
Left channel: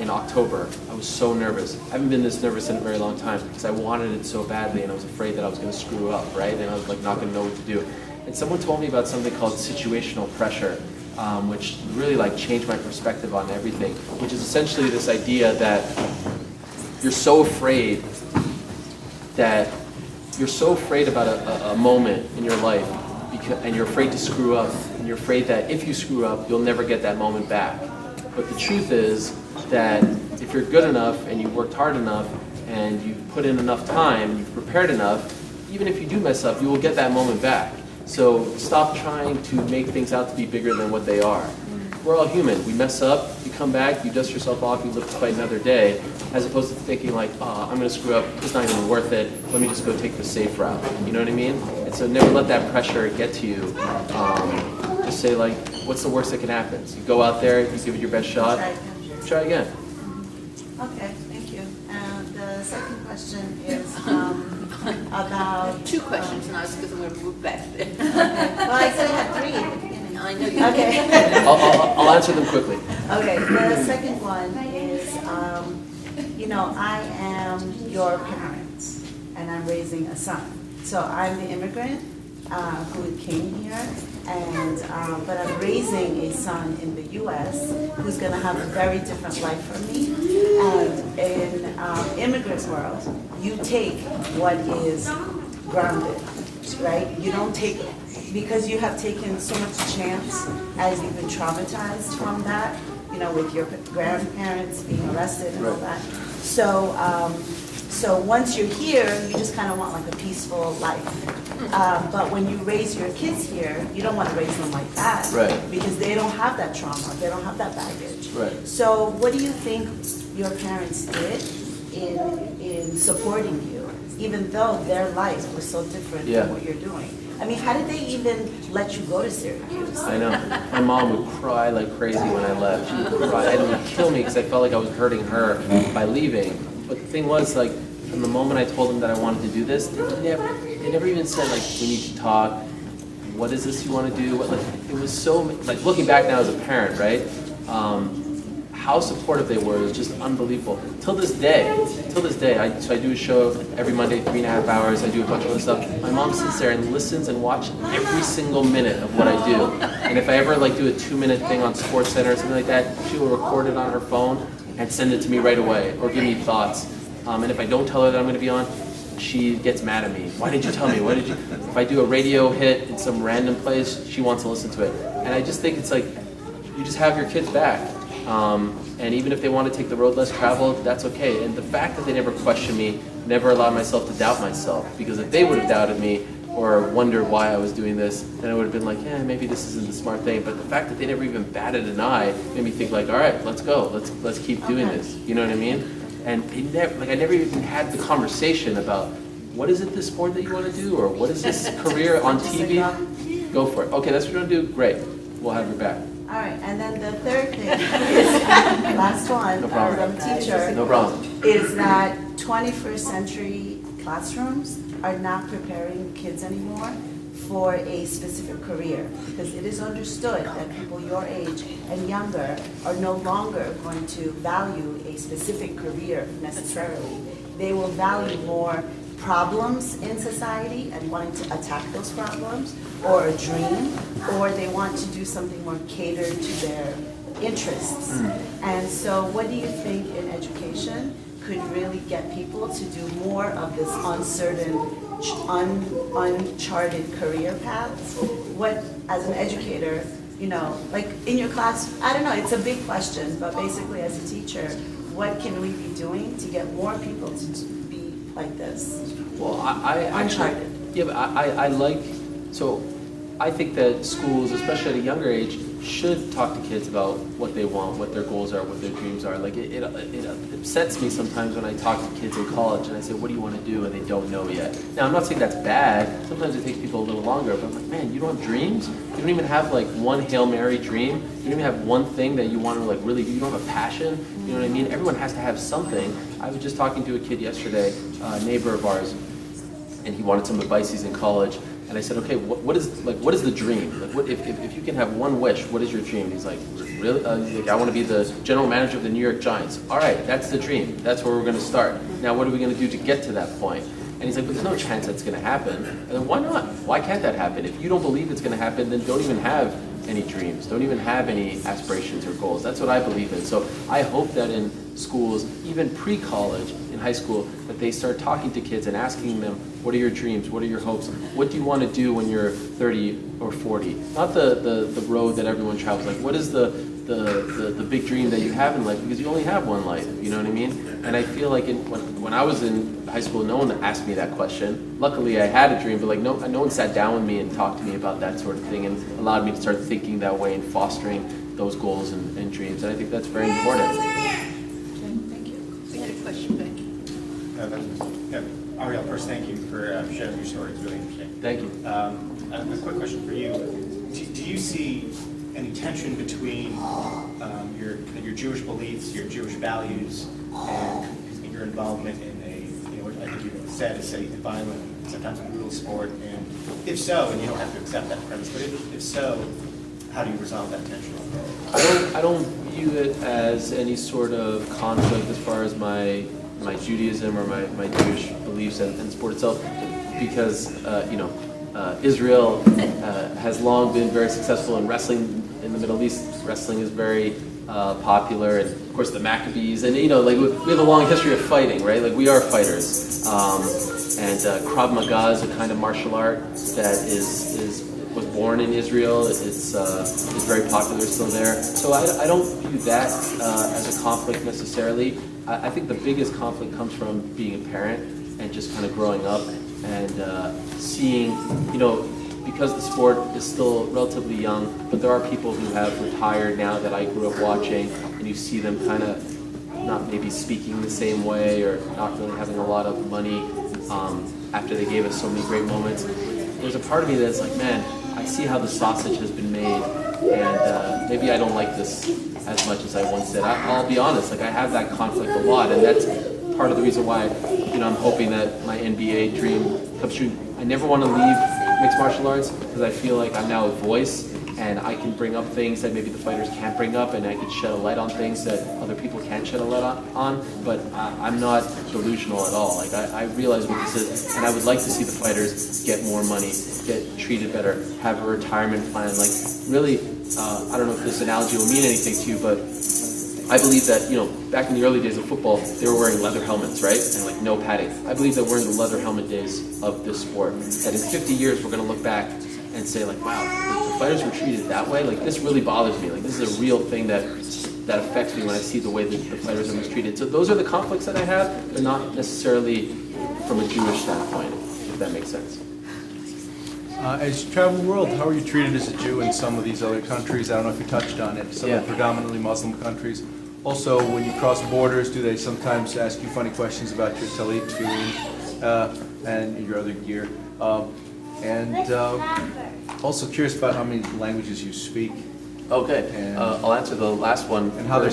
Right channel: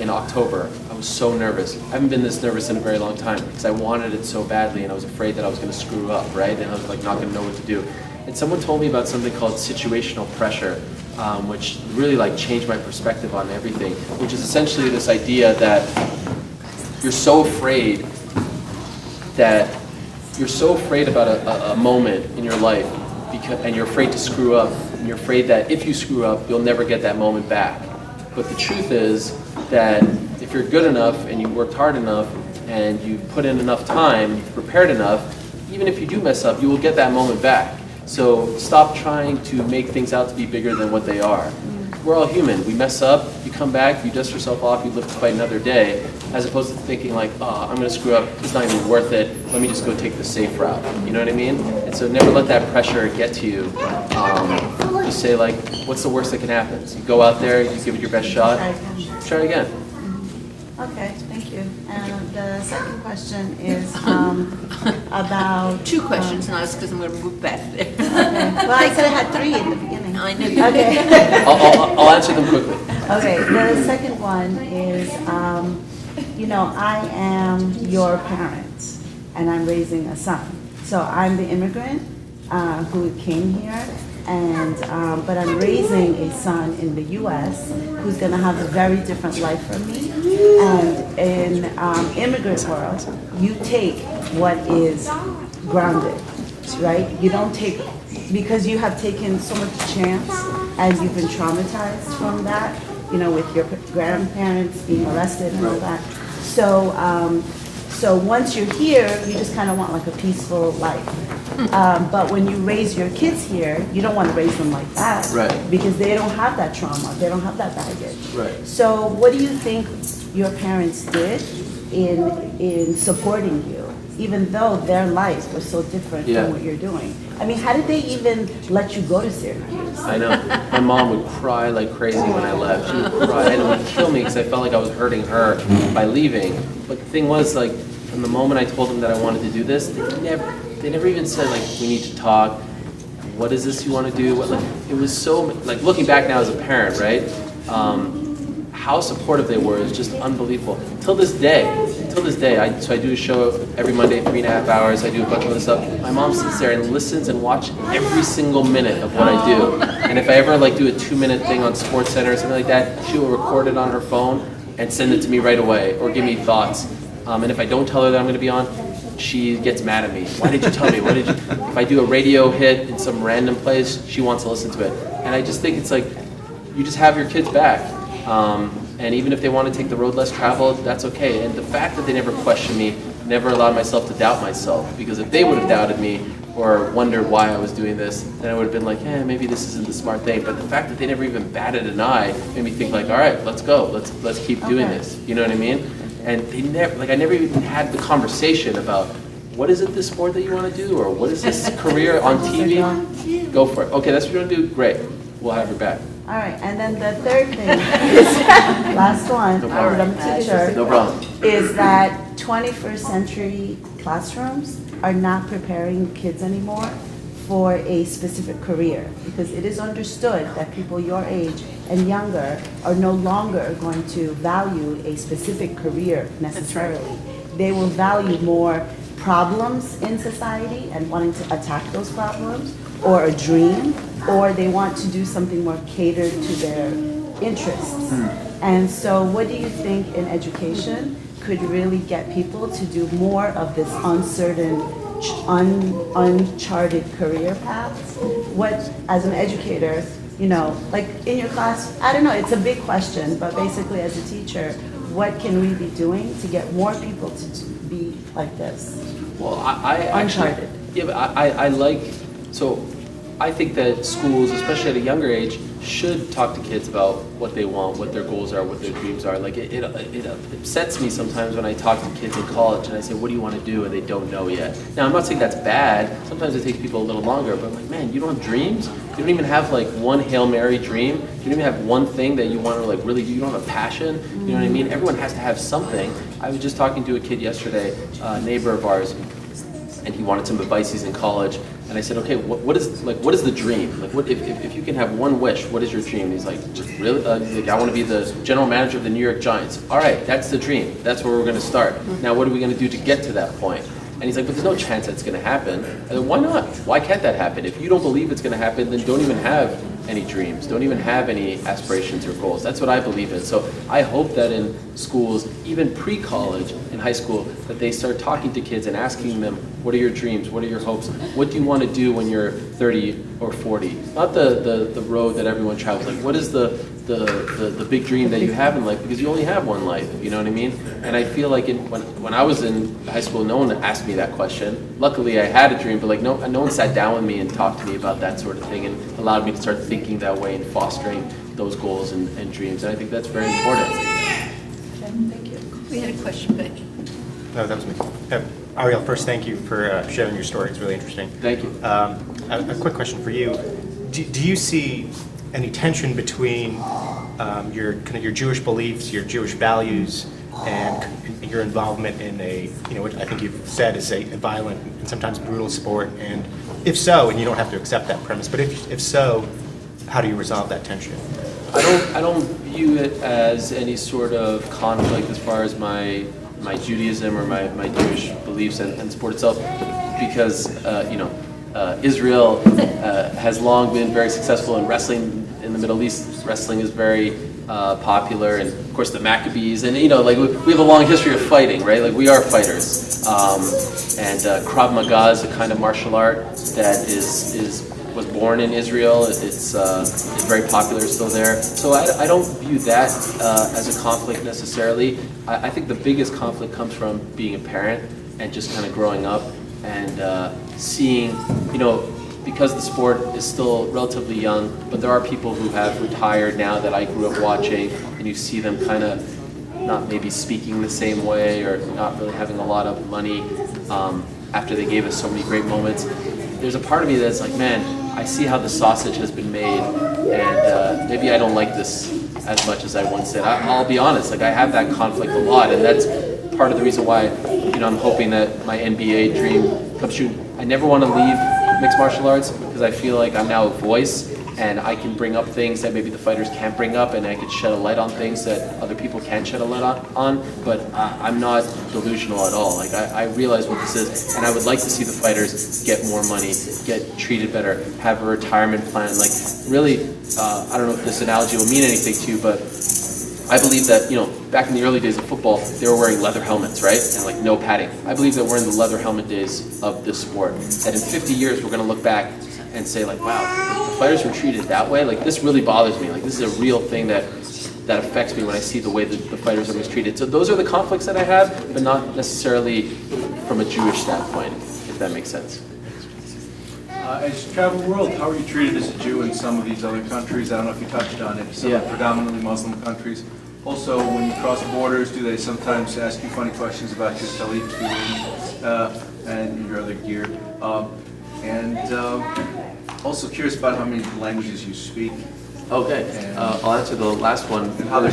in October, I was so nervous. I haven't been this nervous in a very long time because I wanted it so badly and I was afraid that I was going to screw up, right? And I was like not going to know what to do. And someone told me about something called situational pressure, which really like changed my perspective on everything, which is essentially this idea that you're so afraid about a moment in your life, and you're afraid to screw up, and you're afraid that if you screw up, you'll never get that moment back. But the truth is that if you're good enough, and you've worked hard enough, and you've put in enough time, you've prepared enough, even if you do mess up, you will get that moment back. So stop trying to make things out to be bigger than what they are. We're all human. We mess up, you come back, you dust yourself off, you live to fight another day, as opposed to thinking like, oh, I'm going to screw up, it's not even worth it, let me just go take the safe route. You know what I mean? And so never let that pressure get to you. Just say like, what's the worst that can happen? So you go out there, you give it your best shot, try again. Okay, thank you. And the second question is about... Two questions, now because I'm going to move back there. Okay. Well, I said I had three in the beginning. I know you Okay. I'll answer them quickly. Okay, the second one is, you know, I am your parent, and I'm raising a son. So I'm the immigrant who came here, and but I'm raising a son in the U.S. who's going to have a very different life from me. And in immigrant world, you take what is grounded, right? You don't take, because you have taken so much chance as you've been traumatized from that, you know, with your grandparents being arrested and all that. So, so once you're here, you just kind of want like a peaceful life. But when you raise your kids here, you don't want to raise them like that. Right. Because they don't have that trauma, they don't have that baggage. Right. So what do you think your parents did in supporting you, even though their lives were so different from what you're doing? I mean, how did they even let you go to Syracuse? I know. My mom would cry like crazy when I left. She would cry, and it would kill me because I felt like I was hurting her by leaving. But the thing was, like, from the moment I told them that I wanted to do this, they never even said, like, we need to talk. What is this you want to do? What, like, it was so, like, looking back now as a parent, right? How supportive they were is just unbelievable. Till this day, so I do a show every Monday, 3.5 hours. I do a bunch of other stuff. My mom sits there and listens and watches every single minute of what I do. And if I ever like do a 2-minute thing on Sports Center or something like that, she will record it on her phone and send it to me right away or give me thoughts. And if I don't tell her that I'm going to be on, she gets mad at me. Why did you tell me? Why did you? If I do a radio hit in some random place, she wants to listen to it. And I just think it's like, you just have your kids back. And even if they want to take the road less traveled, that's okay. And the fact that they never questioned me, never allowed myself to doubt myself. Because if they would have doubted me or wondered why I was doing this, then I would have been like, yeah, maybe this isn't the smart thing. But the fact that they never even batted an eye made me think like, all right, let's go. Let's keep doing this. You know what I mean? And they never, like, I never even had the conversation about, what is it this sport that you want to do? Or what is this career on TV? Go for it. Okay, that's what you want to do? Great. We'll have your back. All right, and then the third thing is, last one, No problem. I'm a teacher, No problem. is that 21st century classrooms are not preparing kids anymore for a specific career, because it is understood that people your age and younger are no longer going to value a specific career necessarily. They will value more problems in society and wanting to attack those problems, or a dream, or they want to do something more catered to their interests. And so what do you think in education could really get people to do more of this uncertain, uncharted career paths? What, as an educator, you know, like in your class, I don't know, it's a big question, but basically as a teacher, what can we be doing to get more people to be like this? Well, I actually, Uncharted. Yeah, but I like, so I think that schools, especially at a younger age, should talk to kids about what they want, what their goals are, what their dreams are. Like it upsets me sometimes when I talk to kids in college and I say, what do you want to do? And they don't know yet. Now, I'm not saying that's bad. Sometimes it takes people a little longer, but I'm like, man, you don't have dreams? You don't even have like one Hail Mary dream? You don't even have one thing that you want to like really do? You don't have a passion? You know what I mean? Everyone has to have something. I was just talking to a kid yesterday, a neighbor of ours, and he wanted some advice. He's in college. And I said, okay, what is the dream? Like, what if you can have one wish, what is your dream? And he's like, really? He's like, I want to be the general manager of the New York Giants. All right, that's the dream. That's where we're going to start. Now, what are we going to do to get to that point? And he's like, but there's no chance that's going to happen. I said, why not? Why can't that happen? If you don't believe it's going to happen, then don't even have any dreams. Don't even have any aspirations or goals. That's what I believe in. So I hope that in schools, even pre-college, in high school, that they start talking to kids and asking them, what are your dreams? What are your hopes? What do you want to do when you're 30 or 40? Not the road that everyone travels. Like, what is the big dream that you have in life? Because you only have one life, you know what I mean? And I feel like when I was in high school, no one asked me that question. Luckily, I had a dream, but like no one sat down with me and talked to me about that sort of thing and allowed me to start thinking that way and fostering those goals and dreams. And I think that's very important. Thank you. We had a question, Becky. No, that was me. Ariel, first, thank you for sharing your story. It's really interesting. Thank you. A quick question for you. Do you see any tension between your Jewish beliefs, your Jewish values, and your involvement in what I think you've said is a violent and sometimes brutal sport? And if so, and you don't have to accept that premise, but if so, how do you resolve that tension? I don't view it as any sort of conflict as far as my Judaism or my Jewish beliefs and the sport itself, because Israel has long been very successful in wrestling in the Middle East. Wrestling is very popular, and of course the Maccabees, and we have a long history of fighting, right? Like we are fighters, and Krav Maga is a kind of martial art that was born in Israel. It's very popular still there. So I don't view that as a conflict necessarily. I think the biggest conflict comes from being a parent and just kind of growing up and seeing, because the sport is still relatively young, but there are people who have retired now that I grew up watching, and you see them kind of not maybe speaking the same way or not really having a lot of money after they gave us so many great moments. There's a part of me that's like, man, I see how the sausage has been made, and maybe I don't like this as much as I once did. I'll be honest, like I have that conflict a lot, and that's part of the reason why, I'm hoping that my NBA dream comes true. I never want to leave mixed martial arts because I feel like I'm now a voice, and I can bring up things that maybe the fighters can't bring up, and I can shed a light on things that other people can't shed a light on, but I'm not delusional at all. Like, I realize what this is, and I would like to see the fighters get more money, get treated better, have a retirement plan. Like, really, I don't know if this analogy will mean anything to you, but I believe that, back in the early days of football, they were wearing leather helmets, right? And like no padding. I believe that we're in the leather helmet days of this sport. That in 50 years, we're going to look back and say like, wow, the fighters were treated that way. Like this really bothers me. Like this is a real thing that affects me when I see the way that the fighters are mistreated. So those are the conflicts that I have, but not necessarily from a Jewish standpoint, if that makes sense. As you travel the world, how are you treated as a Jew in some of these other countries? I don't know if you touched on it. Some predominantly Muslim countries. Also, when you cross borders, do they sometimes ask you funny questions about your talit, tefillin, and your other gear? Also curious about how many languages you speak. Okay, I'll answer the last one. And how they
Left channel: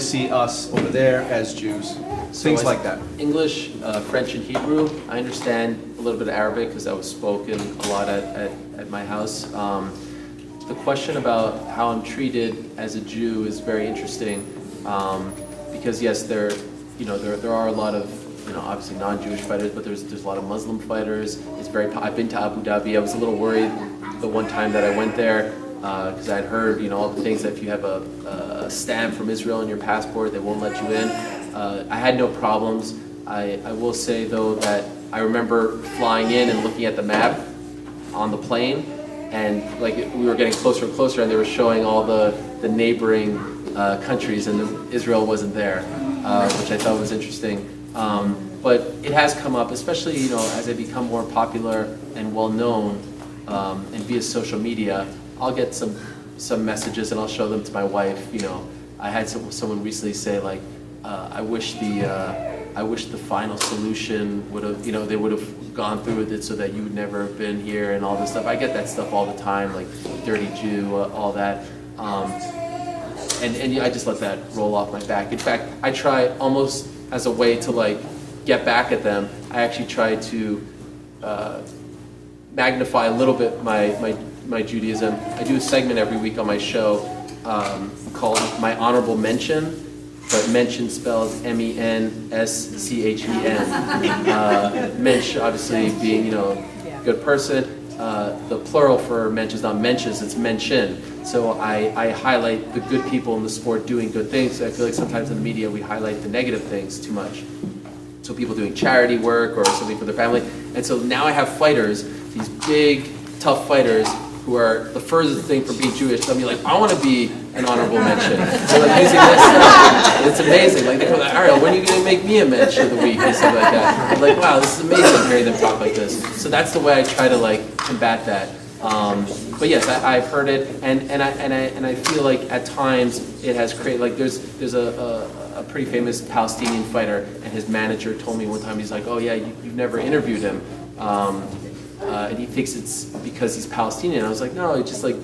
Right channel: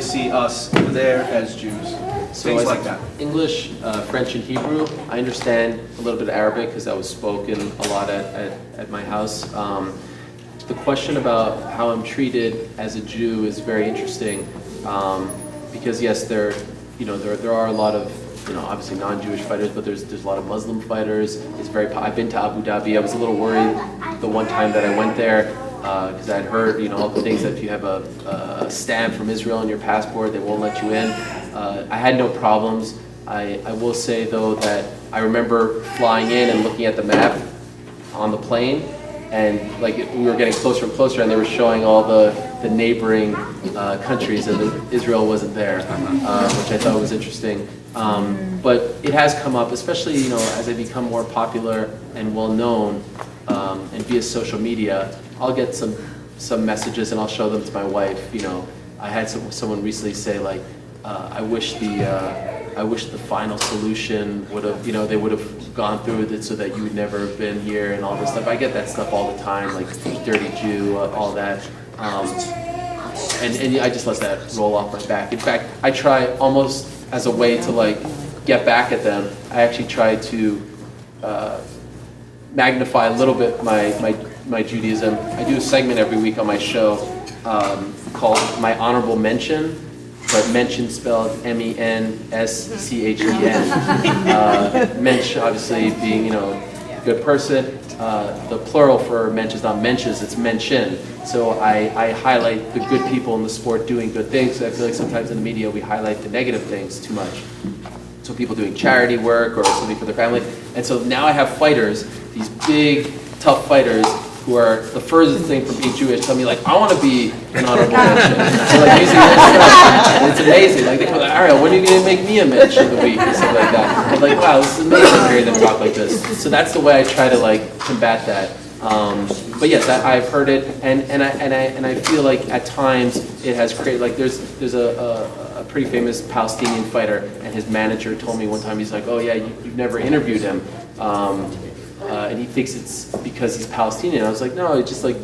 see us over there as Jews. Things like that. English, French, and Hebrew. I understand a little bit of Arabic because that was spoken a lot at my house. The question about how I'm treated as a Jew is very interesting because yes, there are a lot of obviously non-Jewish fighters, but there's a lot of Muslim fighters. I've been to Abu Dhabi. I was a little worried the one time that I went there. Because I had heard, all the things that if you have a stamp from Israel on your passport, they won't let you in. I had no problems. I will say, though, that I remember flying in and looking at the map on the plane, and like we were getting closer and closer, and they were showing all the the neighboring countries, and Israel wasn't there, which I thought was interesting. But it has come up, especially as I become more popular and well known, and via social media. I'll get some messages and I'll show them to my wife. I had someone recently say like, I wish the final solution would have, they would have gone through with it so that you would never have been here and all this stuff. I get that stuff all the time, like dirty Jew, all that. And I just let that roll off my back. In fact, I try almost as a way to like get back at them. I actually try to magnify a little bit my Judaism. I do a segment every week on my show called My Honorable Mention, but mention spelled M-E-N-S-C-H-E-N. Mensch, obviously, being good person. The plural for mensch is not mentions, it's mention. So I highlight the good people in the sport doing good things. I feel like sometimes in the media we highlight the negative things too much. So people doing charity work or something for their family. And so now I have fighters, these big, tough fighters, who are the furthest thing from being Jewish, tell me like, I want to be an honorable mention. So like, and it's amazing. Like they go, Ariel, when are you going to make me a mention of the week or something like that? I'm like, wow, this is amazing hearing them talk like this. So that's the way I try to like combat that. But yes, I've heard it, and I feel like at times it has created like there's a pretty famous Palestinian fighter, and his manager told me one time, he's like, oh yeah, you've never interviewed him. And he thinks it's because he's Palestinian. I was like, no, it's just like,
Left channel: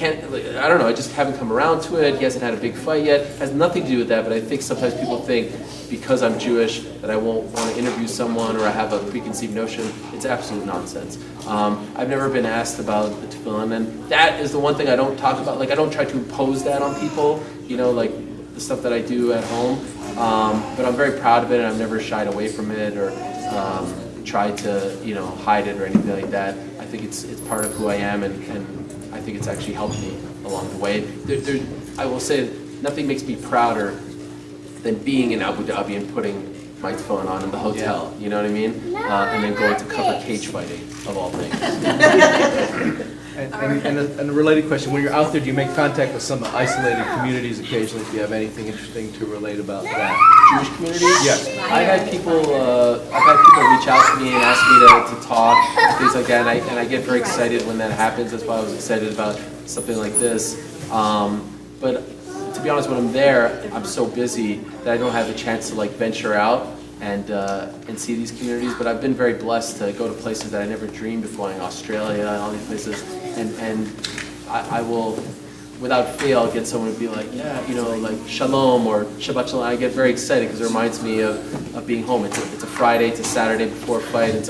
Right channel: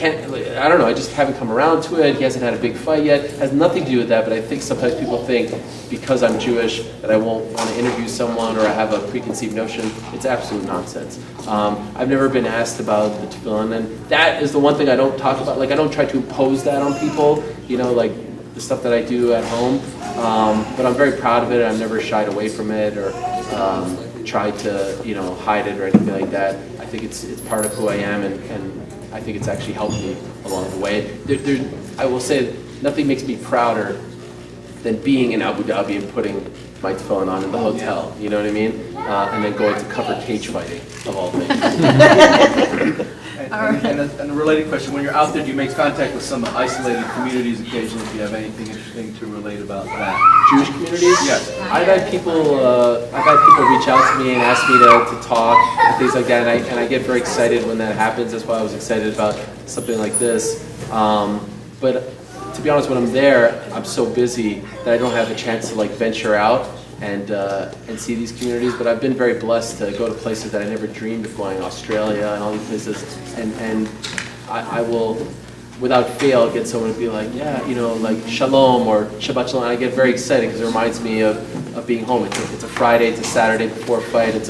I don't know, I just haven't come around to it. He hasn't had a big fight yet. It has nothing to do with that, but I think sometimes people think because I'm Jewish that I won't want to interview someone or I have a preconceived notion. It's absolute nonsense. I've never been asked about the tefillin, and that is the one thing I don't talk about. Like, I don't try to impose that on people, like the stuff that I do at home. But I'm very proud of it, and I've never shied away from it or tried to, hide it or anything like that. I think it's part of who I am, and I think it's actually helped me along the way. I will say nothing makes me prouder than being in Abu Dhabi and putting my tefillin on at the hotel, you know what I mean? And then going to cover cage fighting, of all things. And a related question, when you're out there, do you make contact with some isolated communities occasionally? Do you have anything interesting to relate about that? Jewish communities? Yes. I've had people reach out to me and ask me to talk, and things like that, and I get very excited when that happens. That's why I was excited about something like this. But to be honest, when I'm there, I'm so busy that I don't have the chance to like venture out and see these communities. But I've been very blessed to go to places that I never dreamed of going, Australia and all these places, and I will, without fail, get someone to be like, yeah, like Shalom or Shabbat Shalom. I get very excited because it reminds me of being home. It's a Friday, it's a Saturday before a fight, and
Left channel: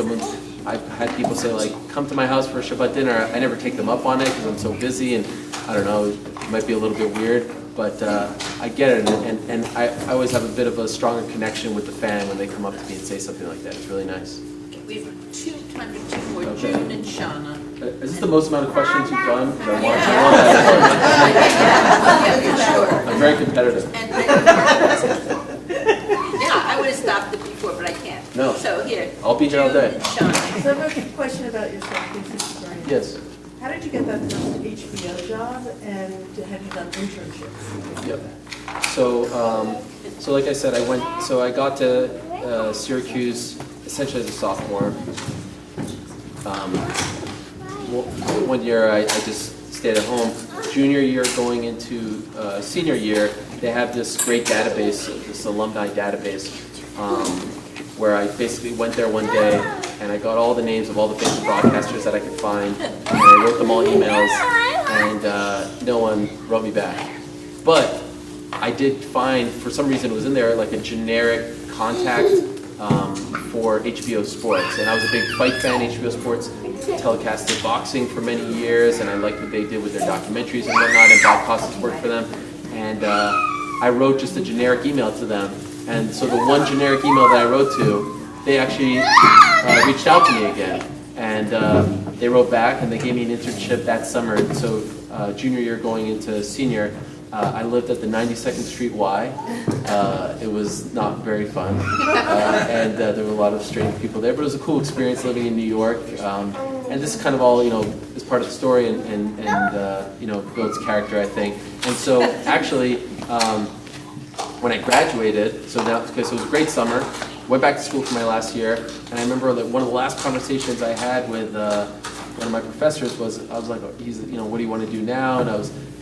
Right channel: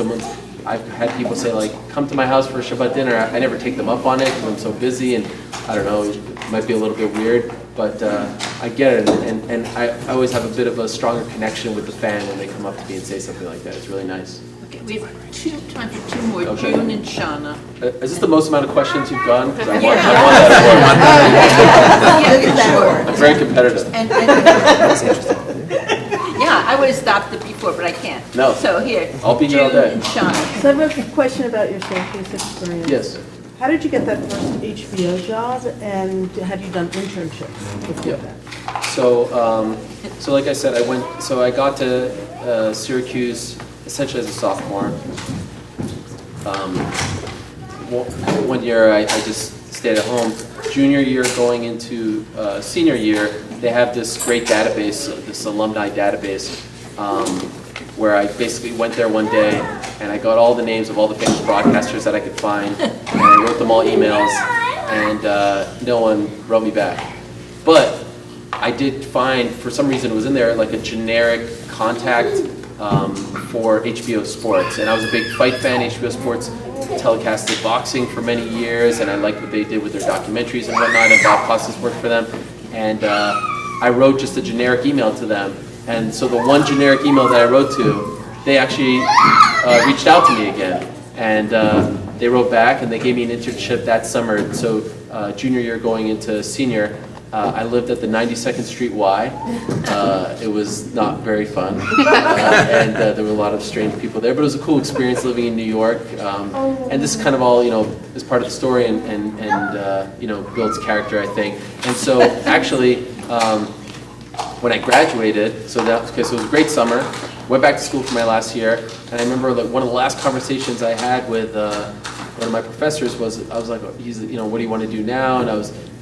I've had people say like, come to my house for a Shabbat dinner. I never take them up on it because I'm so busy, and I don't know, it might be a little bit weird, but I get it, and I always have a bit of a stronger connection with the fan when they come up to me and say something like that. It's really nice. Okay, we have time for two more, June and Shauna. Is this the most amount of questions you've done? I want Yeah, I'm very competitive. Yeah, I would have stopped it before, but I can't. No. So here, I'll be here all day. June and Shauna. So I have a question about your Syracuse experience. Yes. How did you get that first HBO job, and have you done internships before Yep. that? So like I said, I got to Syracuse essentially as a sophomore. One year I just stayed at home. Junior year going into senior year, they have this great database, this alumni database, where I basically went there one day and I got all the names of all the famous broadcasters that I could find, and I wrote them all emails, and no one wrote me back. But I did find, for some reason it was in there, like a generic contact for HBO Sports, and I was a big fight fan. HBO Sports telecasted boxing for many years, and I liked what they did with their documentaries and whatnot, and Bob Costas worked for them, and I wrote just a generic email to them, and so the one generic email that I wrote to, they actually reached out to me again, and they wrote back, and they gave me an internship that summer. So junior year going into senior, I lived at the 92nd Street Y. It was not very fun, and there were a lot of strange people there, but it was a cool experience living in New York. And this is kind of all, is part of the story and builds character, I think. And so actually, when I graduated, so it was a great summer. Went back to school for my last year, and I remember like one of the last conversations I had with one of my professors was, I was like, what do you want to do now? And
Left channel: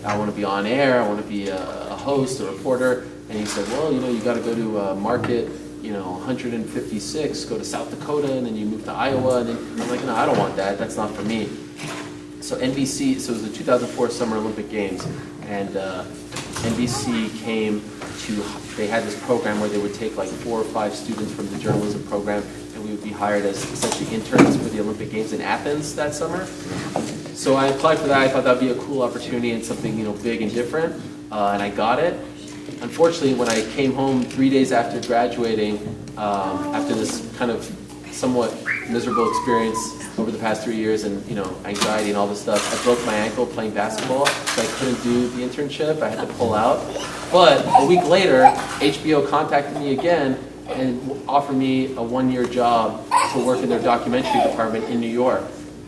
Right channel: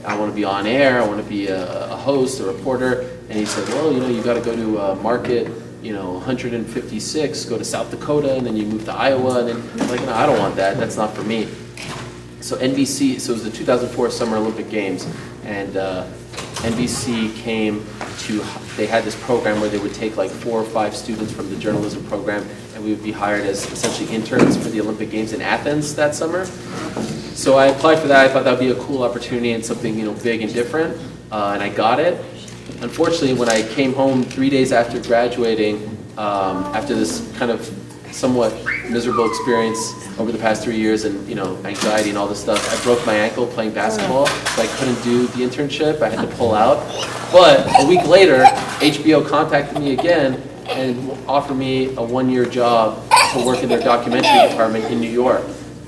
I want to be on air, I want to be a host, a reporter. And he said, well, you got to go to Market, 156, go to South Dakota, and then you move to Iowa. And then I'm like, no, I don't want that. That's not for me. So NBC, so it was the 2004 Summer Olympic Games, and NBC came to, they had this program where they would take like 4 or 5 students from the journalism program, and we would be hired as essentially interns for the Olympic Games in Athens that summer. So I applied for that. I thought that would be a cool opportunity and something big and different, and I got it. Unfortunately, when I came home 3 days after graduating, after this kind of somewhat miserable experience over the past 3 years and anxiety and all this stuff, I broke my ankle playing basketball, so I couldn't do the internship. I had to pull out. But a week later, HBO contacted me again and offered me a 1-year job to work in their documentary department in New York.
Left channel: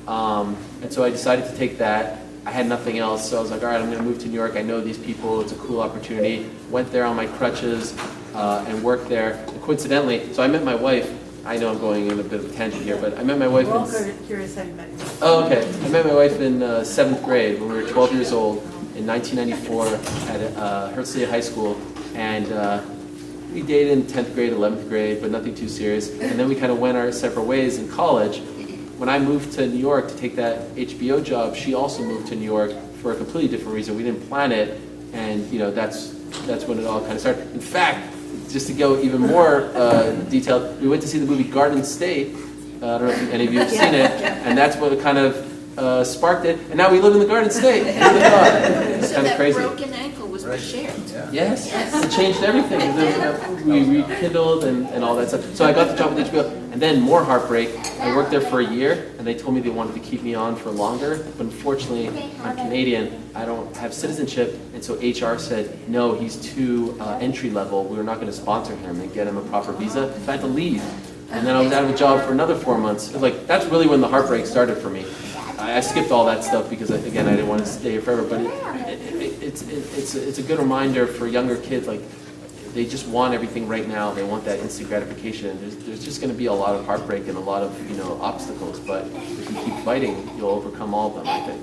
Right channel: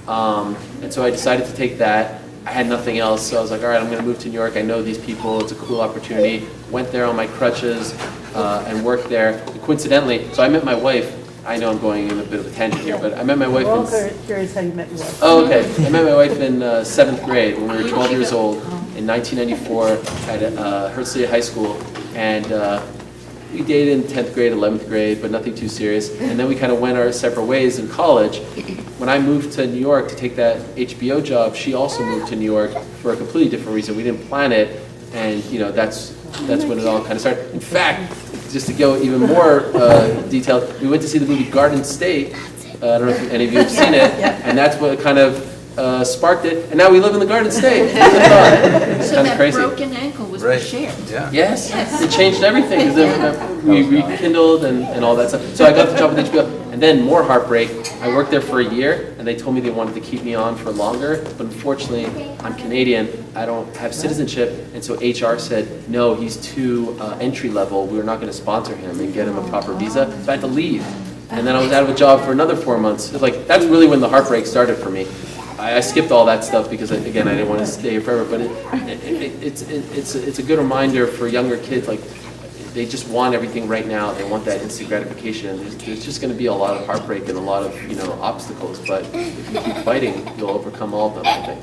And so I decided to take that. I had nothing else, so I was like, all right, I'm going to move to New York. I know these people. It's a cool opportunity. Went there on my crutches and worked there. And coincidentally, so I met my wife. I know I'm going in a bit of a tangent here, but I met my wife We're all curious how you met your wife. Oh, okay. I met my wife in 7th grade when we were 12 years old in 1994 at Herzliya High School. And we dated in 10th grade, 11th grade, but nothing too serious. And then we kind of went our separate ways in college. When I moved to New York to take that HBO job, she also moved to New York for a completely different reason. We didn't plan it, and that's when it all kind of started. In fact, just to go even more detailed, we went to see the movie Garden State. I don't know if any of you have seen it, and that's what kind of sparked it. And now we live in the Garden State. It's So kind of that crazy. broken ankle was Right. shared. Yeah. Yes, it changed everything. 'Cause then we rekindled and all that stuff. So I got the job with HBO, and then more heartbreak. I worked there for a year, and they told me they wanted to keep me on for longer. But unfortunately, I'm Canadian. I don't have citizenship, and so HR said, no, he's too entry level. We're not going to sponsor him and get him a proper visa. So I had to leave, and then I was out of a job for another 4 months. It was like that's really when the heartbreak started for me. I skipped all that stuff because, again, I didn't want to stay here forever. But it's a good reminder for younger kids. Like they just want everything right now. They want that instant gratification. There's just going to be a lot of heartbreak and a lot of obstacles. But if you keep fighting, you'll overcome all of them, I think.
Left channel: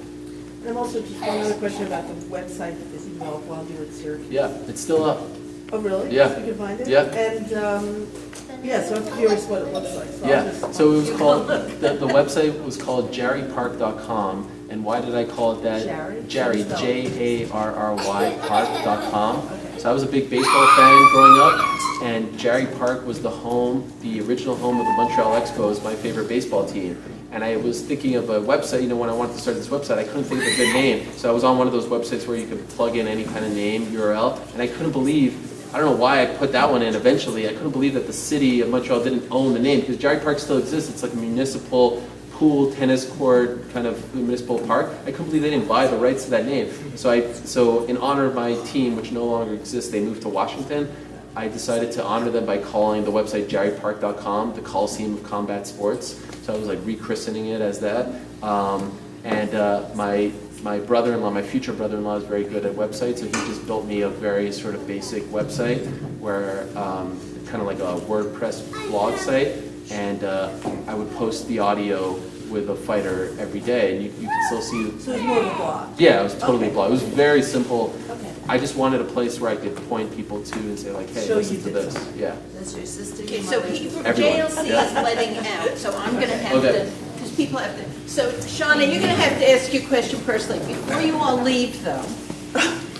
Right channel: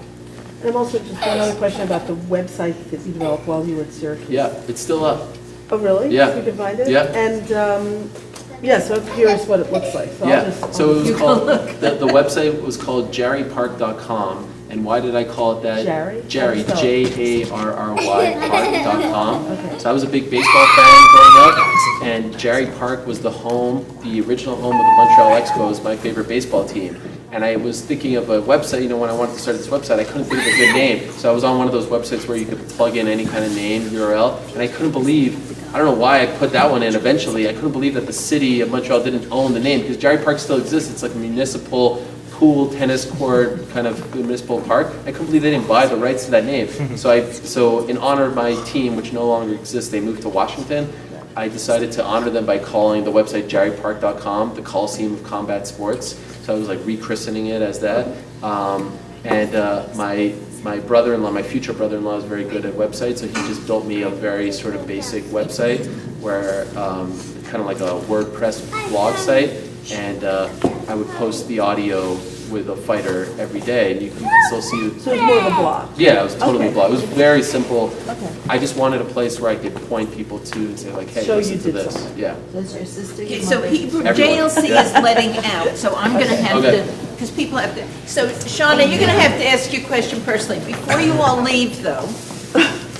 And also just one other question about the website that you developed while you were at Syracuse. Yeah, it's still up. Oh, really? Yeah. We could find it? Yeah. And, so here's what it looks like. So Yeah, I'll just, so it was called, the website was called jarrypark.com, and why did I call it that? Jarry? Jarry, Jarry, park.com. Okay. So I was a big baseball fan growing up, and Jarry Park was the original home of the Montreal Expos, my favorite baseball team. And I was thinking of a website, when I wanted to start this website, I couldn't think of a good name. So I was on one of those websites where you could plug in any kind of name, URL, and I couldn't believe, I don't know why I put that one in eventually, I couldn't believe that the city of Montreal didn't own the name, because Jarry Park still exists. It's like a municipal pool, tennis court, kind of municipal park. I couldn't believe they didn't buy the rights to that name. So in honor of my team, which no longer exists, they moved to Washington. I decided to honor them by calling the website jarrypark.com, the Coliseum of Combat Sports. So I was like rechristening it as that. My brother-in-law, my future brother-in-law, is very good at websites, so he just built me a very sort of basic website where kind of like a WordPress blog site, and I would post the audio with a fighter every day, and you can still see. So it was more of a blog? Yeah, it was totally a blog. It was very simple. Okay. I just wanted a place where I could point people to and say like, hey, Show listen you to did this. something. Yeah. Does your sister? Okay, so Everyone. JLC Yeah. is letting out, so I'm going to have Okay. to, because people have to, so Shauna, you're going to have to ask your question personally. Before you all leave, though,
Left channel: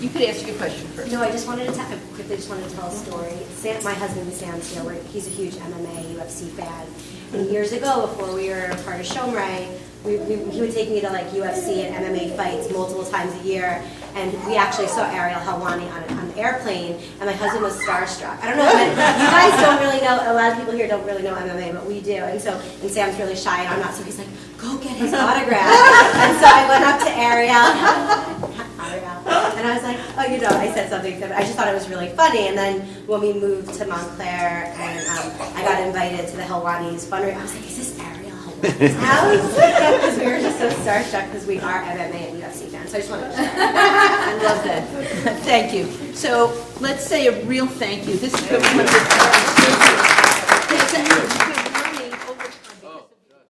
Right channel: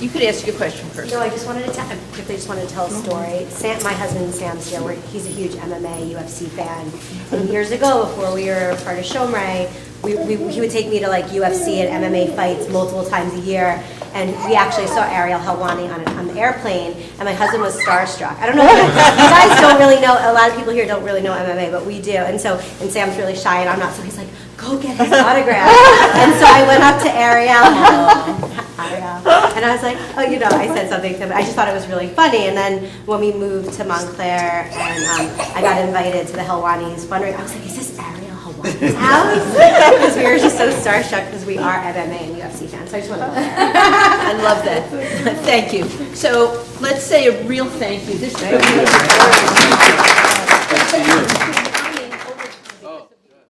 you could ask your question personally. No, I quickly just wanted to tell a story. My husband Sam's here. He's a huge MMA, UFC fan. And years ago, before we were part of Shomrei, he would take me to like UFC and MMA fights multiple times a year. And we actually saw Ariel Helwani on the airplane, and my husband was starstruck. I don't know, you guys don't really know, a lot of people here don't really know MMA, but we do. And Sam's really shy, and I'm not, so he's like, go get his autograph. And so I went up to Ariel, and And I was like, oh, you know, I said something to him. I just thought it was really funny. And then when we moved to Montclair and I got invited to the Helwani's fundraiser, I was like, is this Ariel Helwani's house? Because we were just so starstruck because we are MMA and UFC fans. So I just wanted to share. I love that. Thank you. So let's say a real thank you. This is